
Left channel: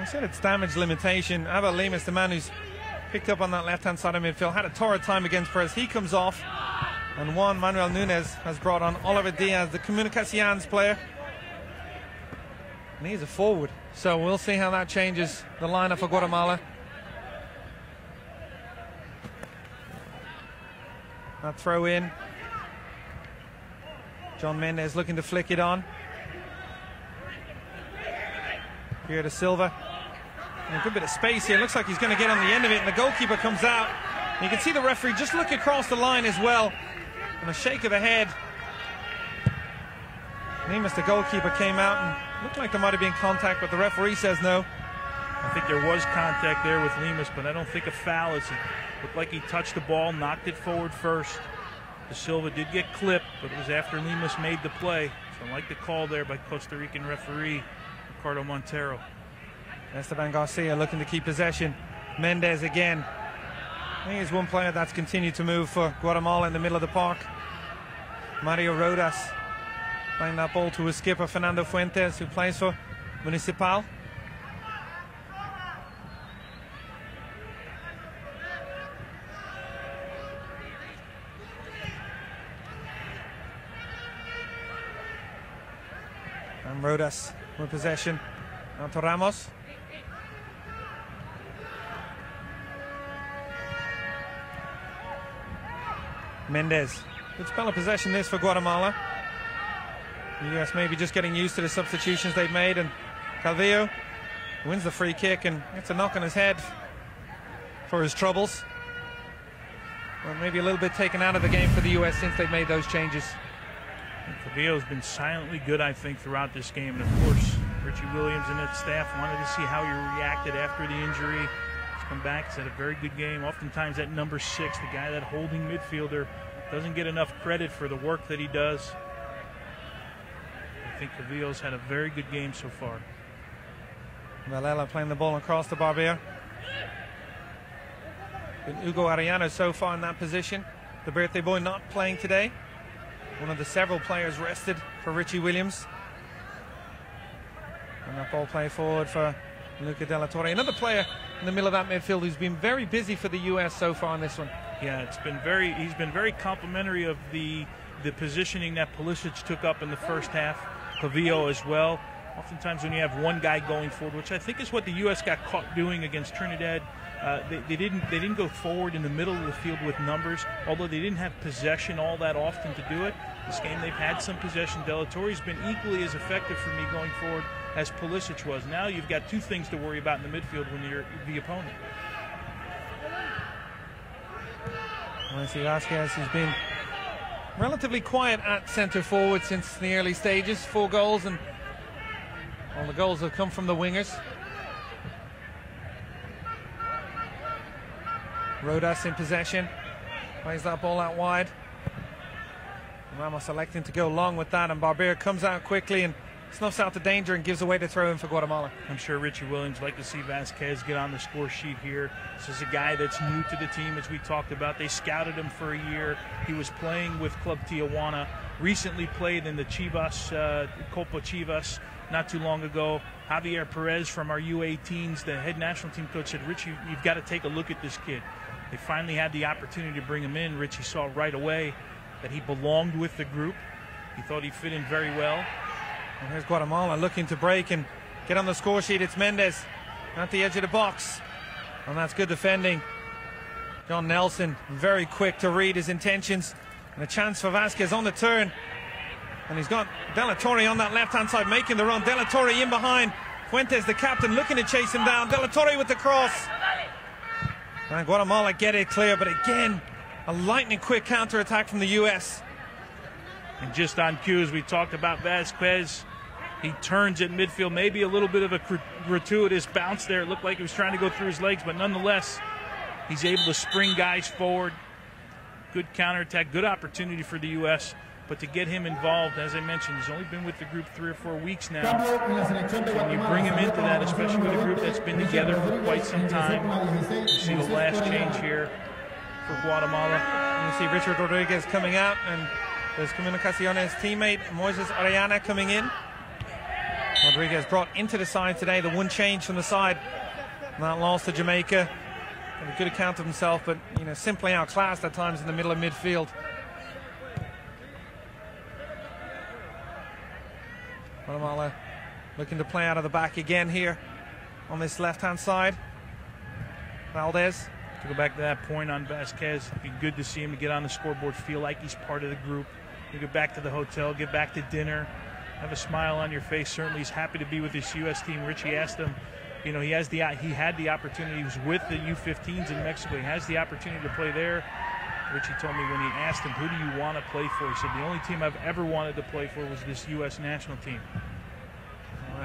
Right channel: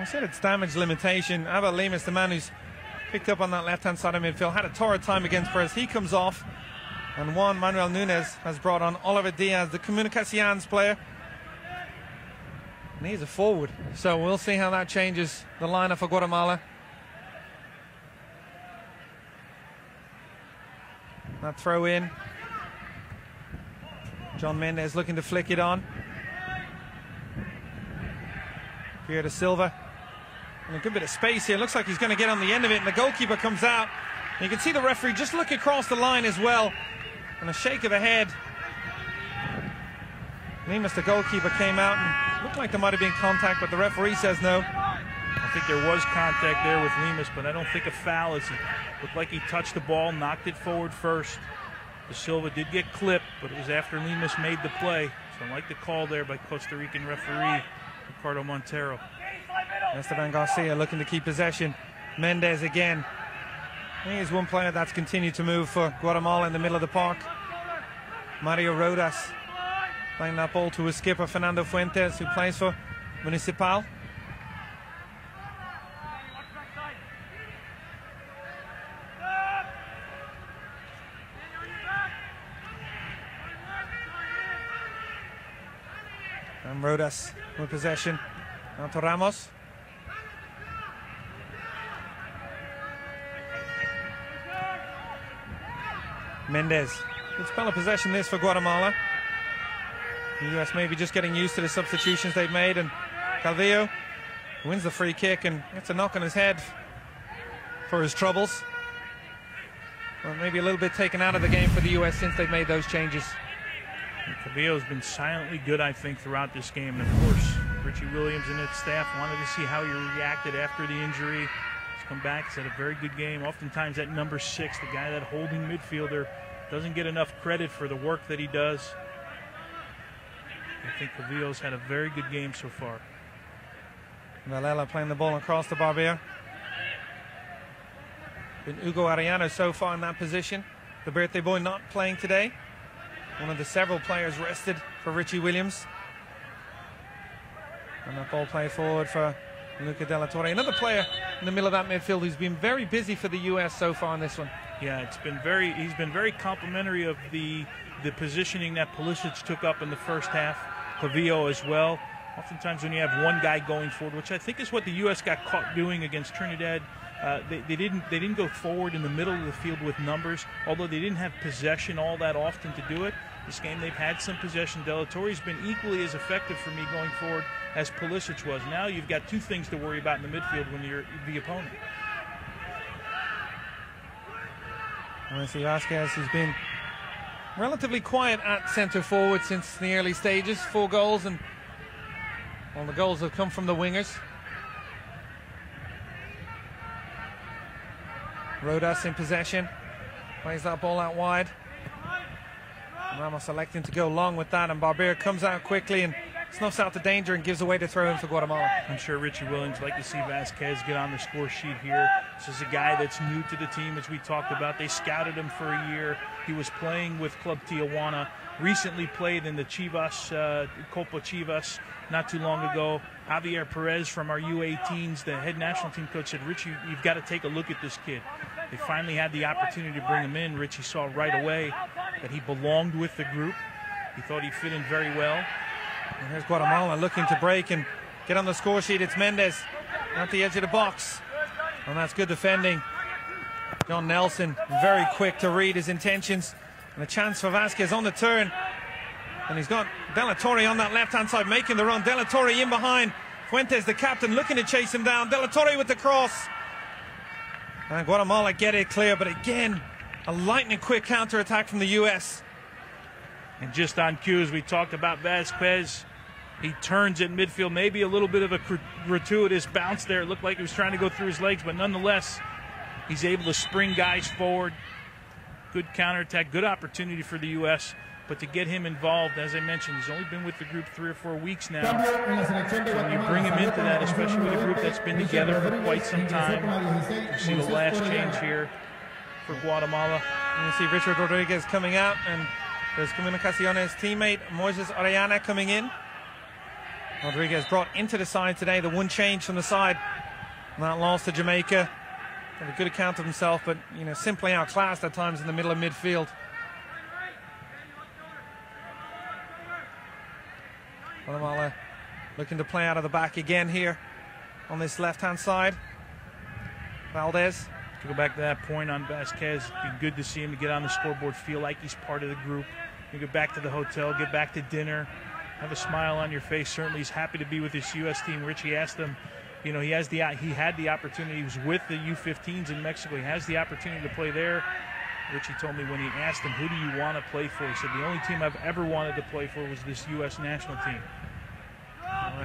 I said it's damage limitation. Abel Lemus, the man who's picked up on that left-hand side of midfield, had a torrid time against Perez. He comes off, and Juan Manuel Nunez has brought on Oliver Diaz, the Comunicaciones player, and he's a forward. So we'll see how that changes the lineup for Guatemala. That throw in. John Mendez looking to flick it on. Pierre da Silva. And a good bit of space here. Looks like he's going to get on the end of it, and the goalkeeper comes out. You can see the referee just look across the line as well, and a shake of the head. Lemus, the goalkeeper, came out and looked like there might have been contact, but the referee says no. I think there was contact there with Lemus, but I don't think a foul. It looked like he touched the ball, knocked it forward first. Da Silva did get clipped, but it was after Lemus made the play. So I like the call there by Costa Rican referee Ricardo Montero. Esteban Garcia looking to keep possession. Mendez again. Here's one player that's continued to move for Guatemala in the middle of the park. Mario Rodas playing that ball to his skipper Fernando Fuentes, who plays for Municipal. And Rodas with possession. On to Ramos. Mendez. Good spell of possession this for Guatemala. The US maybe just getting used to the substitutions they've made, and Calvillo wins the free kick and gets a knock on his head for his troubles. Well, maybe a little bit taken out of the game for the US since they've made those changes. Calvillo has been silently good, I think, throughout this game. And of course, Richie Williams and that staff wanted to see how he reacted after the injury. He's come back, he's had a very good game. Oftentimes that number 6, the guy, that holding midfielder, doesn't get enough credit for the work that he does. I think Calvillo's had a very good game so far. Valela playing the ball across the Barbier. Been Hugo Arellano so far in that position. The birthday boy not playing today. One of the several players rested for Richie Williams. And that ball play forward for Luca De La Torre. Another player in the middle of that midfield who's been very busy for the US so far in this one. Yeah, he's been very complimentary of the positioning that Pulisic took up in the first half. Calvillo as well. oftentimes when you have one guy going forward, which I think is what the U.S. got caught doing against Trinidad. They didn't go forward in the middle of the field with numbers, although they didn't have possession all that often to do it. This game they've had some possession. De La Torre's been equally as effective for me going forward as Pulisic was. Now you've got two things to worry about in the midfield when you're the opponent. Nancy Vasquez has been relatively quiet at centre forward since the early stages. 4 goals, and all the goals have come from the wingers. Rodas in possession, plays that ball out wide. Ramos electing to go long with that, and Barber comes out quickly and snuffs out the danger and gives away the throw in for Guatemala. I'm sure Richie Williams would like to see Vasquez get on the score sheet here. This is a guy that's new to the team, as we talked about. They scouted him for a year. He was playing with Club Tijuana, recently played in the Chivas, Copa Chivas, not too long ago. Javier Perez from our U18s, the head national team coach, said, Richie, you've got to take a look at this kid. They finally had the opportunity to bring him in. Richie saw right away that he belonged with the group. He thought he fit in very well. And here's Guatemala looking to break and get on the score sheet. It's Mendez at the edge of the box. And that's good defending. John Nelson very quick to read his intentions. And a chance for Vasquez on the turn. And he's got De La Torre on that left-hand side making the run. De La Torre in behind. Fuentes, the captain, looking to chase him down. De La Torre with the cross. And Guatemala get it clear, but again, a lightning-quick counter-attack from the U.S. And just on cue, as we talked about Vasquez, he turns at midfield, maybe a little bit of a gratuitous bounce there. It looked like he was trying to go through his legs, but nonetheless, he's able to spring guys forward. Good counterattack, good opportunity for the U.S., but to get him involved, as I mentioned, he's only been with the group 3 or 4 weeks now. So when you bring him into that, especially with a group that's been together for quite some time, you see the last change here for Guatemala. And you see Richard Rodriguez coming out, and there's Comunicaciones teammate Moises Arellana coming in. Rodriguez brought into the side today, the one change from the side. That loss to Jamaica. Had a good account of himself, but simply outclassed at times in the middle of midfield. Guatemala looking to play out of the back again here on this left-hand side. Valdez. To go back to that point on Vasquez, it'd be good to see him to get on the scoreboard, feel like he's part of the group. You get back to the hotel, get back to dinner, have a smile on your face. Certainly he's happy to be with his U.S. team. Richie asked him, he had the opportunity. He was with the U15s in Mexico. He has the opportunity to play there. Richie told me when he asked him, who do you want to play for? He said, the only team I've ever wanted to play for was this U.S. national team.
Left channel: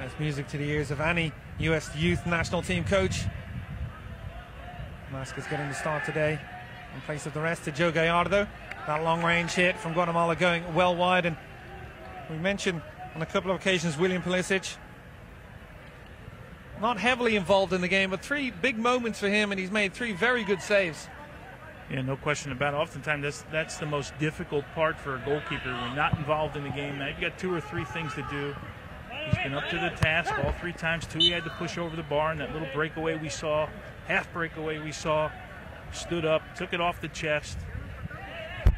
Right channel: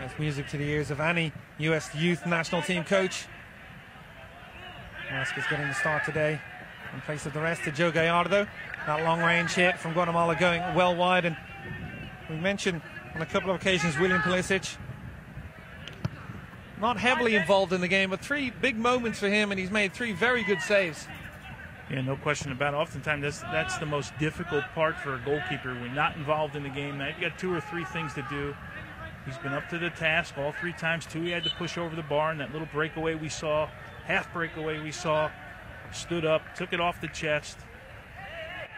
It's music to the ears of any U.S. youth national team coach. Vasquez getting the start today in place of the rest to Joe Gallardo. That long-range hit from Guatemala going well wide. And we mentioned on a couple of occasions William Pulisic. Not heavily involved in the game, but 3 big moments for him, and he's made 3 very good saves. Yeah, no question about it. Oftentimes, that's the most difficult part for a goalkeeper when not involved in the game. Now, you've got 2 or 3 things to do. He's been up to the task all 3 times. 2 he had to push over the bar, and that little breakaway we saw, half breakaway we saw, stood up, took it off the chest.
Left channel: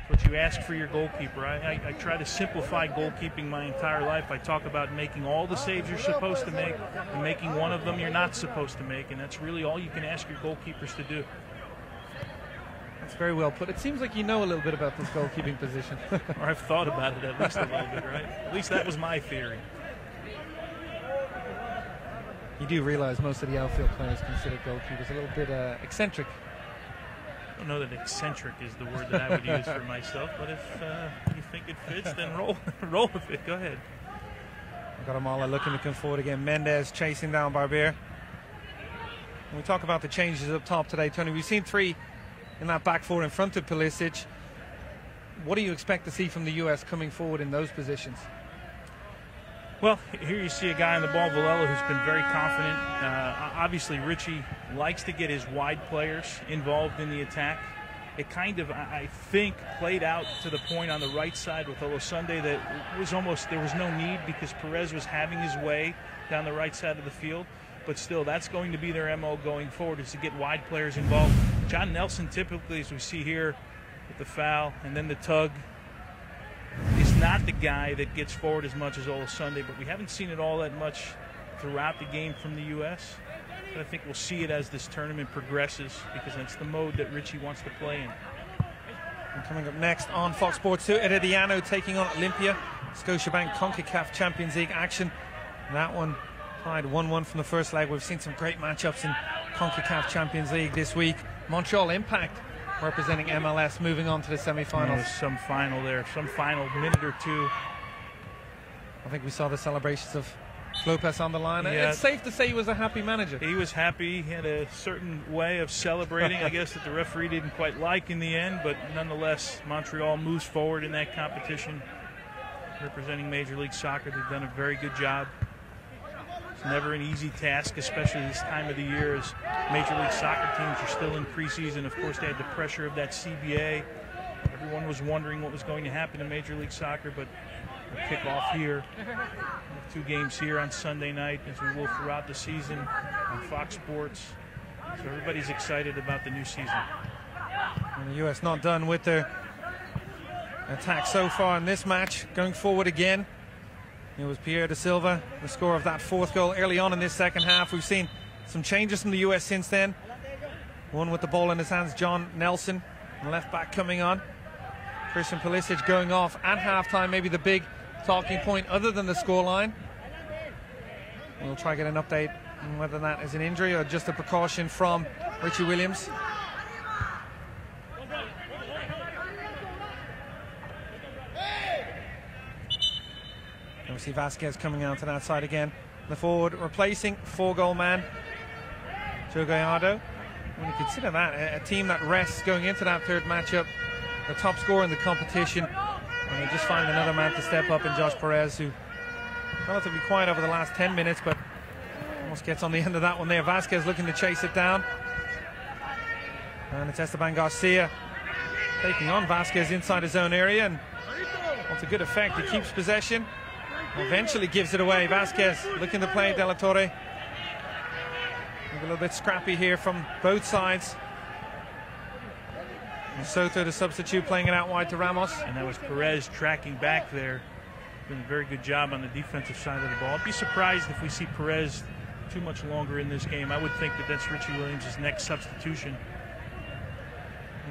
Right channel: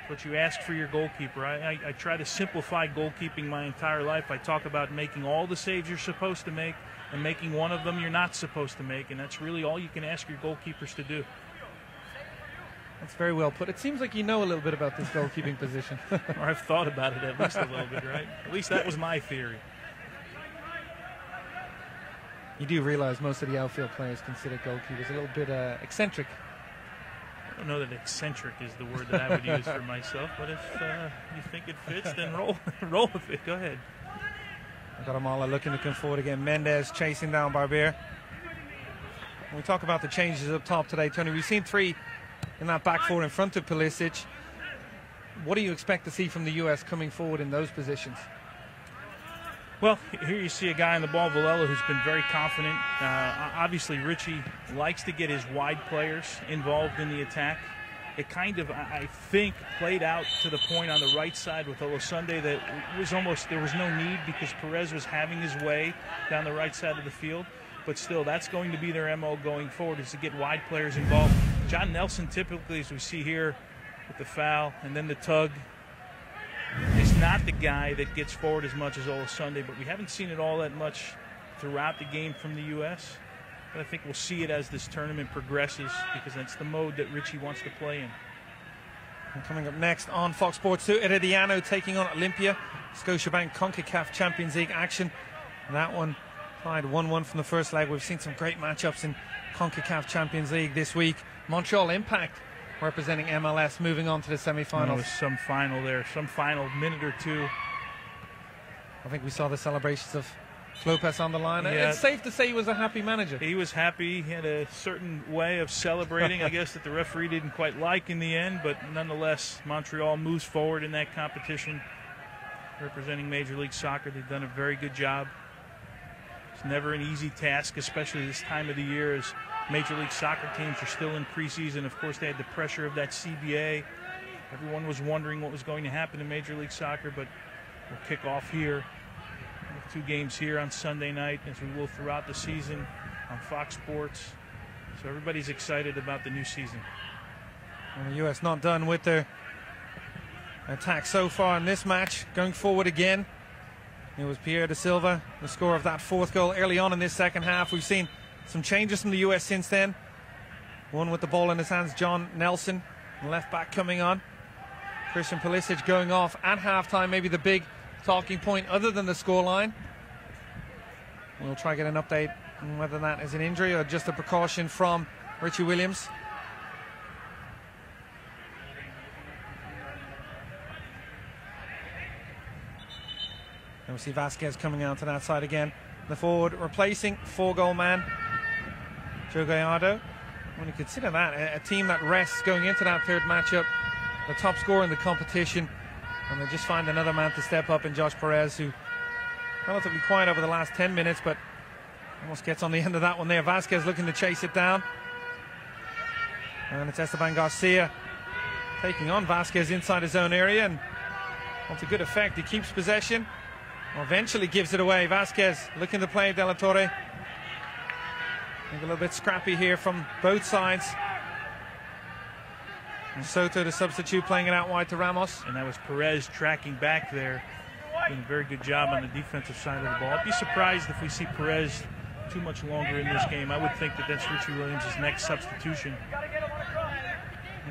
What you ask for your goalkeeper. I try to simplify goalkeeping my entire life. I talk about making all the saves you're supposed to make and making one of them you're not supposed to make, and that's really all you can ask your goalkeepers to do. That's very well put. It seems like you know a little bit about this goalkeeping position. Or I've thought about it at least a little bit, right? At least that was my theory. You do realize most of the outfield players consider goalkeepers a little bit eccentric. I don't know that eccentric is the word that I would use for myself, but if you think it fits, then roll with it. Go ahead. Guatemala looking to come forward again. Mendez chasing down Barber. When we talk about the changes up top today, Tony, we've seen 3 in that back 4 in front of Pulisic. What do you expect to see from the U.S. coming forward in those positions? Well, here you see a guy on the ball, Villela, who's been very confident. Obviously, Richie likes to get his wide players involved in the attack. It kind of, I think, played out to the point on the right side with Olosunde that it was almost, there was no need because Perez was having his way down the right side of the field. But still, that's going to be their MO going forward, is to get wide players involved. John Nelson typically, as we see here, with the foul and then the tug, not the guy that gets forward as much as Sunday, but we haven't seen it all that much throughout the game from the U.S. But I think we'll see it as this tournament progresses, because that's the mode that Richie wants to play in. And coming up next on Fox Sports 2, Herediano taking on Olympia. Scotiabank CONCACAF Champions League action. And that one tied 1-1 from the first leg. We've seen some great matchups in CONCACAF Champions League this week. Montreal Impact representing MLS moving on to the semi-finals. Some final there, some final minute or two. I think we saw the celebrations of Lopez on the line. Yeah. It's safe to say he was a happy manager. He was happy. He had a certain way of celebrating, I guess, that the referee didn't quite like in the end, but nonetheless, Montreal moves forward in that competition. Representing Major League Soccer, they've done a very good job. It's never an easy task, especially this time of the year, as Major League Soccer teams are still in preseason. Of course, they had the pressure of that CBA. Everyone was wondering what was going to happen in Major League Soccer, but we'll kick off here with 2 games here on Sunday night, as we will throughout the season on Fox Sports. So everybody's excited about the new season. And the U.S. not done with their attack so far in this match. Going forward again, it was Pierre da Silva, the scorer of that 4th goal early on in this second half. We've seen some changes from the U.S. since then. One with the ball in his hands, John Nelson, the left back coming on. Christian Pulisic going off at halftime, maybe the big talking point other than the scoreline. We'll try to get an update on whether that is an injury or just a precaution from Richie Williams. We see Vasquez coming out to that side again. The forward replacing 4-goal man, Joe Gallardo. When you consider that, a team that rests going into that 3rd matchup, the top scorer in the competition, and they just find another man to step up in Josh Perez, who relatively quiet over the last 10 minutes, but almost gets on the end of that one there. Vasquez looking to chase it down. And it's Esteban Garcia taking on Vasquez inside his own area, and well, to good effect. He keeps possession. Eventually gives it away. Vasquez looking to play De La Torre. A little bit scrappy here from both sides. And Soto, the substitute, playing it out wide to Ramos. And that was Perez tracking back there. Doing a very good job on the defensive side of the ball. I'd be surprised if we see Perez too much longer in this game. I would think that that's Richie Williams' next substitution.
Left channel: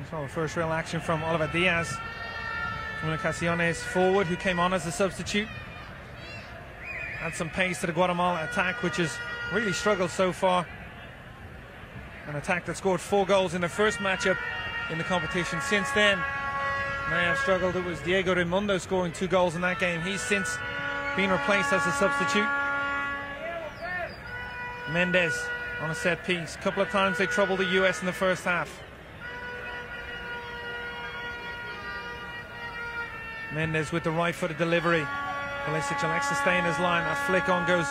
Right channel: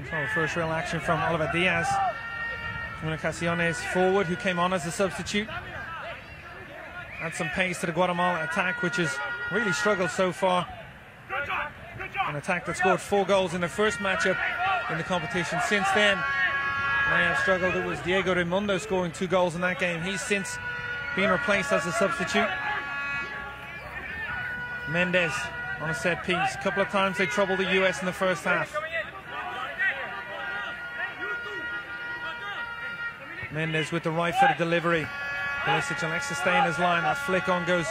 We saw the first real action from Oliver Diaz. Comunicaciones forward, who came on as a substitute. Had some pace to the Guatemala attack, which has really struggled so far. An attack that scored 4 goals in their first matchup in the competition. Since then, they have struggled. It was Diego Raimundo scoring 2 goals in that game. He's since been replaced as a substitute. Mendez on a set piece. A couple of times they troubled the U.S. in the first half. Mendez with the right-footed delivery. Pulisic elects to stay in his line. That flick on goes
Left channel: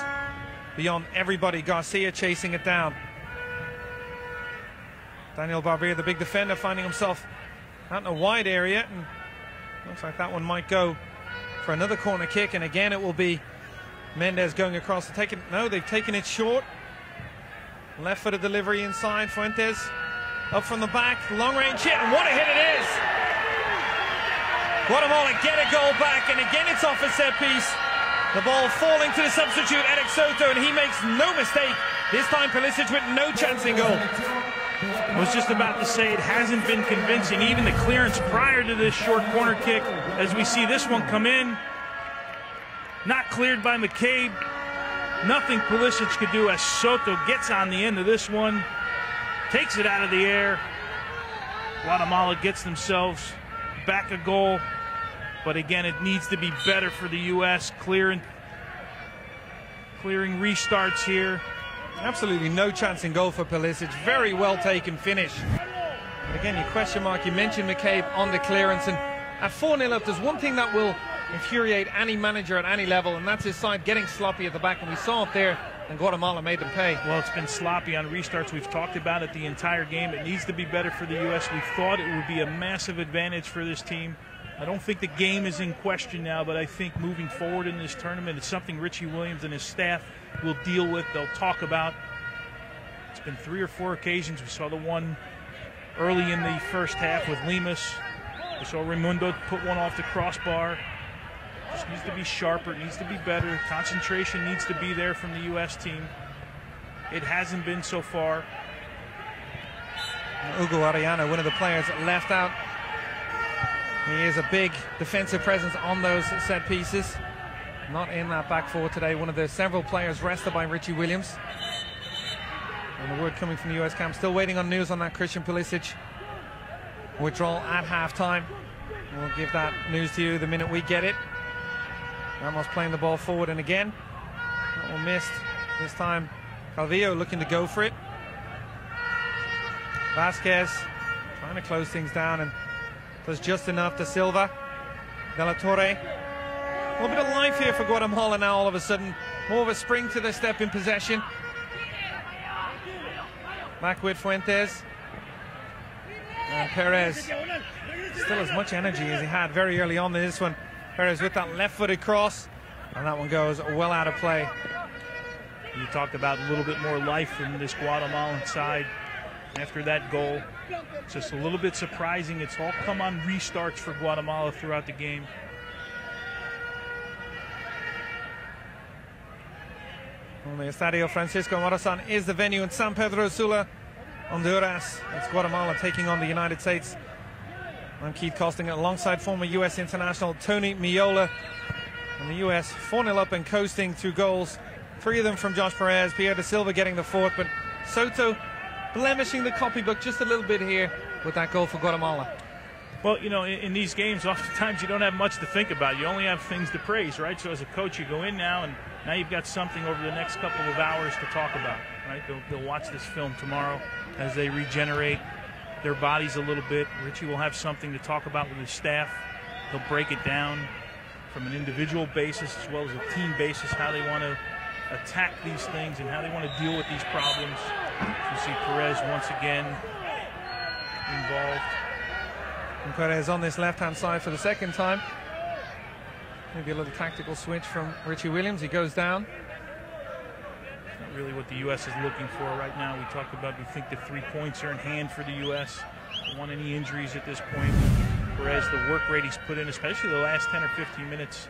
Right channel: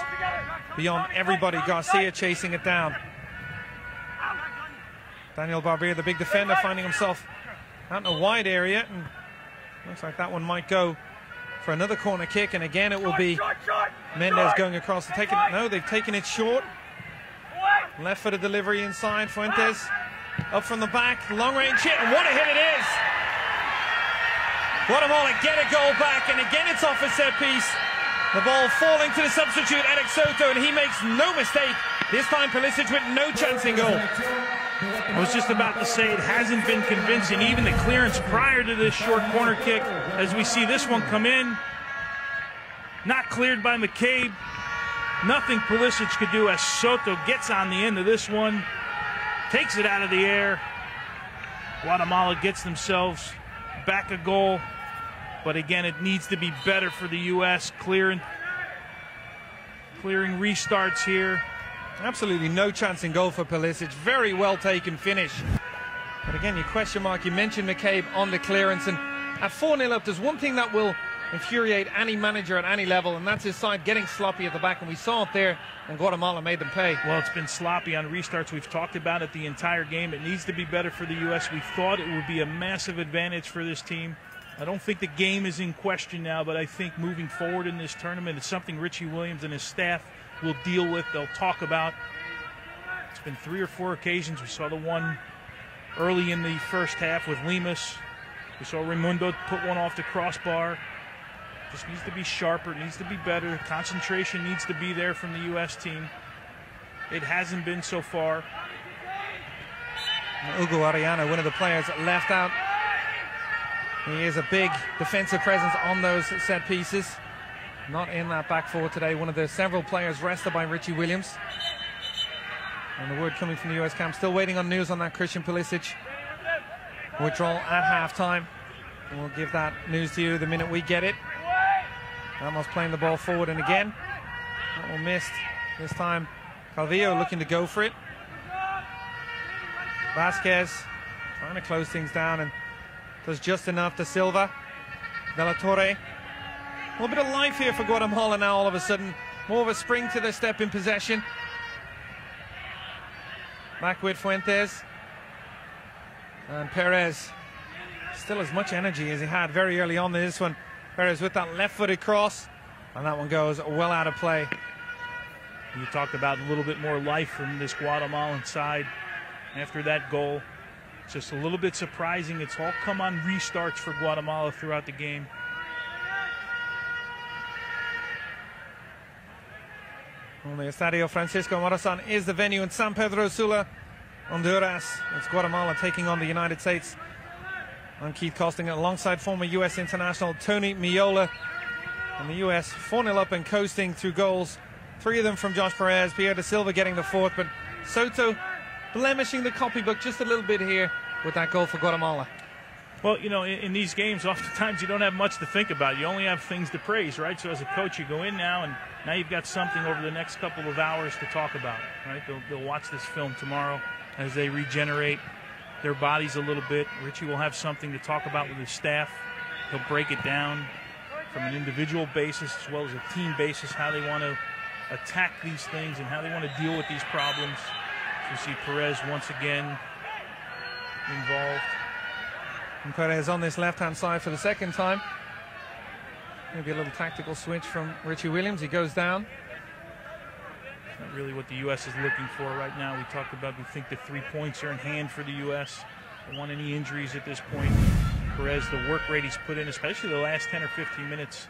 beyond everybody. Garcia chasing it down. Daniel Barbier, the big defender, finding himself out in a wide area. And looks like that one might go for another corner kick. And again, it will be Mendez going across to take it. No, they've taken it short. Left-footed delivery inside. Fuentes up from the back. Long-range hit. And what a hit it is! Guatemala getting a goal back, and again it's off a set piece. The ball falling to the substitute, Eric Soto, and he makes no mistake. This time Pulisic with no chance in goal. I was just about to say, it hasn't been convincing. Even the clearance prior to this short corner kick, as we see this one come in, not cleared by McCabe. Nothing Pulisic could do as Soto gets on the end of this one, takes it out of the air. Guatemala gets themselves back a goal, but again, it needs to be better for the U.S. Clearing restarts here. Absolutely no chance in goal for Pulisic. Very well taken finish. But again, your question mark, you mentioned McCabe on the clearance, and at 4-0 up, there's one thing that will infuriate any manager at any level, and that's his side getting sloppy at the back, and we saw it there, and Guatemala made them pay. Well, it's been sloppy on restarts. We've talked about it the entire game. It needs to be better for the U.S. We thought it would be a massive advantage for this team. I don't think the game is in question now, but I think moving forward in this tournament, it's something Richie Williams and his staff will deal with. They'll talk about. It's been 3 or 4 occasions. We saw the one early in the first half with Lemus. We saw Raimundo put one off the crossbar. Just needs to be sharper, needs to be better. Concentration needs to be there from the U.S. team. It hasn't been so far. Ugo Ariana, one of the players left out. He is a big defensive presence on those set pieces. Not in that back four today. One of the several players rested by Richie Williams. And the word coming from the US camp, still waiting on news on that Christian Pulisic withdrawal at halftime. And we'll give that news to you the minute we get it. Ramos playing the ball forward, and again, that one missed. This time, Calvillo looking to go for it. Vasquez trying to close things down and does just enough to Silva. De La Torre. A little bit of life here for Guatemala now all of a sudden. More of a spring to their step in possession. Back with Fuentes. And Perez. Still as much energy as he had very early on this one. Perez with that left-footed cross. And that one goes well out of play. You talked about a little bit more life from this Guatemalan side after that goal. It's just a little bit surprising. It's all come on restarts for Guatemala throughout the game. The Estadio Francisco Morazan is the venue in San Pedro Sula, Honduras. It's Guatemala taking on the United States. I'm Keith Costing alongside former U.S. international Tony Miola. And the U.S. 4-0 up and coasting through goals. 3 of them from Josh Perez, Pierre da Silva getting the 4th, but Soto blemishing the copybook just a little bit here with that goal for Guatemala. Well, you know, in these games, oftentimes you don't have much to think about. You only have things to praise, right? So as a coach, you go in now, and now you've got something over the next couple of hours to talk about, right? They'll watch this film tomorrow as they regenerate their bodies a little bit. Richie will have something to talk about with his staff. He'll break it down from an individual basis as well as a team basis, how they want to attack these things and how they want to deal with these problems. You see Perez once again involved. And Perez on this left-hand side for the second time. Maybe a little tactical switch from Richie Williams. He goes down. Really what the U.S. is looking for right now. We talked about, we think the 3 points are in hand for the U.S. Don't want any injuries at this point. Perez, the work rate he's put in, especially the last 10 or 15 minutes.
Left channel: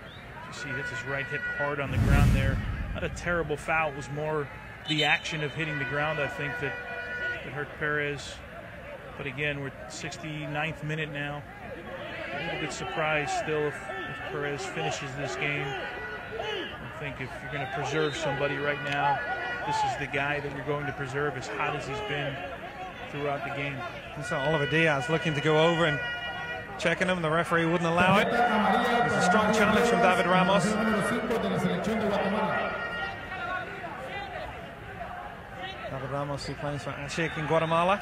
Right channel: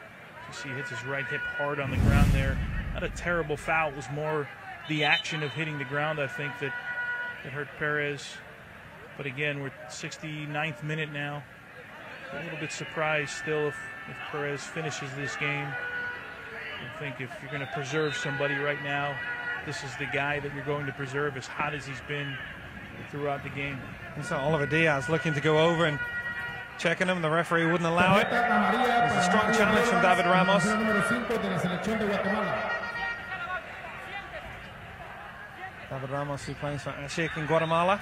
You see he hits his right hip hard on the ground there. Not a terrible foul. It was more the action of hitting the ground, I think, that hurt Perez. But again, we're 69th minute now. A little bit surprised still if Perez finishes this game. I think if you're going to preserve somebody right now, this is the guy that we're going to preserve, as hot as he's been throughout the game. We saw Oliver Diaz looking to go over and checking him. The referee wouldn't allow it. It was a strong challenge from David Ramos. David Ramos, who plays for Ashik in Guatemala.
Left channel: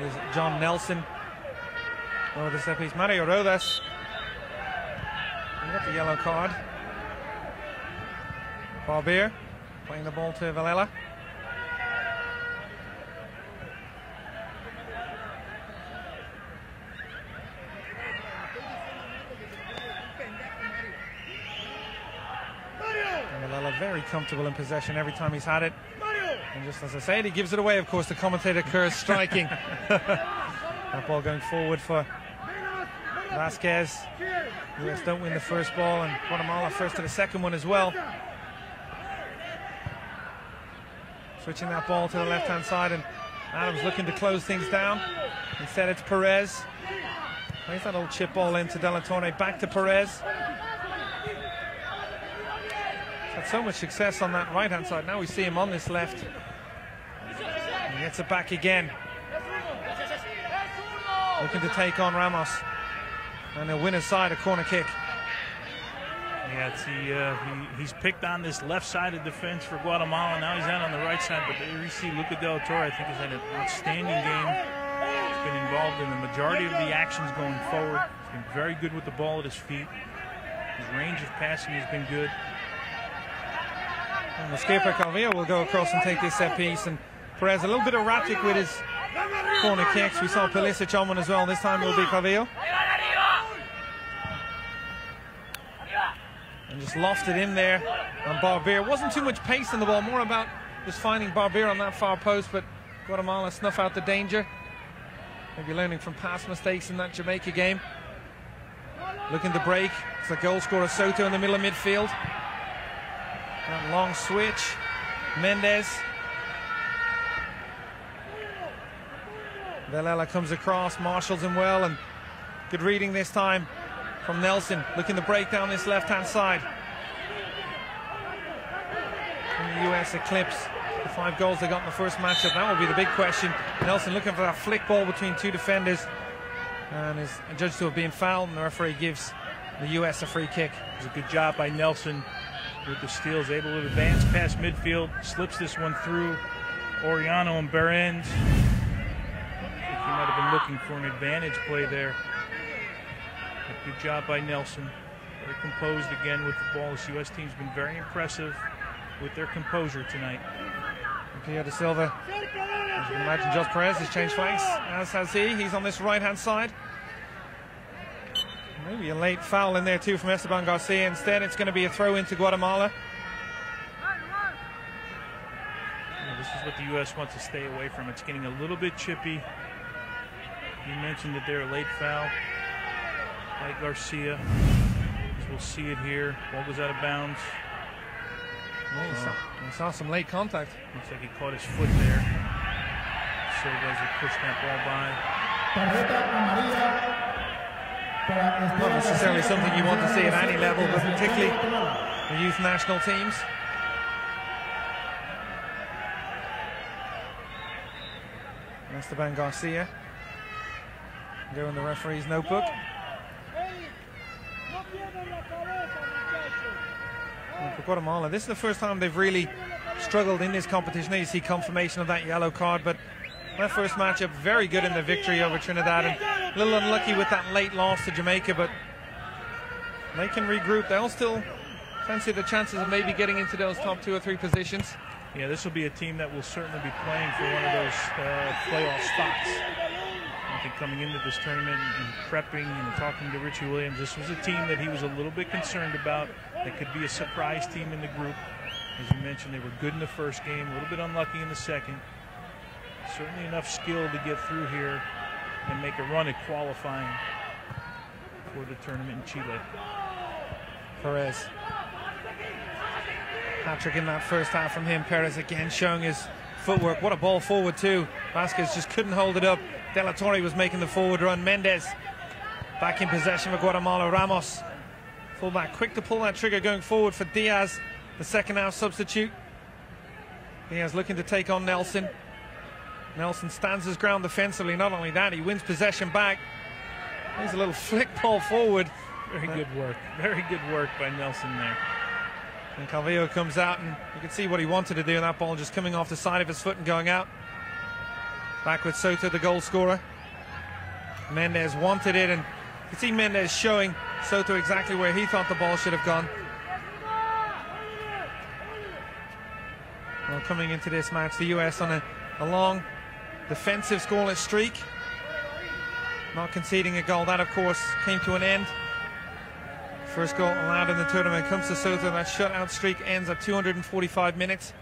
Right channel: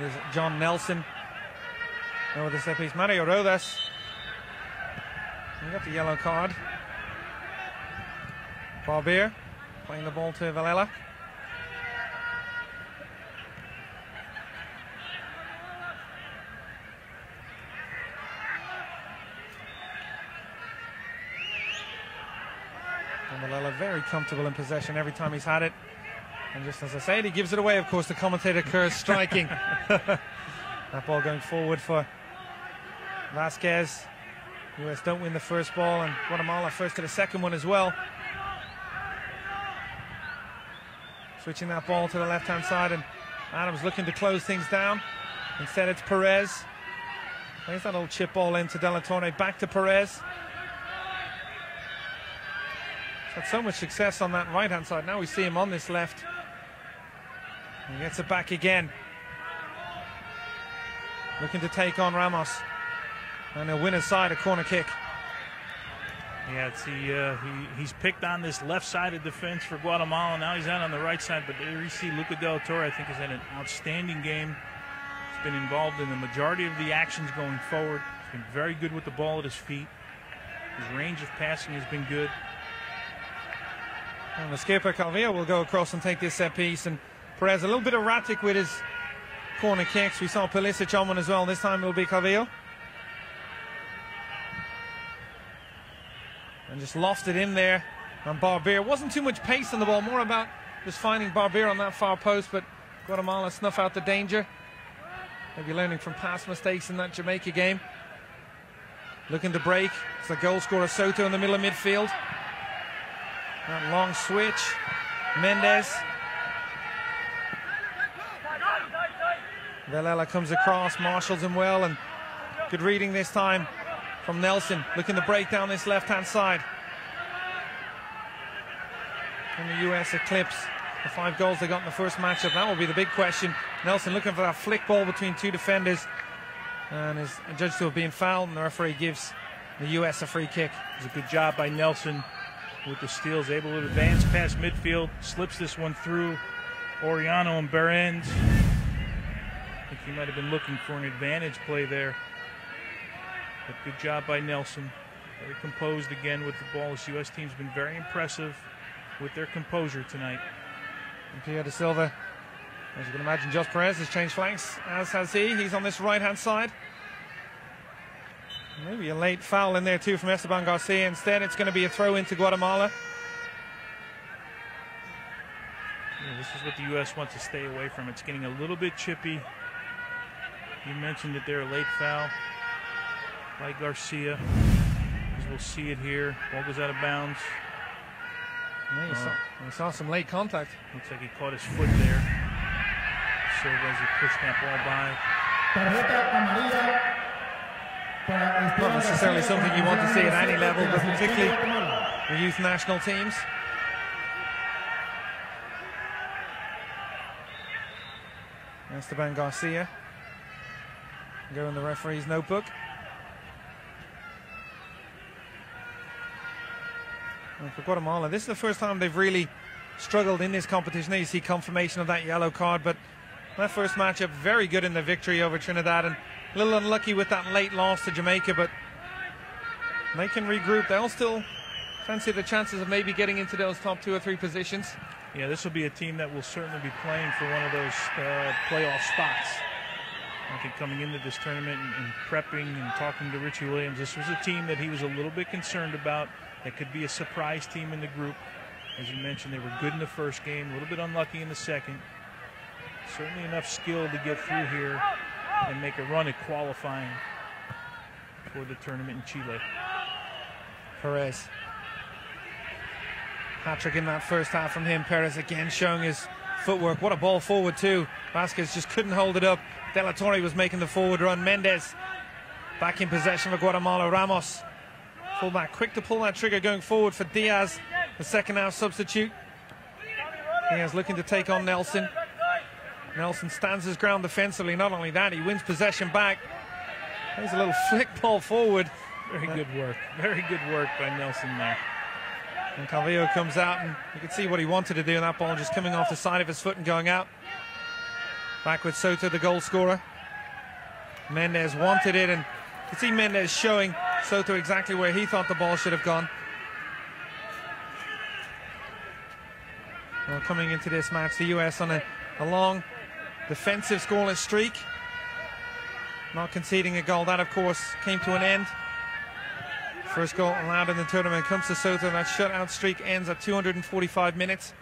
There's John Nelson over the set piece. Mario Rodas with the yellow card. Barbier playing the ball to Valela. Valela very comfortable in possession every time he's had it. And just as I said, he gives it away, of course, the commentator Kerr striking. That ball going forward for Vasquez. US don't win the first ball, and Guatemala first to the second one as well. Switching that ball to the left-hand side, and Adams looking to close things down. Instead it's Perez. There's that little chip ball into De La Torre, back to Perez. Had so much success on that right-hand side. Now we see him on this left. He gets it back again. Looking to take on Ramos. And they'll win aside a corner kick. Yeah, he's picked on this left side of defense for Guatemala. Now he's out on the right side. But there you see Luca De La Torre, I think, has had an outstanding game. He's been involved in the majority of the actions going forward. He's been very good with the ball at his feet. His range of passing has been good. And the skipper Calvillo will go across and take this set piece, and Perez a little bit erratic with his corner kicks. We saw Pulisic on one as well. This time it will be Calvillo. And just lofted in there. And Barbier, wasn't too much pace in the ball, more about just finding Barbier on that far post, but Guatemala snuff out the danger. Maybe learning from past mistakes in that Jamaica game. Looking to break. It's the goal scorer Soto in the middle of midfield. That long switch. Mendes. Villela comes across, marshals him well, and good reading this time from Nelson. Looking to break down this left-hand side. Can the US eclipse the 5 goals they got in the first matchup? That will be the big question. Nelson looking for that flick ball between 2 defenders, and is judged to have been fouled, and the referee gives the US a free kick. It was a good job by Nelson with the steals, able to advance past midfield, slips this one through Oriano and Behrens. He might have been looking for an advantage play there. But good job by Nelson. Very composed again with the ball. This U.S. team's been very impressive with their composure tonight. Theo Da Silva, as you can imagine, Jos Perez has changed flanks, as has he. He's on this right-hand side. Maybe a late foul in there too from Esteban Garcia. Instead, it's going to be a throw into Guatemala. Yeah, this is what the U.S. wants to stay away from. It's getting a little bit chippy. You mentioned that they're a late foul by Garcia. As we'll see it here. Ball goes out of bounds. We saw some late contact. Looks like he caught his foot there. So as he pushed that ball by. Not necessarily something you want to see at any level, but particularly the youth national teams. Esteban Garcia. Go in the referee's notebook. And for Guatemala, this is the first time they've really struggled in this competition. You see confirmation of that yellow card, but their first matchup, very good in the victory over Trinidad, and a little unlucky with that late loss to Jamaica, but they can regroup. They'll still fancy the chances of maybe getting into those top 2 or 3 positions. Yeah, this will be a team that will certainly be playing for one of those playoff spots. Coming into this tournament and prepping and talking to Richie Williams, this was a team that he was a little bit concerned about. It could be a surprise team in the group. As you mentioned, they were good in the first game, a little bit unlucky in the second. Certainly enough skill to get through here and make a run at qualifying for the tournament in Chile. Perez. Hat-trick in that first half from him. Perez again showing his footwork. What a ball forward too. Vasquez just couldn't hold it up. De La Torre was making the forward run. Mendes back in possession of Guatemala. Ramos, fullback, quick to pull that trigger going forward for Diaz, the second half substitute. Diaz looking to take on Nelson. Nelson stands his ground defensively. Not only that, he wins possession back. There's a little flick ball forward. Very good work. Very good work by Nelson there. And Calvillo comes out, and you can see what he wanted to do in that ball, just coming off the side of his foot and going out. Back with Soto, the goal scorer. Mendes wanted it, and you can see Mendes showing Soto exactly where he thought the ball should have gone. Well, coming into this match, the US on a long defensive scoreless streak, not conceding a goal. That, of course, came to an end. First goal allowed in the tournament comes to Soto, and that shutout streak ends at 245 minutes.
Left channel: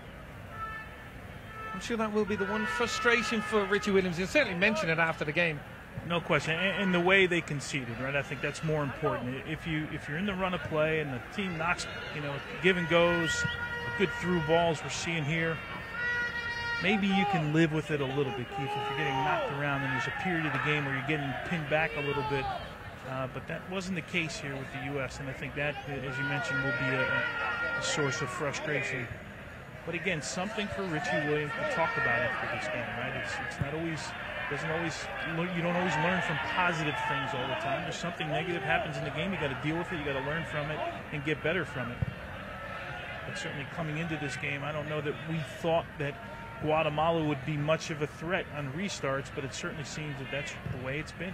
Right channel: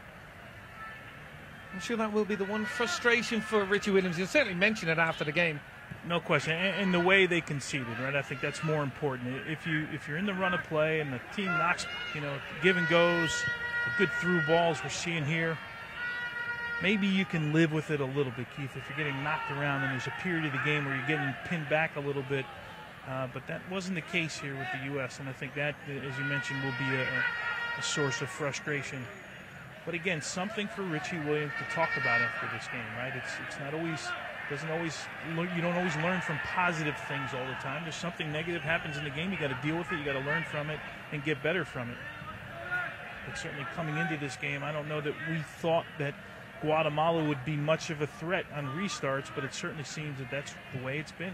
I'm sure that will be the one frustration for Richie Williams. He'll certainly mention it after the game. No question. And the way they conceded, right? I think that's more important. If you're in the run of play and the team knocks, give and goes, good through balls we're seeing here, maybe you can live with it a little bit, Keith. If you're getting knocked around and there's a period of the game where you're getting pinned back a little bit, but that wasn't the case here with the U.S. And I think that, as you mentioned, will be a source of frustration. But again, something for Richie Williams to talk about after this game, right? It's not always, you don't always learn from positive things all the time. There's something negative happens in the game, you got to deal with it, you got to learn from it and get better from it. But certainly coming into this game, I don't know that we thought that Guatemala would be much of a threat on restarts, but it certainly seems that that's the way it's been.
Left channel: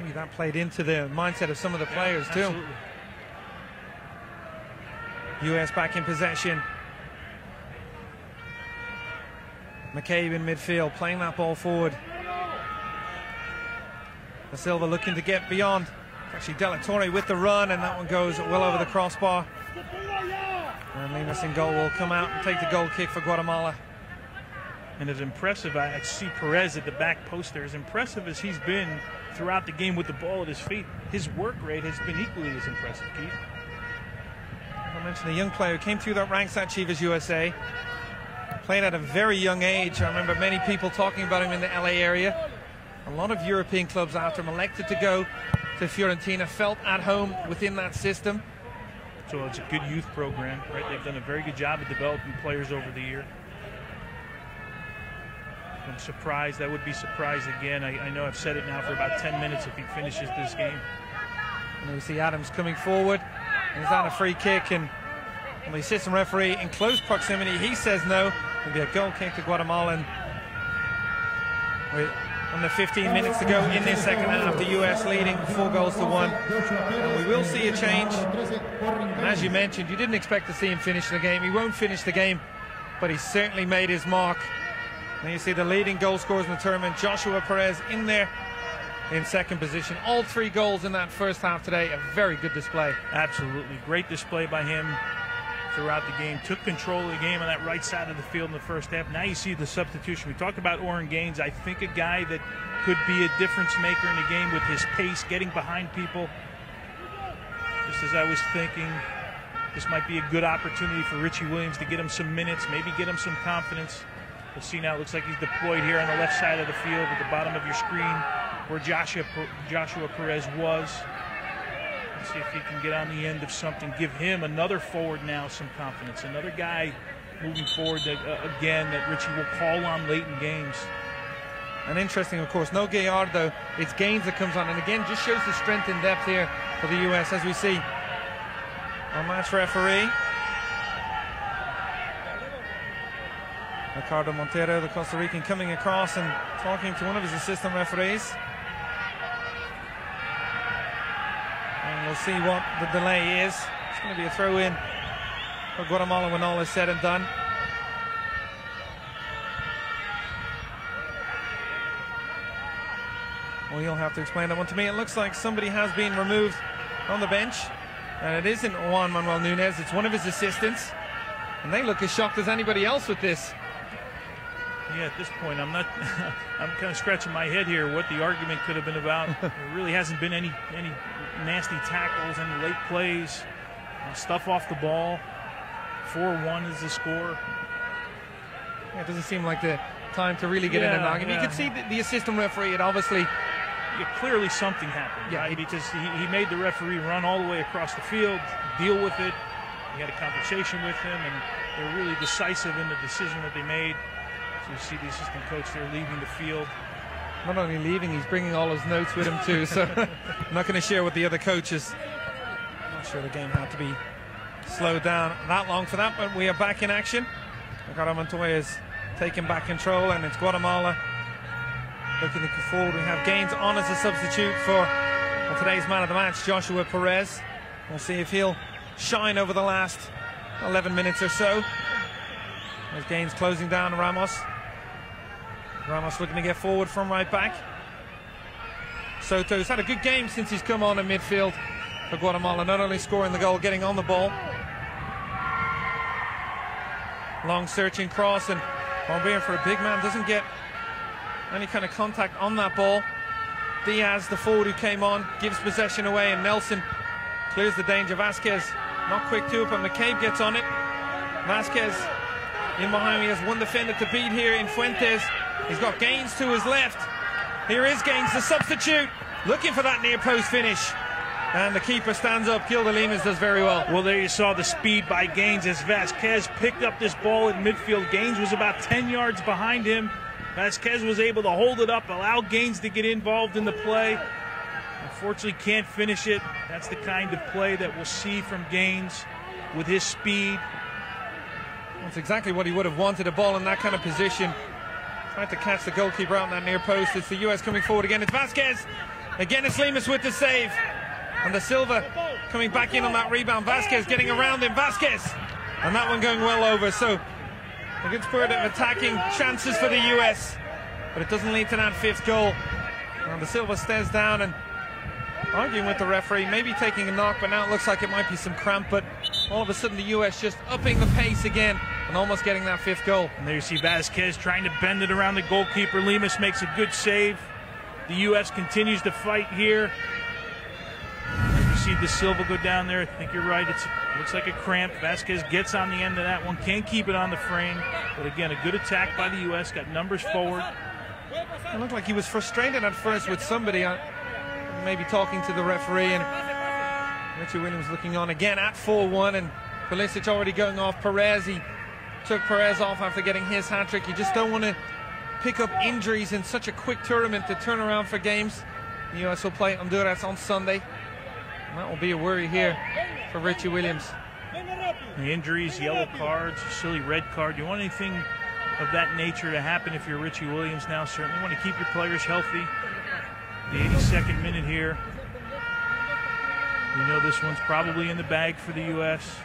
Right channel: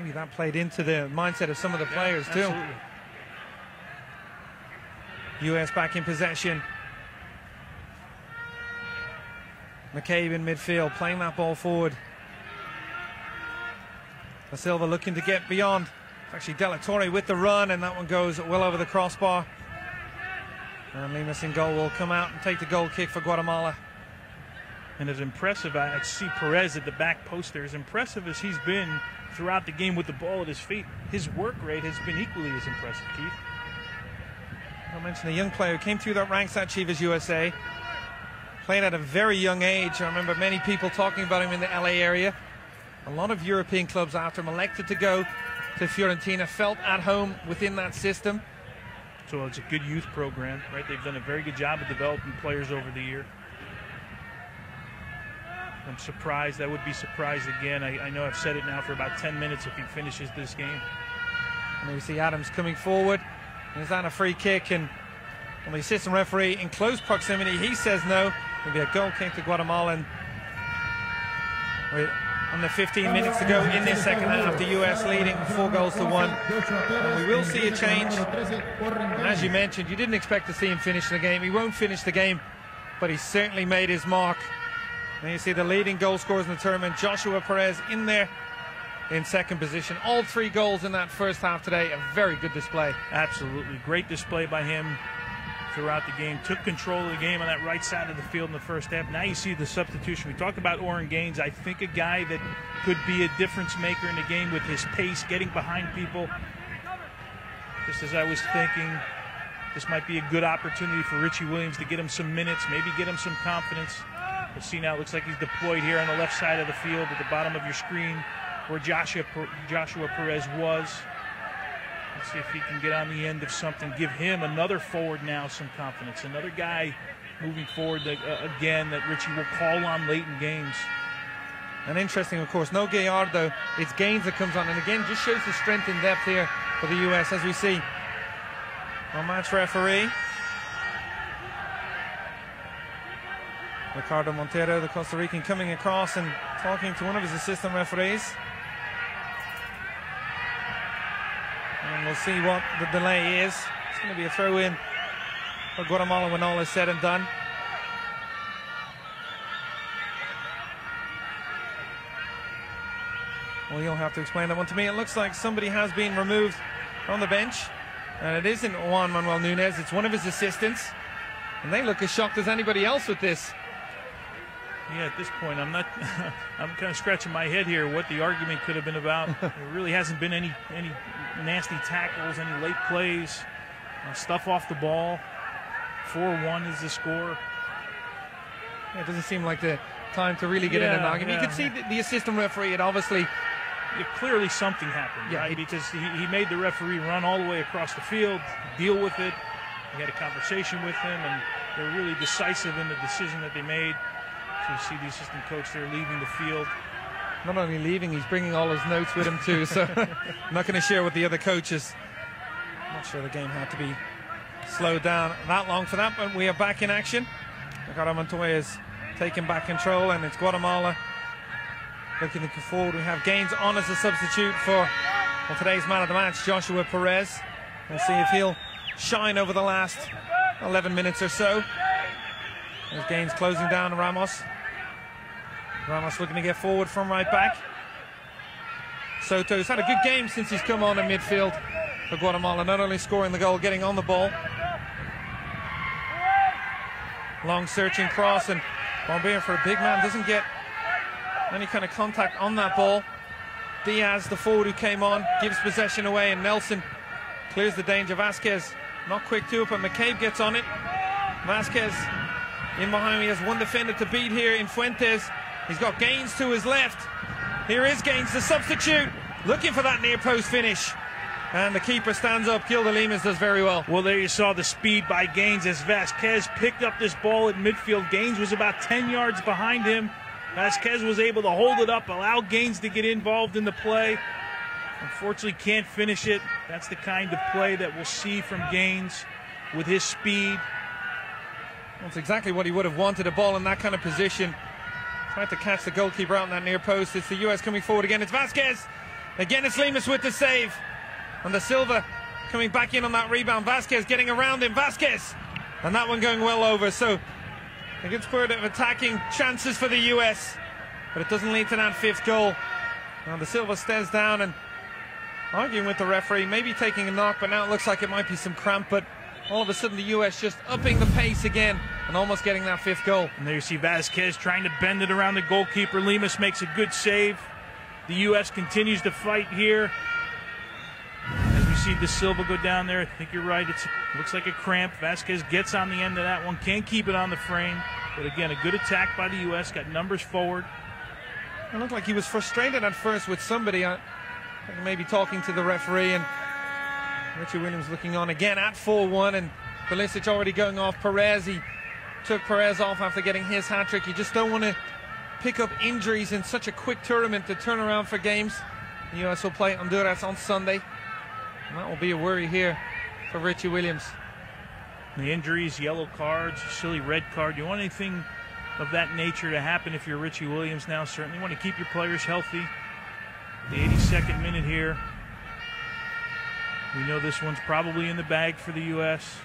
Maybe that played into the mindset of some of the players too. Absolutely. US back in possession. McCabe in midfield, playing that ball forward. Da Silva looking to get beyond. Actually, De La Torre with the run, and that one goes well over the crossbar. And Mimas in goal will come out and take the goal kick for Guatemala. And as impressive, I see Perez at the back post there, as impressive as he's been throughout the game with the ball at his feet, his work rate has been equally as impressive, Keith. I mentioned a young player who came through the ranks at Chivas USA. Played at a very young age. I remember many people talking about him in the LA area. A lot of European clubs after him elected to go to Fiorentina, felt at home within that system. So it's a good youth program, right? They've done a very good job of developing players over the year. I'm surprised. I would be surprised again. I know I've said it now for about 10 minutes if he finishes this game. And we see Adams coming forward. He's on a free kick, and the assistant referee in close proximity, he says no. It'll be a goal kick to Guatemala. And with under 15 minutes to go in this second half, the US leading 4-1. And we will see a change. And as you mentioned, you didn't expect to see him finish the game. He won't finish the game, but he certainly made his mark. And you see the leading goal scorers in the tournament, Joshua Perez, in there in second position. All 3 goals in that first half today. A very good display. Absolutely. Great display by him throughout the game. Took control of the game on that right side of the field in the first half. Now you see the substitution. We talked about Oren Gaines. I think a guy that could be a difference maker in the game with his pace, getting behind people. Just as I was thinking, this might be a good opportunity for Richie Williams to get him some minutes, maybe get him some confidence. We'll see now. It looks like he's deployed here on the left side of the field at the bottom of your screen where Joshua Perez was. Let's see if he can get on the end of something. Give him another forward now some confidence. Another guy moving forward that, again, that Richie will call on late in games. And interesting, of course, no Gallardo. It's Gaines that comes on. And again, just shows the strength and depth here for the U.S. as we see our match referee, Ricardo Montero, the Costa Rican, coming across and talking to one of his assistant referees. And we'll see what the delay is. It's going to be a throw-in for Guatemala when all is said and done. Well, you'll have to explain that one to me. It looks like somebody has been removed from the bench. And it isn't Juan Manuel Nunez, it's one of his assistants. And they look as shocked as anybody else with this. Yeah, at this point, I'm kind of scratching my head here what the argument could have been about. There really hasn't been any nasty tackles, any late plays, stuff off the ball. 4-1 is the score. It doesn't seem like the time to really get in an argument. You could see the assistant referee had obviously... Yeah, clearly something happened, right? Because he made the referee run all the way across the field, deal with it. He had a conversation with him, and they're really decisive in the decision that they made. So you see the assistant coach there leaving the field. Not only leaving, he's bringing all his notes with him too, so I'm not going to share with the other coaches. I'm sure the game had to be slowed down that long for that, but we are back in action. Ricardo Montoya is taking back control, and it's Guatemala looking forward. We have Gaines on as a substitute for today's man of the match, Joshua Perez. We'll see if he'll shine over the last 11 minutes or so. There's Gaines closing down Ramos. Ramos looking to get forward from right back. Soto's had a good game since he's come on in midfield for Guatemala, not only scoring the goal, getting on the ball. Long searching cross, and albeit for a big man, doesn't get any kind of contact on that ball. Diaz, the forward who came on, gives possession away, and Nelson clears the danger. Vasquez not quick to it, but McCabe gets on it. Vasquez in behind me has one defender to beat here in Fuentes. He's got Gaines to his left. Here is Gaines, the substitute, looking for that near post finish. And the keeper stands up. Gilda Limas does very well. Well, there you saw the speed by Gaines as Vasquez picked up this ball in midfield. Gaines was about 10 yards behind him. Vasquez was able to hold it up, allow Gaines to get involved in the play. Unfortunately, can't finish it. That's the kind of play that we'll see from Gaines with his speed. That's exactly what he would have wanted, a ball in that kind of position. Tried to catch the goalkeeper on that near post. It's the US coming forward again. It's Vasquez. Again, it's Limas with the save. And the Silva coming back in on that rebound. Vasquez getting around him. Vasquez. And that one going well over. So a good spurt of attacking chances for the US. But it doesn't lead to that fifth goal. And the Silva stares down and arguing with the referee, maybe taking a knock, but now it looks like it might be some cramp. But all of a sudden the US just upping the pace again. and almost getting that 5th goal. And there you see Vasquez trying to bend it around the goalkeeper. Lemus makes a good save. The U.S. continues to fight here. As you see De Silva go down there, I think you're right. It looks like a cramp. Vasquez gets on the end of that one. Can't keep it on the frame. But again, a good attack by the U.S. Got numbers forward. It looked like he was frustrated at first with somebody, maybe talking to the referee, and Richie Williams looking on again at 4-1, and Pulisic already going off Perez. He took Perez off after getting his hat-trick. You just don't want to pick up injuries in such a quick tournament to turn around for games. The U.S. will play Honduras on Sunday, and that will be a worry here for Richie Williams. The injuries, yellow cards, silly red card. You want anything of that nature to happen if you're Richie Williams now? Certainly want to keep your players healthy. The 82nd minute here. We know this one's probably in the bag for the U.S.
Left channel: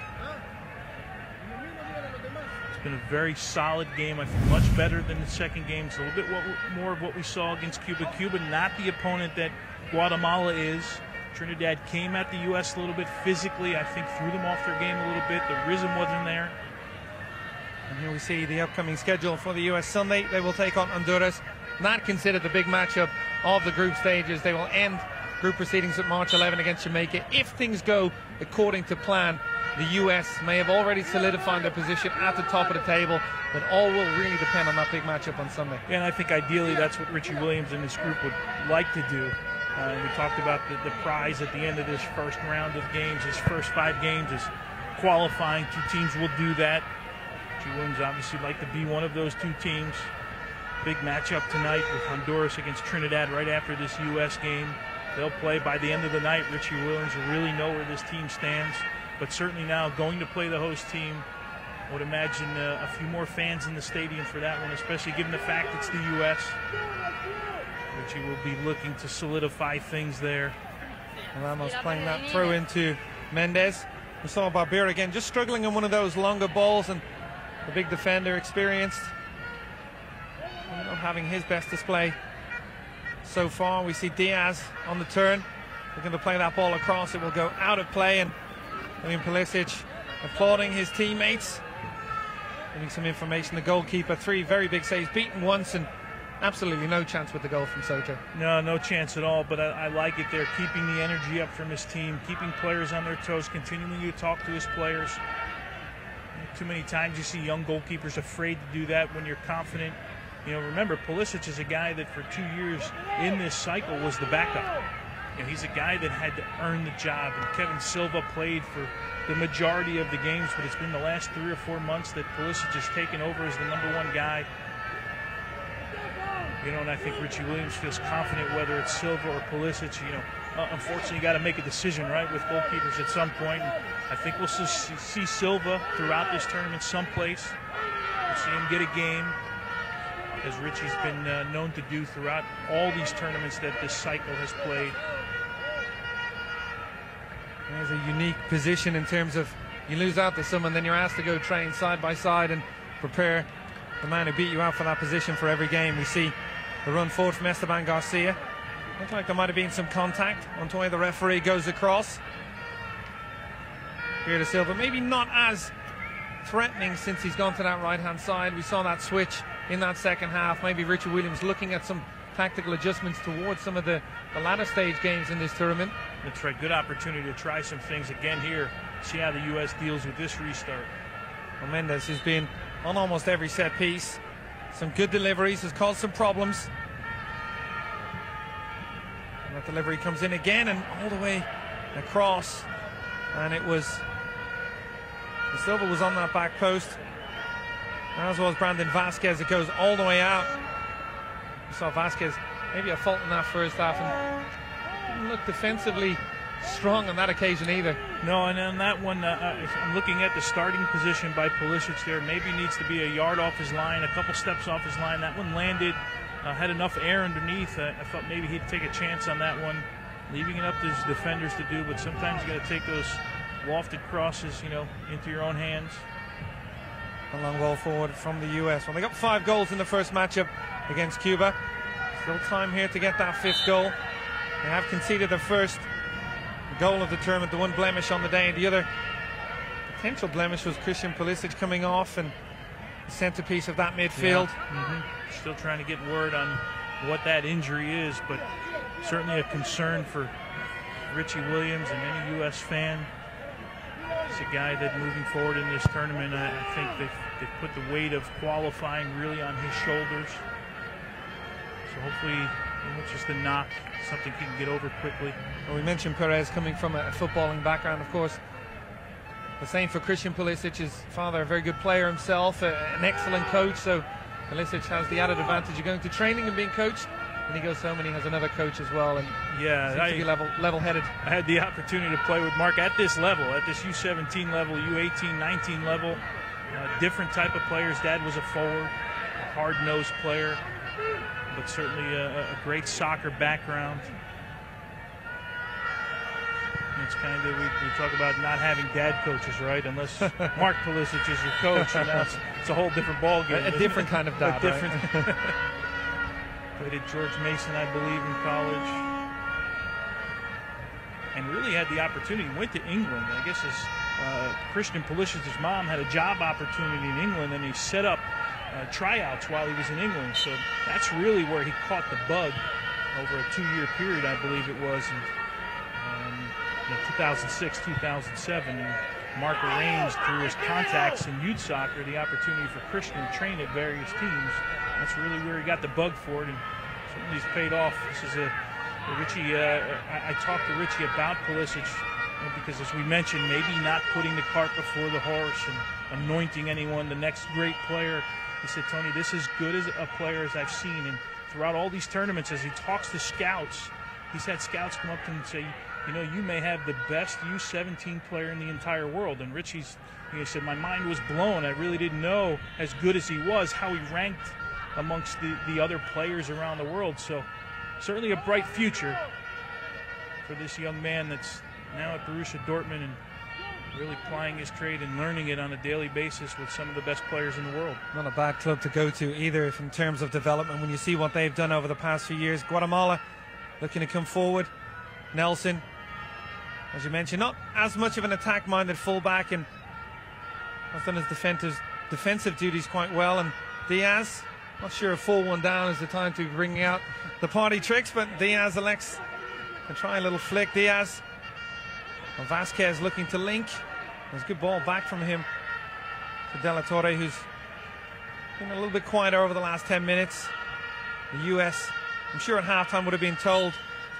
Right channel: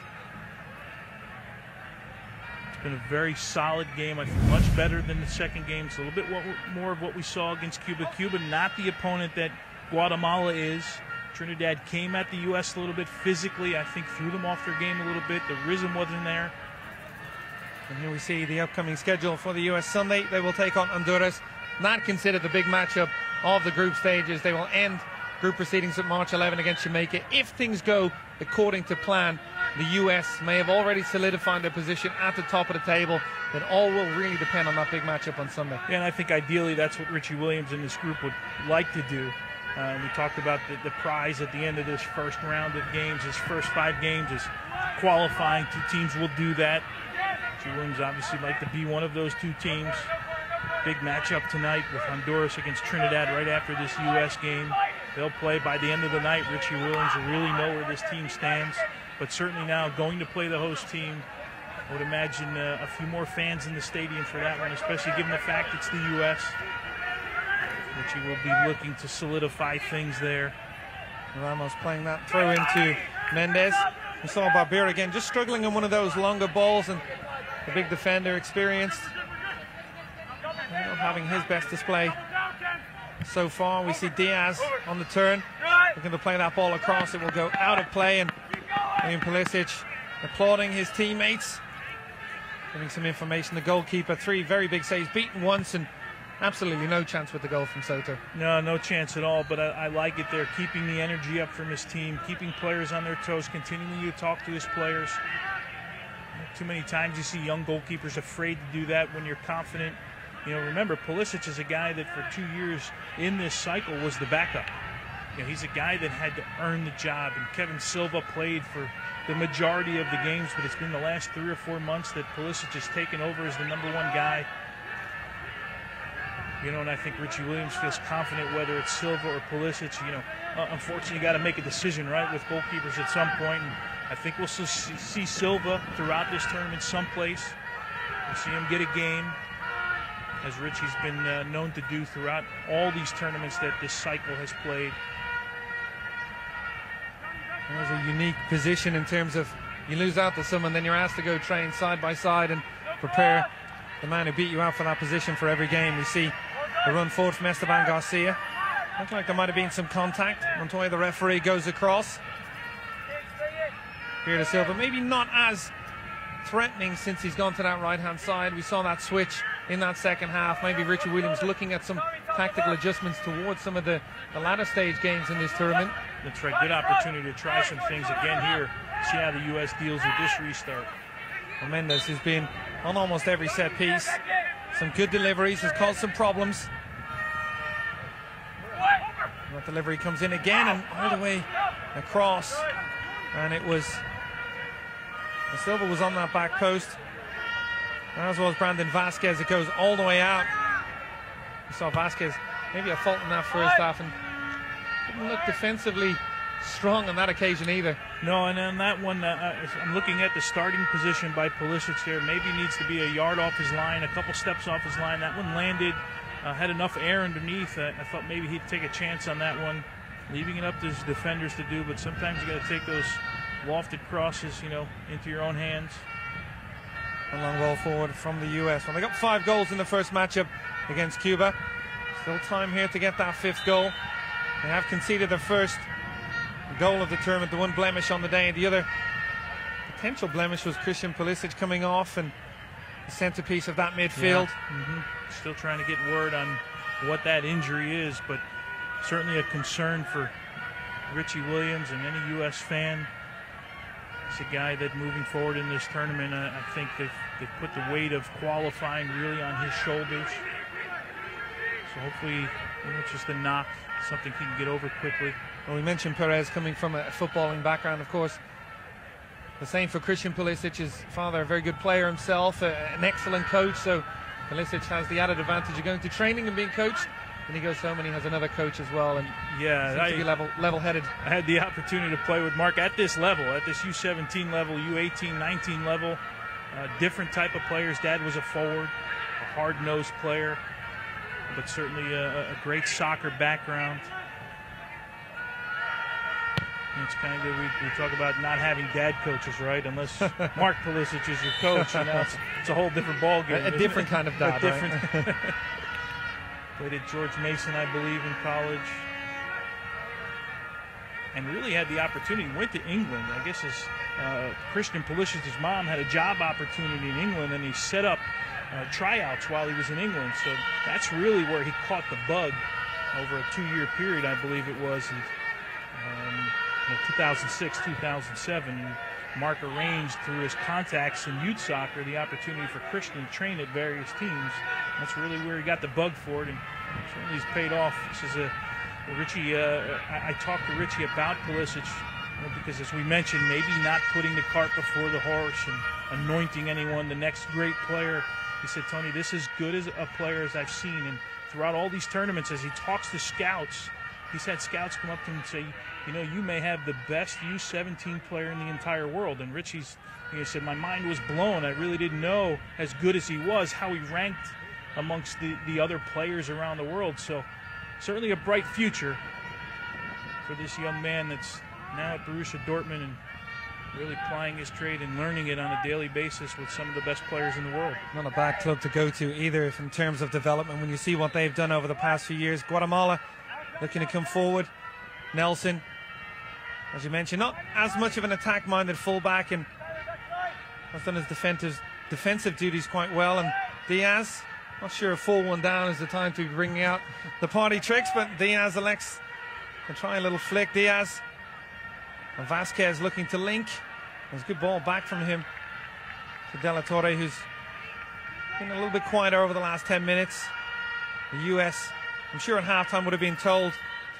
It's been a very solid game. I think much better than the second game. It's a little bit more of what we saw against Cuba. Cuba, not the opponent that Guatemala is. Trinidad came at the U.S. a little bit physically. I think threw them off their game a little bit. The rhythm wasn't there. And here we see the upcoming schedule for the U.S. Sunday. They will take on Honduras. Not considered the big matchup of the group stages. They will end group proceedings at March 11 against Jamaica. If things go according to plan, the U.S. may have already solidified their position at the top of the table. It all will really depend on that big matchup on Sunday. And I think ideally that's what Richie Williams and this group would like to do. And we talked about the prize at the end of this first round of games. His first 5 games is qualifying. 2 teams will do that. Richie Williams obviously like to be one of those 2 teams. Big matchup tonight with Honduras against Trinidad right after this U.S. game. They'll play by the end of the night. Richie Williams will really know where this team stands. But certainly now going to play the host team, I would imagine a few more fans in the stadium for that one, especially given the fact it's the U.S. Richie will be looking to solidify things there. Ramos playing that throw into Mendez. We saw Barbera again just struggling on one of those longer balls, and the big defender experienced, not having his best display so far. We see Diaz on the turn, looking to play that ball across. It will go out of play, and William Pulisic applauding his teammates, giving some information. The goalkeeper, 3 very big saves, beaten once, and absolutely no chance with the goal from Soto. No chance at all, but I like it there. Keeping the energy up from his team, keeping players on their toes, continuing to talk to his players. Too many times you see young goalkeepers afraid to do that when you're confident. You know, remember, Pulisic is a guy that for 2 years in this cycle was the backup. You know, he's a guy that had to earn the job. And Kevin Silva played for the majority of the games, but it's been the last 3 or 4 months that Pulisic has taken over as the #1 guy. You know, and I think Richie Williams feels confident whether it's Silva or Pulisic. You know, unfortunately, you got to make a decision, right, with goalkeepers at some point. And I think we'll see Silva throughout this tournament someplace. We'll see him get a game, as Richie's been known to do throughout all these tournaments that this cycle has played. There's a unique position in terms of you lose out to someone, then you're asked to go train side by side and prepare the man who beat you out for that position for every game. We see the run forward from Esteban Garcia. Looks like there might have been some contact until the referee goes across. Here to Silva, maybe not as threatening since he's gone to that right-hand side. We saw that switch in that second half. Maybe Richie Williams looking at some tactical adjustments towards some of the latter stage games in this tournament. That's right, good opportunity to try some things again here. See how the U.S. deals with this restart. And Mendez has been on almost every set piece. Some good deliveries, has caused some problems. That delivery comes in again and all the way across. And it was, the Silva was on that back post, as well as Brandon Vasquez. It goes all the way out. We saw Vasquez maybe a fault in that first half, and didn't look defensively strong on that occasion either. No, and on that one, if I'm looking at the starting position by Pulisic there, maybe needs to be a yard off his line, a couple steps off his line. That one landed, had enough air underneath. I thought maybe he'd take a chance on that one, leaving it up to his defenders to do, but sometimes you got to take those lofted crosses, you know, into your own hands. A long ball forward from the U.S. Well, they got 5 goals in the first matchup against Cuba. Still time here to get that 5th goal. They have conceded the first goal of the tournament, the one blemish on the day. The other potential blemish was Christian Pulisic coming off, and centerpiece of that midfield. Yeah. Still trying to get word on what that injury is, but certainly a concern for Richie Williams and any U.S. fan. He's a guy that moving forward in this tournament, I think they've put the weight of qualifying really on his shoulders. So hopefully it's just a knock, something he can get over quickly. Well, we mentioned Perez coming from a footballing background, of course. The same for Christian Pulisic, his father, a very good player himself, an excellent coach. So Pulisic has the added advantage of going to training and being coached. When he goes home, and he has another coach as well. And yeah, seems to be level-headed. I had the opportunity to play with Mark at this level, at this U17 level, U18, 19 level. Different type of players. Dad was a forward, a hard-nosed player, but certainly a great soccer background. It's kind of we talk about not having dad coaches, right? Unless Mark Pulisic is your coach, it's a whole different ballgame. A different kind of dad. Right? Played at George Mason, I believe, in college, and really had the opportunity. Went to England. I guess his Christian Pulisic's mom had a job opportunity in England, and he set up tryouts while he was in England. So that's really where he caught the bug over a 2-year period, I believe it was. In 2006, 2007, and Mark arranged through his contacts in youth soccer the opportunity for Christian to train at various teams. That's really where he got the bug for it, and certainly he's paid off. This is Richie. I talked to Richie about Pulisic because, as we mentioned, maybe not putting the cart before the horse and anointing anyone the next great player. He said, Tony, this is as good as a player as I've seen, and throughout all these tournaments, as he talks to scouts, he's had scouts come up to him and say, you know, you may have the best U17 player in the entire world. And Richie's, he said, my mind was blown. I really didn't know, as good as he was, how he ranked amongst the other players around the world. So certainly a bright future for this young man that's now at Borussia Dortmund and really plying his trade and learning it on a daily basis with some of the best players in the world. Not a bad club to go to either, if in terms of development, when you see what they've done over the past few years. Guatemala looking to come forward. Nelson, as you mentioned, not as much of an attack-minded fullback, and has done his defensive duties quite well. And Diaz, not sure a full one down is the time to be bringing out the party tricks, but Diaz elects to try a little flick. Diaz, and Vasquez looking to link. There's a good ball back from him to De La Torre, who's been a little bit quieter over the last 10 minutes. The US, I'm sure at halftime would have been told,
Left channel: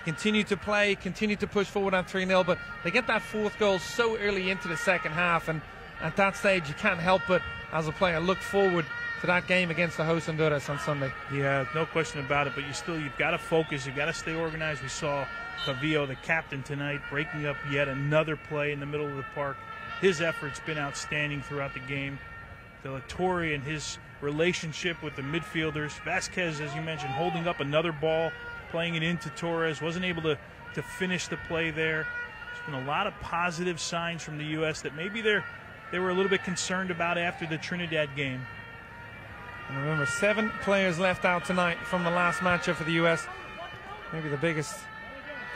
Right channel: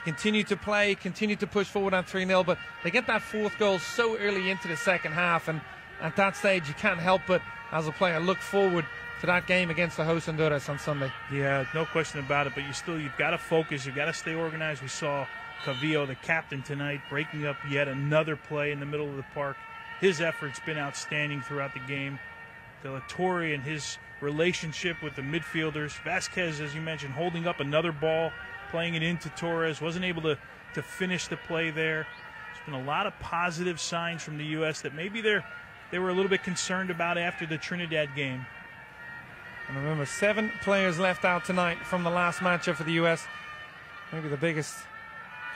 continue to play, continue to push forward on 3-0, but they get that fourth goal so early into the second half, and at that stage you can't help but, as a player, look forward to that game against the host Honduras on Sunday. Yeah, no question about it, but you've got to focus, you've got to stay organized. We saw Cavillo, the captain tonight, breaking up yet another play in the middle of the park. His effort's been outstanding throughout the game. De La Torre and his relationship with the midfielders. Vasquez, as you mentioned, holding up another ball, playing it into Torres, wasn't able to finish the play there. There's been a lot of positive signs from the U.S. that maybe they were a little bit concerned about after the Trinidad game. And remember, 7 players left out tonight from the last matchup for the U.S. Maybe the biggest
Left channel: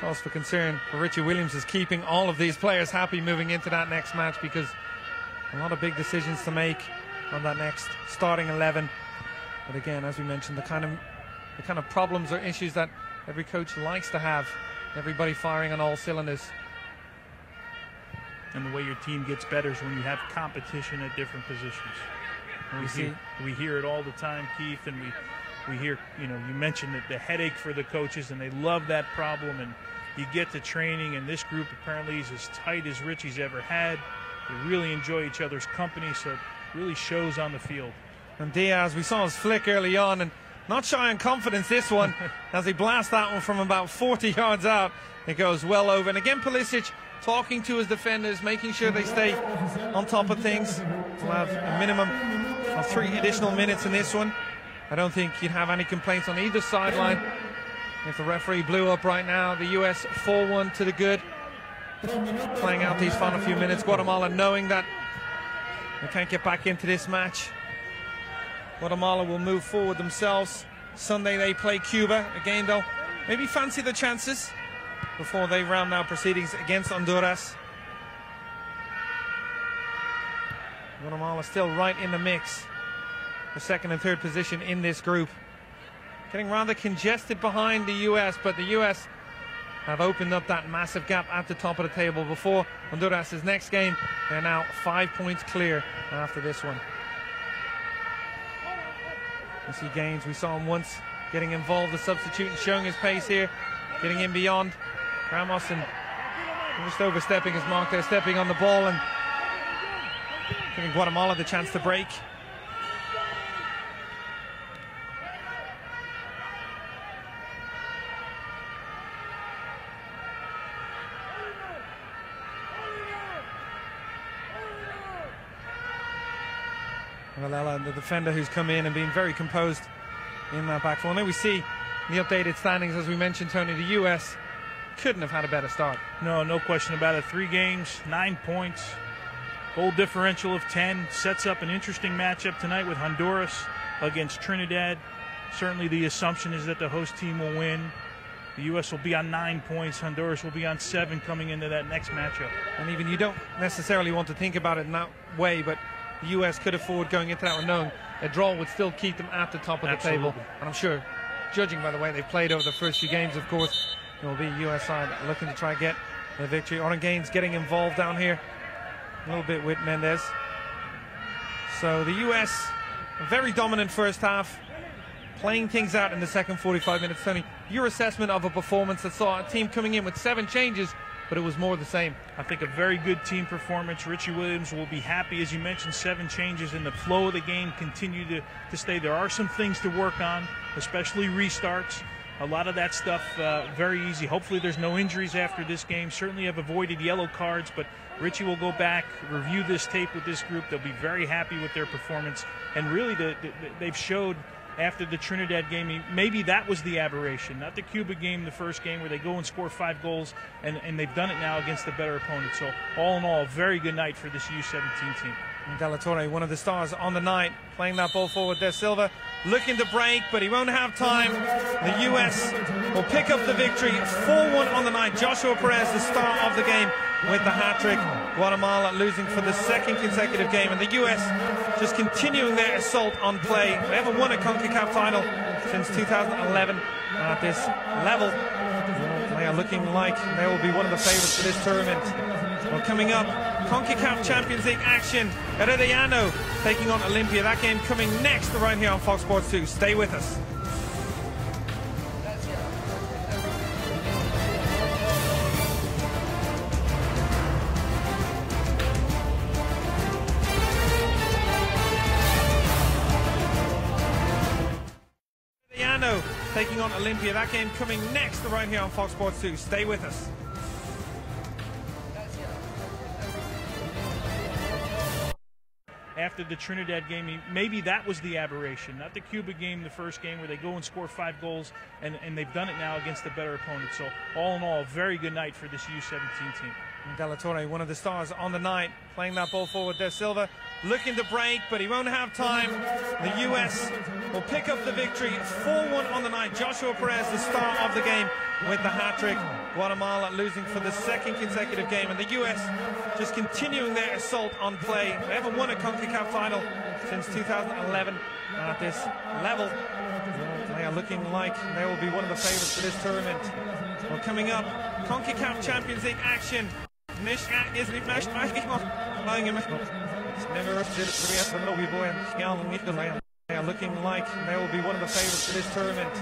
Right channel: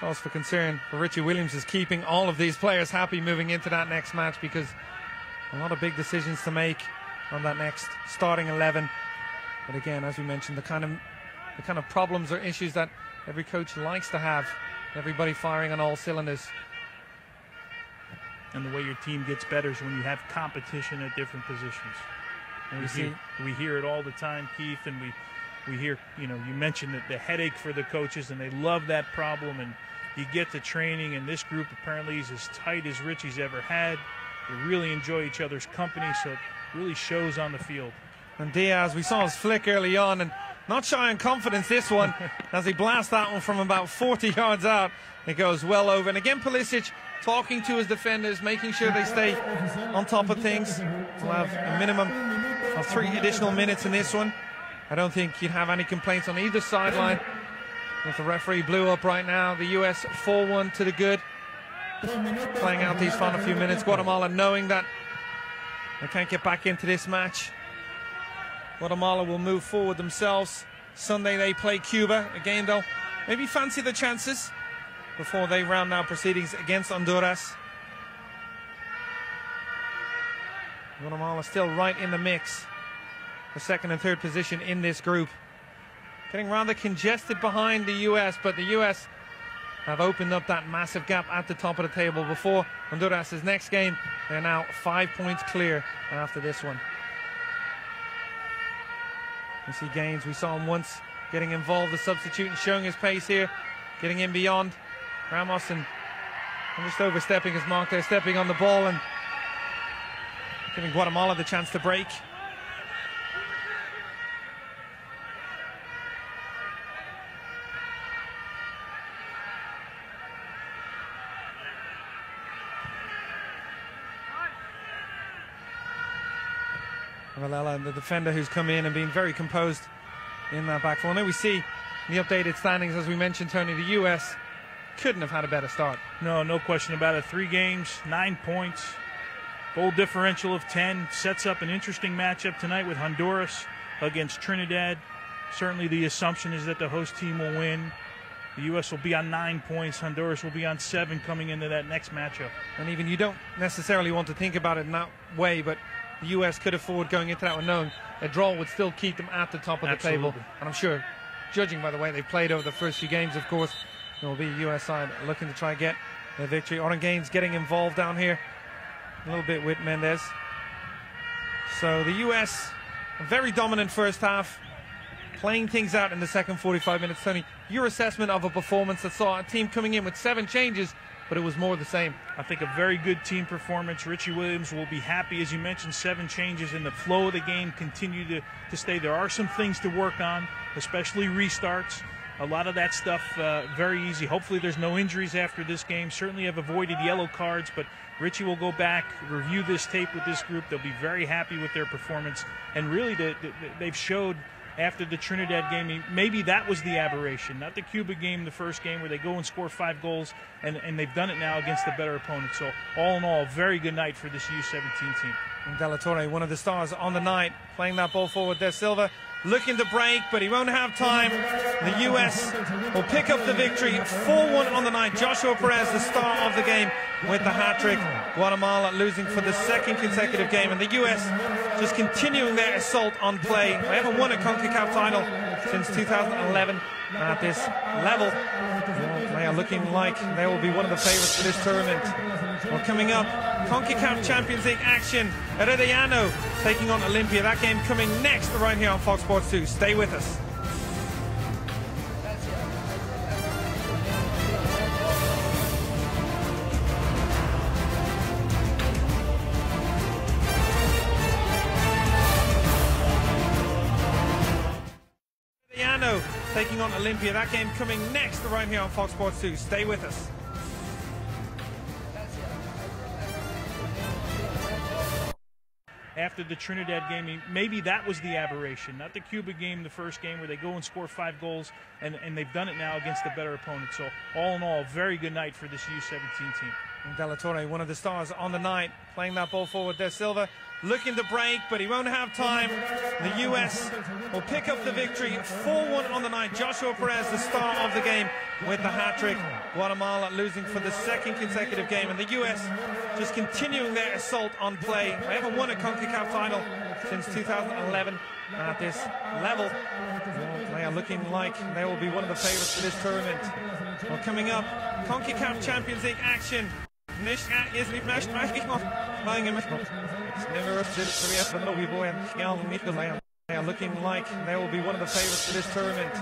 cause for concern for Richie Williams is keeping all of these players happy moving into that next match, because a lot of big decisions to make on that next starting 11. But again, as we mentioned, the kind of problems or issues that every coach likes to have, everybody firing on all cylinders. And the way your team gets better is when you have competition at different positions. We hear it all the time, Keith, and we hear, you mentioned that the headache for the coaches, and they love that problem. And you get to training, and this group apparently is as tight as Richie's ever had. They really enjoy each other's company, so it really shows on the field. And Diaz, we saw his flick early on, and not shy in confidence this one, as he blasts that one from about 40 yards out. It goes well over. And again, Pulisic talking to his defenders, making sure they stay on top of things. We'll have a minimum of 3 additional minutes in this one. I don't think you'd have any complaints on either sideline. If the referee blew up right now, the US 4-1 to the good. Playing out these final few minutes. Guatemala knowing that they can't get back into this match. Guatemala will move forward themselves. Sunday they play Cuba. Again, they'll maybe fancy the chances before they round out proceedings against Honduras. Guatemala still right in the mix for second and third position in this group. Getting rather congested behind the US, but the US have opened up that massive gap at the top of the table. Before Honduras' next game, they're now 5 points clear after this one. We see Gaines, we saw him once getting involved, the substitute, and showing his pace here, getting in beyond Ramos, and just overstepping his mark there, stepping on the ball and giving Guatemala the chance to break. Malala, the defender who's come in and been very composed in that back four. And then we see the updated standings, as we mentioned, Tony, the US couldn't have had a better start. No question about it. 3 games, 9 points, goal differential of 10. Sets up an interesting matchup tonight with Honduras against Trinidad. Certainly the assumption is that the host team will win. The U.S. will be on 9 points. Honduras will be on 7 coming into that next matchup. And even you don't necessarily want to think about it in that way, but the U.S. could afford going into that one knowing a draw would still keep them at the top of the table. And I'm sure, judging by the way they've played over the first few games, of course, it will be U.S. side looking to try and get the victory. Oren Gaines getting involved down here a little bit with Mendez. So the U.S., a very dominant first half, playing things out in the second 45 minutes. Tony, your assessment of a performance that saw a team coming in with 7 changes, but it was more of the same. I think a very good team performance. Richie Williams will be happy. As you mentioned, 7 changes, and the flow of the game continue to stay. There are some things to work on, especially restarts. A lot of that stuff very easy. Hopefully there's no injuries after this game. Certainly have avoided yellow cards, but Richie will go back, review this tape with this group. They'll be very happy with their performance. And really, they've showed after the Trinidad game, maybe that was the aberration, not the Cuba game, the first game, where they go and score 5 goals, and they've done it now against a better opponent. So all in all, a very good night for this U17 team. And De La Torre, one of the stars on the night, playing that ball forward there. Silva looking to break, but he won't have time. The U.S. will pick up the victory, 4-1 on the night. Joshua Perez, the star of the game, with the hat-trick. Guatemala losing for the 2nd consecutive game, and the U.S. just continuing their assault on play. They haven't won a CONCACAF title since 2011 at this level. They are looking like they will be one of the favorites for this tournament. Well, coming up, CONCACAF Champions League action. Herediano taking on Olympia. That game coming next right here on Fox Sports 2. Stay with us. Taking on Olympia. That game coming next right here on Fox Sports 2. Stay with us. After the Trinidad game, maybe that was the aberration, not the Cuba game, the first game, where they go and score 5 goals, and they've done it now against a better opponent. So all in all, a very good night for this U17 team. And De La Torre, one of the stars on the night, playing that ball forward there. Silva looking to break, but he won't have time. The U.S. will pick up the victory, 4-1 on the night. Joshua Perez, the star of the game, with the hat-trick. Guatemala losing for the 2nd consecutive game, and the U.S. just continuing their assault on play. They haven't won a CONCACAF title since 2011 at this level. They are looking like they will be one of the favorites for this tournament. Well, coming up, CONCACAF Champions League action. They are looking like they will be one of the favorites for this tournament.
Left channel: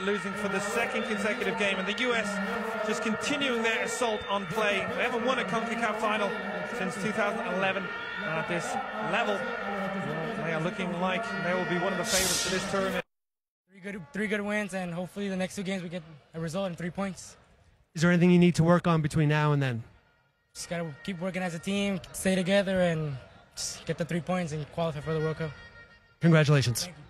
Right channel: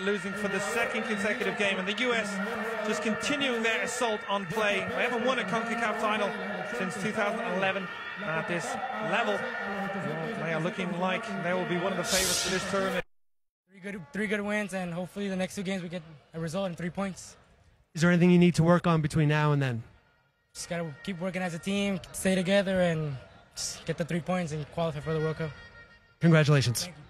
Losing for the 2nd consecutive game, and the U.S. just continuing their assault on play. They haven't won a CONCACAF title since 2011 at this level. They are looking like they will be one of the favorites for this tournament. Three good wins, and hopefully the next 2 games we get a result in 3 points. Is there anything you need to work on between now and then? Just gotta keep working as a team, stay together, and just get the 3 points and qualify for the World Cup. Congratulations. Thank you.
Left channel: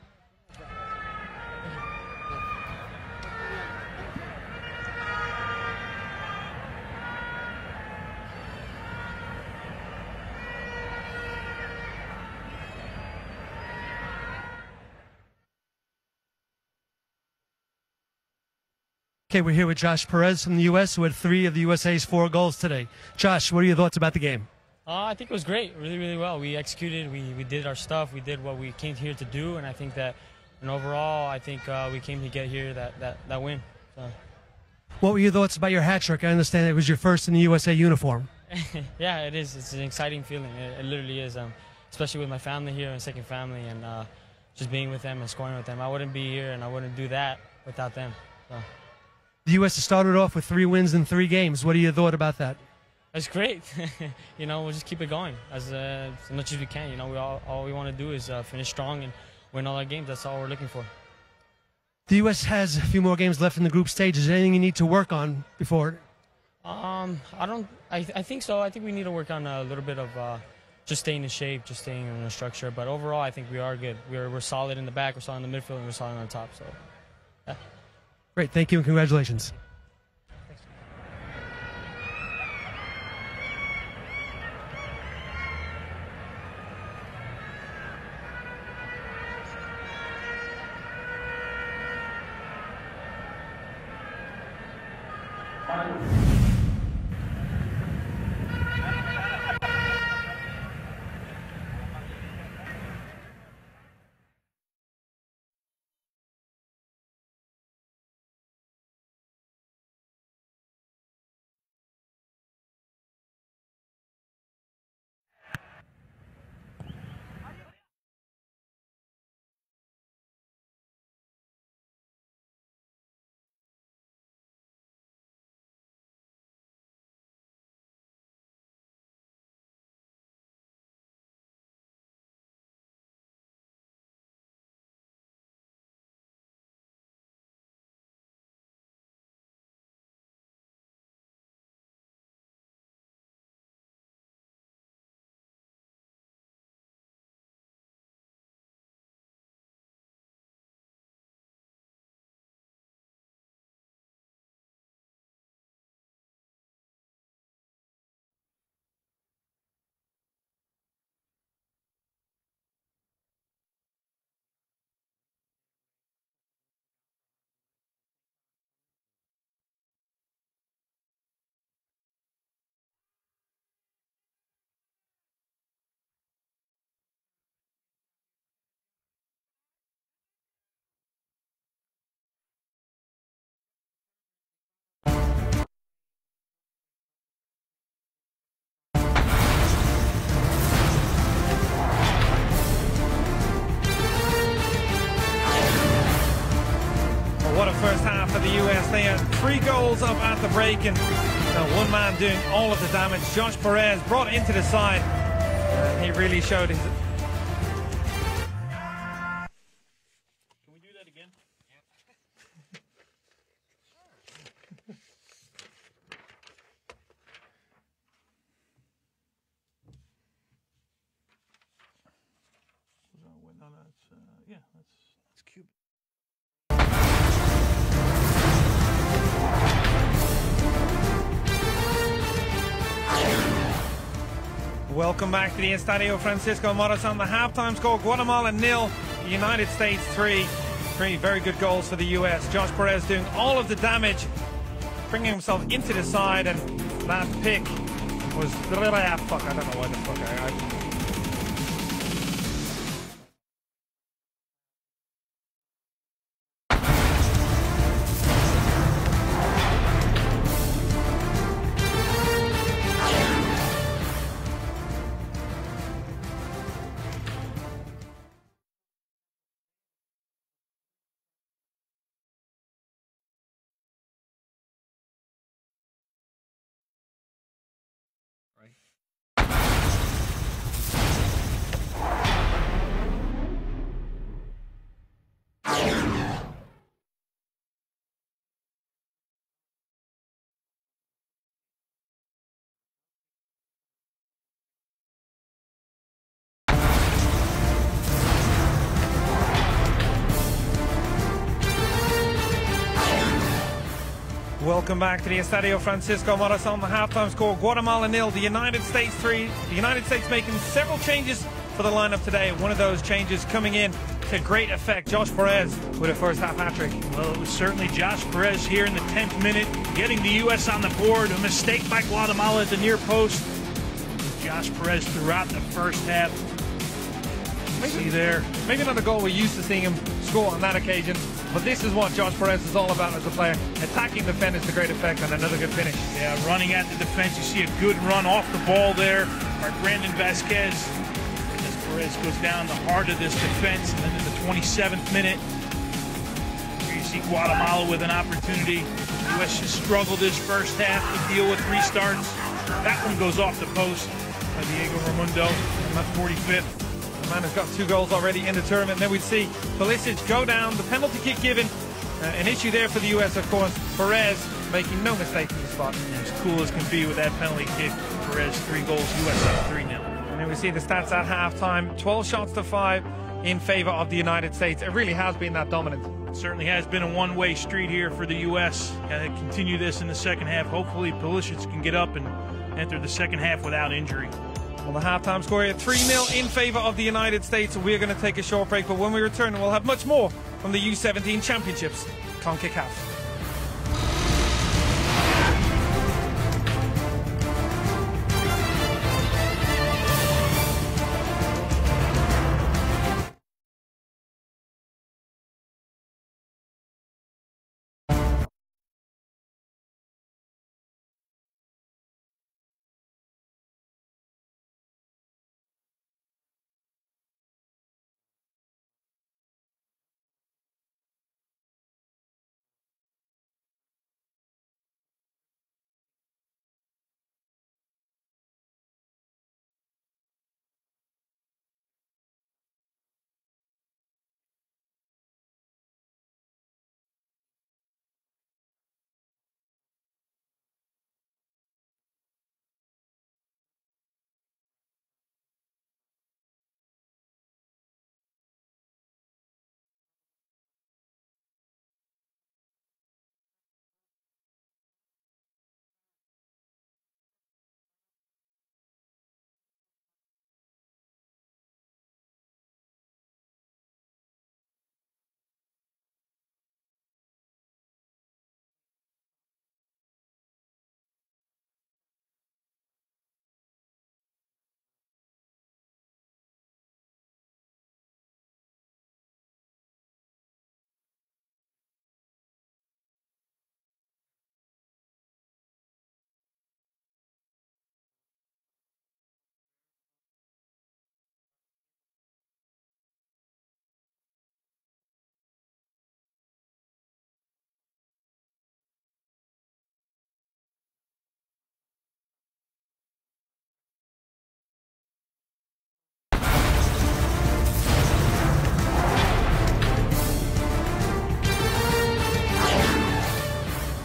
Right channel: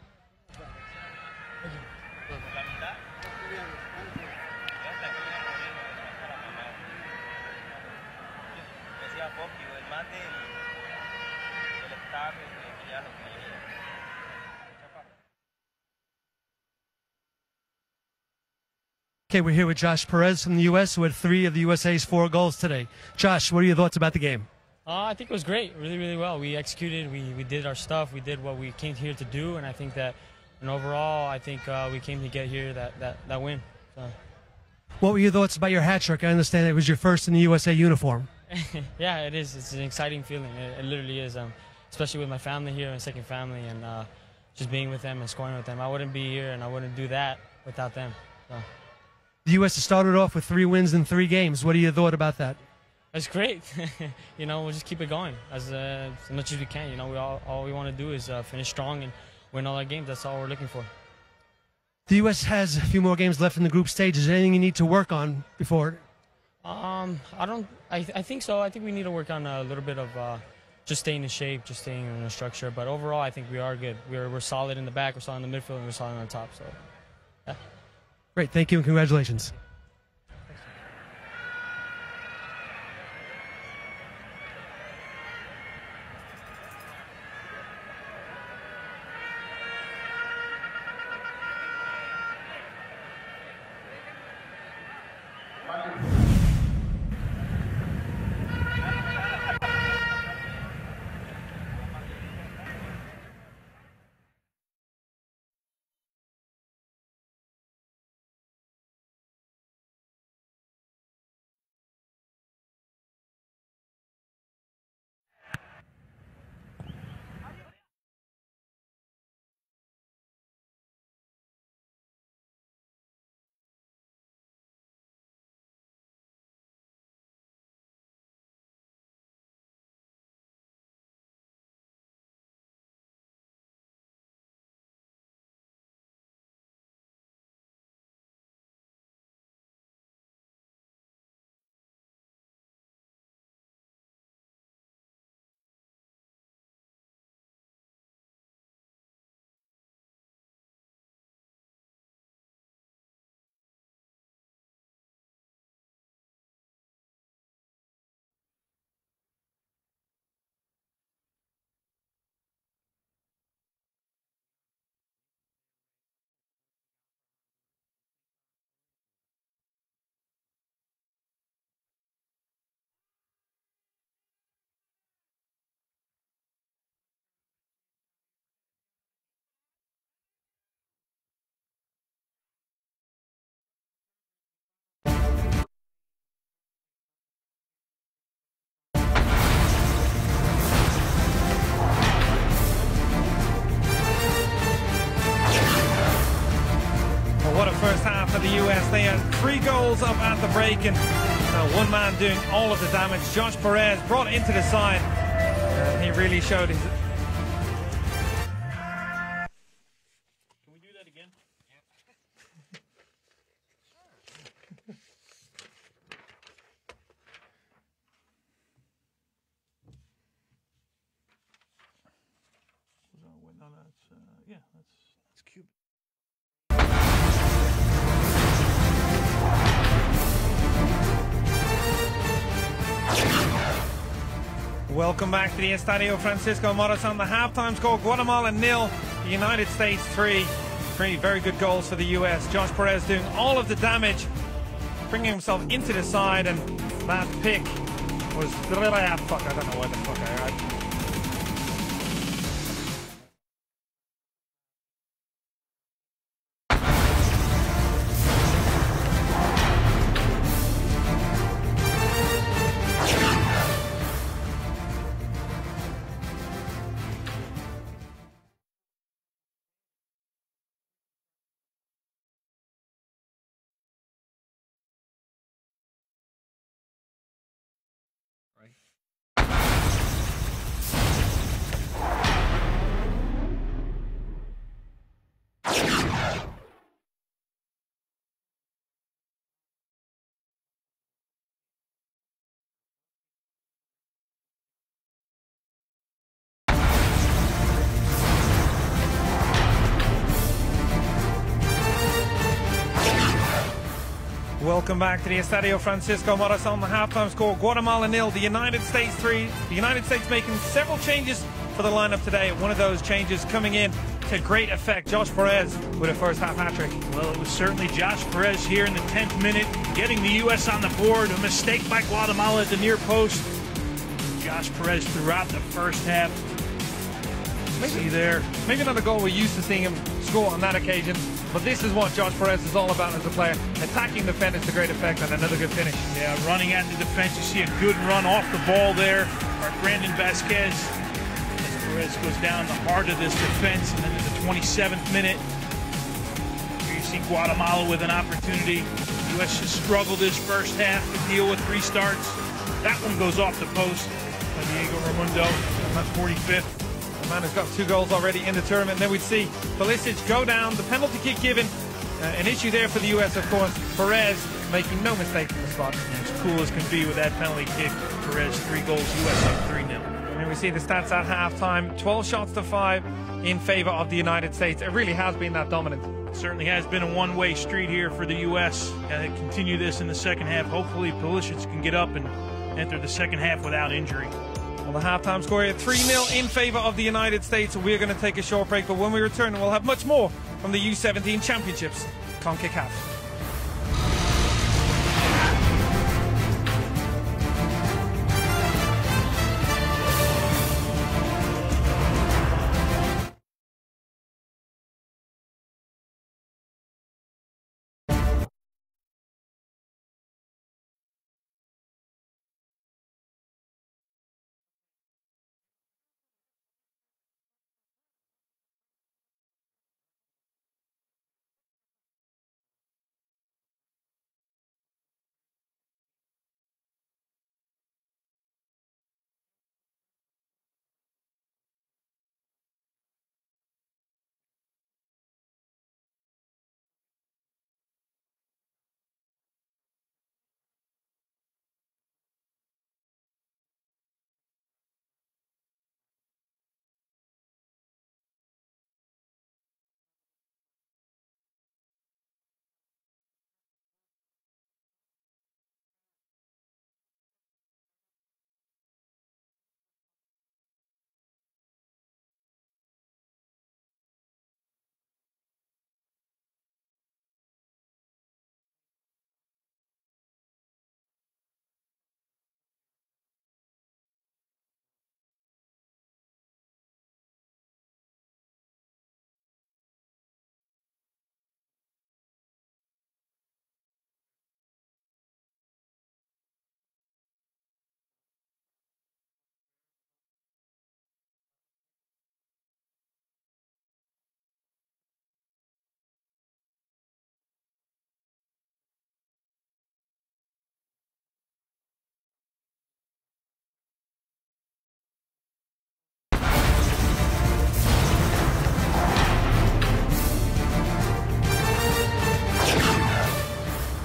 Okay, we're here with Josh Perez from the U.S., who had 3 of the USA's 4 goals today. Josh, what are your thoughts about the game? I think it was great, really, really well. We executed, we did our stuff, we did what we came here to do, and I think that, and overall, I think we came to get here that win. So. What were your thoughts about your hat trick? I understand it was your first in the USA uniform. Yeah, it is. It's an exciting feeling. It literally is, especially with my family here and second family, and just being with them and scoring with them. I wouldn't be here, and I wouldn't do that without them. So. The U.S. has started off with 3 wins in 3 games. What are your thoughts about that? It's great. You know, we'll just keep it going as much as we can. You know, all we want to do is finish strong and win all our games. That's all we're looking for. The U.S. has a few more games left in the group stage. Is there anything you need to work on before? I think so. I think we need to work on a little bit of just staying in shape, just staying in a structure. But overall, I think we are good. We're solid in the back, we're solid in the midfield, and we're solid on top. So, yeah. Great. Thank you and congratulations. Up at the break, and one man doing all of the damage. Josh Perez brought into the side, and he really showed his. Can we do that again? It's cute. Welcome back to the Estadio Francisco Morazan. The halftime score: Guatemala 0, United States 3. 3 very good goals for the U.S. Josh Perez doing all of the damage, bringing himself into the side, and that pick was I don't know where the fuck I got. Welcome back to the Estadio Francisco Morazan. The halftime score: Guatemala 0, the United States 3. The United States making several changes for the lineup today, and one of those changes coming in to great effect. Josh Perez with a first half hat trick. Well, it was certainly Josh Perez here in the 10th minute, getting the U.S. on the board. A mistake by Guatemala at the near post. Josh Perez throughout the first half. See there. Maybe not a goal we're used to seeing him score on that occasion, but this is what Josh Perez is all about as a player. Attacking defenders to great effect and another good finish. Yeah, running at the defense. You see a good run off the ball there for Brandon Vasquez. Perez goes down the heart of this defense and into the 27th minute. Here you see Guatemala with an opportunity. The U.S. just struggled this first half to deal with restarts. That one goes off the post by Diego Raimundo. That's 45th. Man has got 2 goals already in the tournament. Then we see Pulisic go down, the penalty kick given. An issue there for the US, of course. Perez making no mistake in the spot. As cool as can be with that penalty kick. Perez 3 goals, US up 3-0. And then we see the stats at halftime. 12 shots to 5 in favor of the United States. It really has been that dominant. It certainly has been a one-way street here for the US. And they continue this in the second half. Hopefully Pulisic can get up and enter the second half without injury. On the halftime score here, 3-0 in favor of the United States. We're going to take a short break, but when we return, we'll have much more from the U17 Championships, CONCACAF.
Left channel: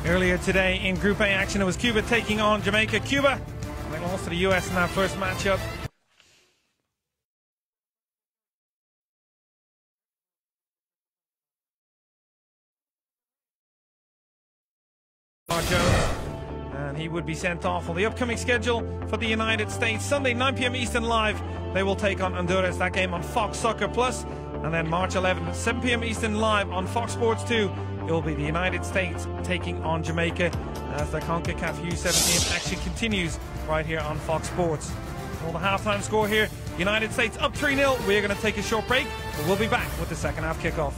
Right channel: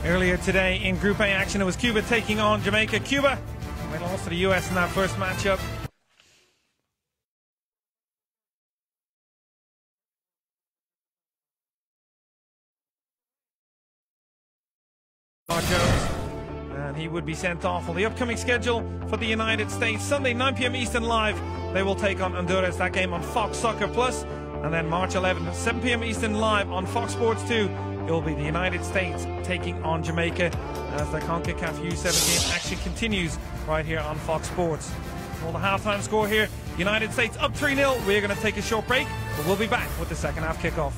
Earlier today in Group A action, it was Cuba taking on Jamaica. Cuba, we lost to the US in our first matchup. And he would be sent off. On the upcoming schedule for the United States, Sunday 9 p.m. Eastern live, they will take on Honduras. That game on Fox Soccer Plus. And then March 11th, 7 p.m. Eastern live on Fox Sports 2. It will be the United States taking on Jamaica as the CONCACAF U17 action continues right here on Fox Sports. On the halftime score here, United States up 3-0. We are going to take a short break, but we'll be back with the second half kickoff.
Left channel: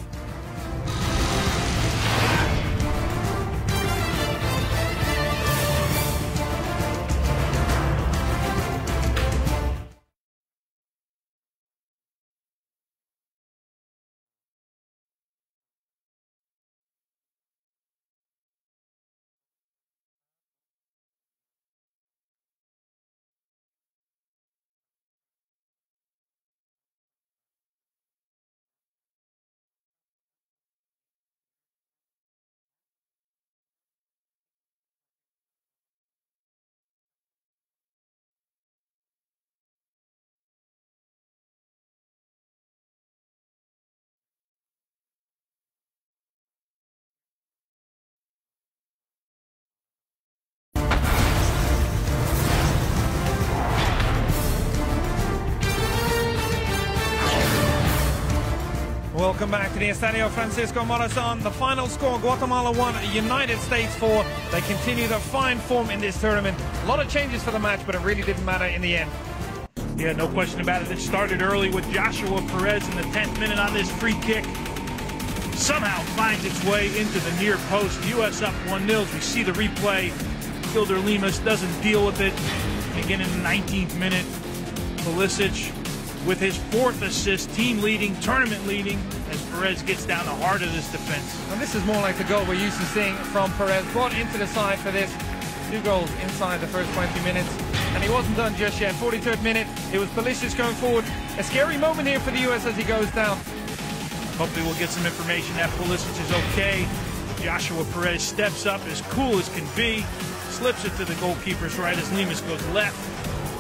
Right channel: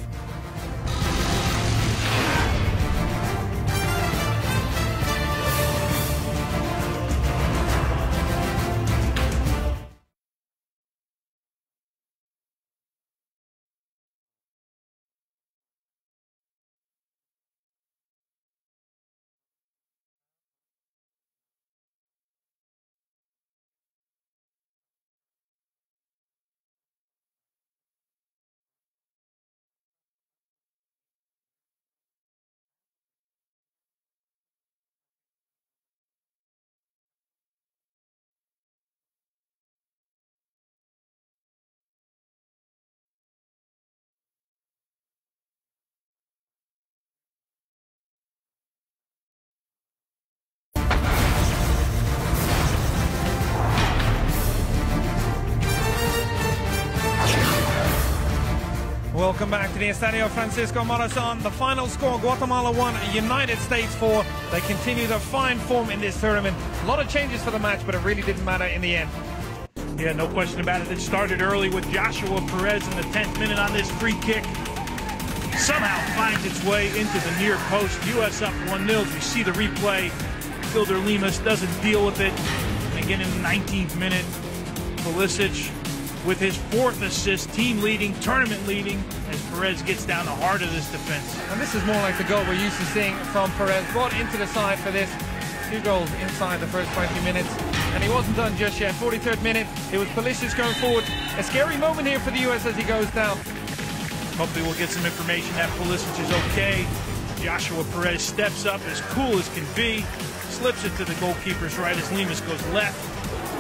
Welcome back to the Estadio Francisco Morazon. The final score, Guatemala 1, United States 4. They continue their fine form in this tournament. A lot of changes for the match, but it really didn't matter in the end. Yeah, no question about it. It started early with Joshua Perez in the 10th minute on this free kick. Somehow finds its way into the near post. U.S. up 1-0. We see the replay. Kilder Lemus doesn't deal with it. Again in the 19th minute, Pulisic with his 4th assist, team leading, tournament leading, as Perez gets down the heart of this defense. And this is more like the goal we're used to seeing from Perez. Brought into the side for this. 2 goals inside the first 20 minutes. And he wasn't done just yet. 43rd minute, it was Pulisic going forward. A scary moment here for the US as he goes down. Hopefully we'll get some information that Pulisic is okay. Joshua Perez steps up as cool as can be. Slips it to the goalkeeper's right as Lemus goes left.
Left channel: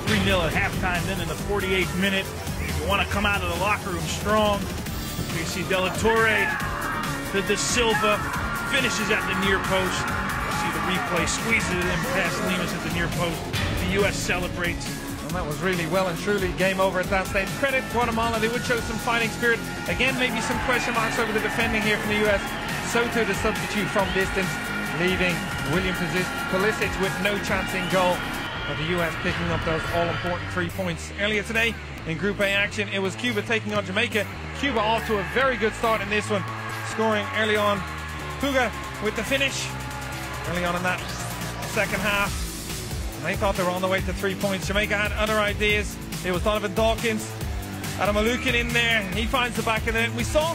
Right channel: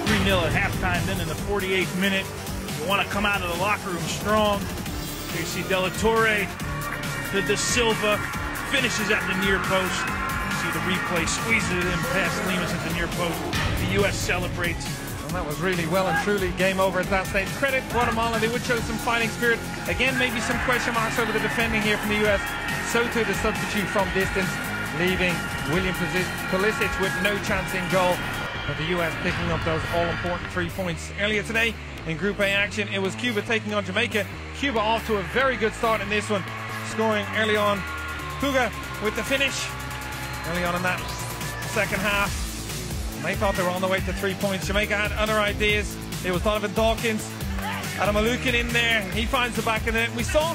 3-0 at halftime. Then in the 48th minute, you want to come out of the locker room strong. You see De La Torre, De Silva finishes at the near post. You see the replay squeezes it in past Lemus at the near post. The U.S. celebrates. And that was really well and truly game over at last stage. Credit Guatemala, they would show some fighting spirit. Again, maybe some question marks over the defending here from the U.S. Soto, the substitute from distance, leaving William Pulisic with no chance in goal. But the U.S. picking up those all-important 3 points. Earlier today, in Group A action, it was Cuba taking on Jamaica. Cuba off to a very good start in this one, scoring early on. Puga with the finish early on in that second half. They thought they were on the way to 3 points. Jamaica had other ideas. It was Donovan Dawkins, Adam Alukin in there. He finds the back of the net. We saw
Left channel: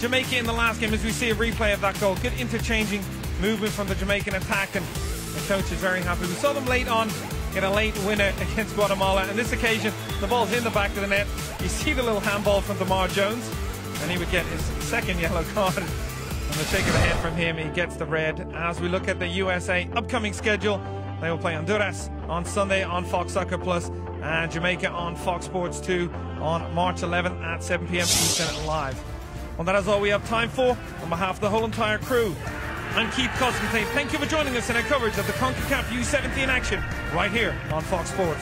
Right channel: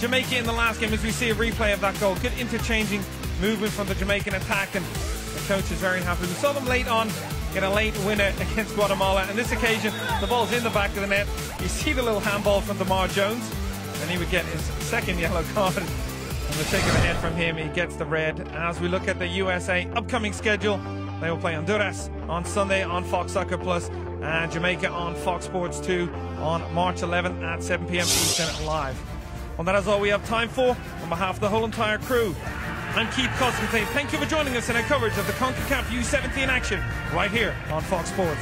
Jamaica in the last game, as we see a replay of that goal. Good interchanging movement from the Jamaican attack, and the coach is very happy. We saw them late on in a late winner against Guatemala. And on this occasion, the ball's in the back of the net. You see the little handball from DeMar Jones, and he would get his second yellow card. The shake of the head from him, he gets the red. As we look at the USA upcoming schedule, they will play Honduras on Sunday on Fox Soccer Plus, and Jamaica on Fox Sports 2 on March 11th at 7 p.m. Eastern live. Well, that is all we have time for. On behalf of the whole entire crew, I'm Keith Constantine. Thank you for joining us in our coverage of the CONCACAF U17 action right here on Fox Sports.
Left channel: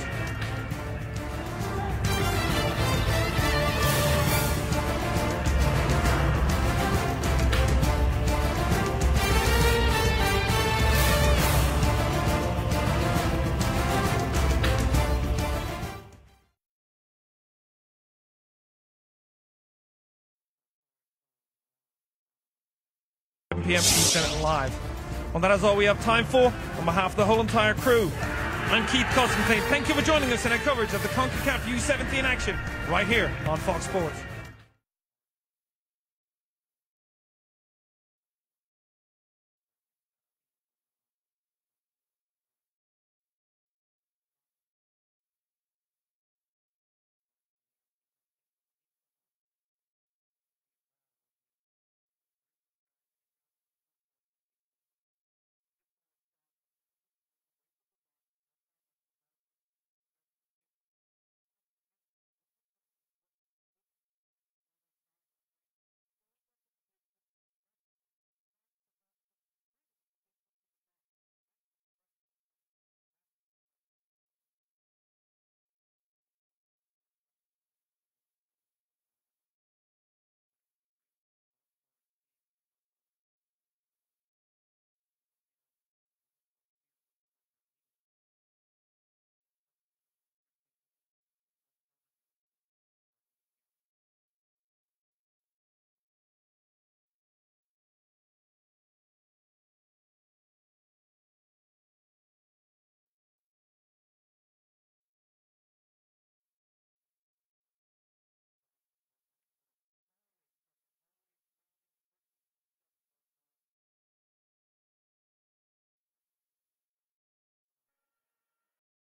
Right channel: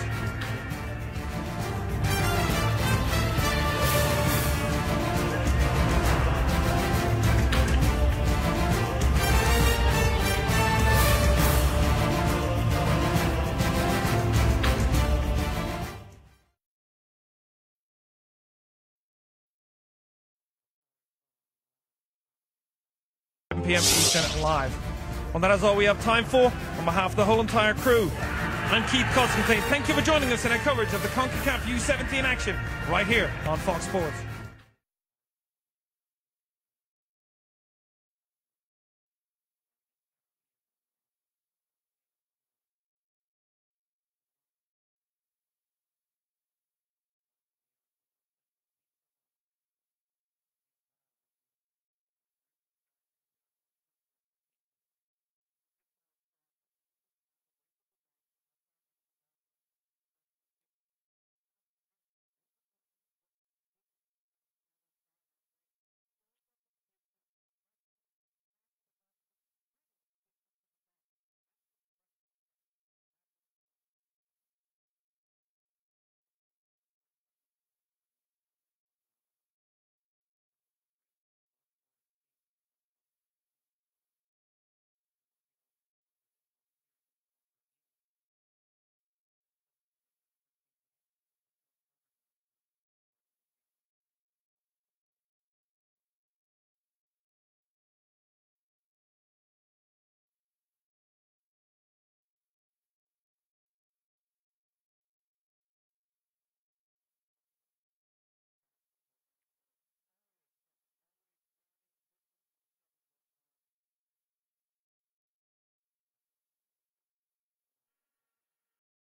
PM Eastern live. Well, that is all we have time for. On behalf of the whole entire crew, I'm Keith Constantine. Thank you for joining us in our coverage of the CONCACAF U17 action right here on Fox Sports.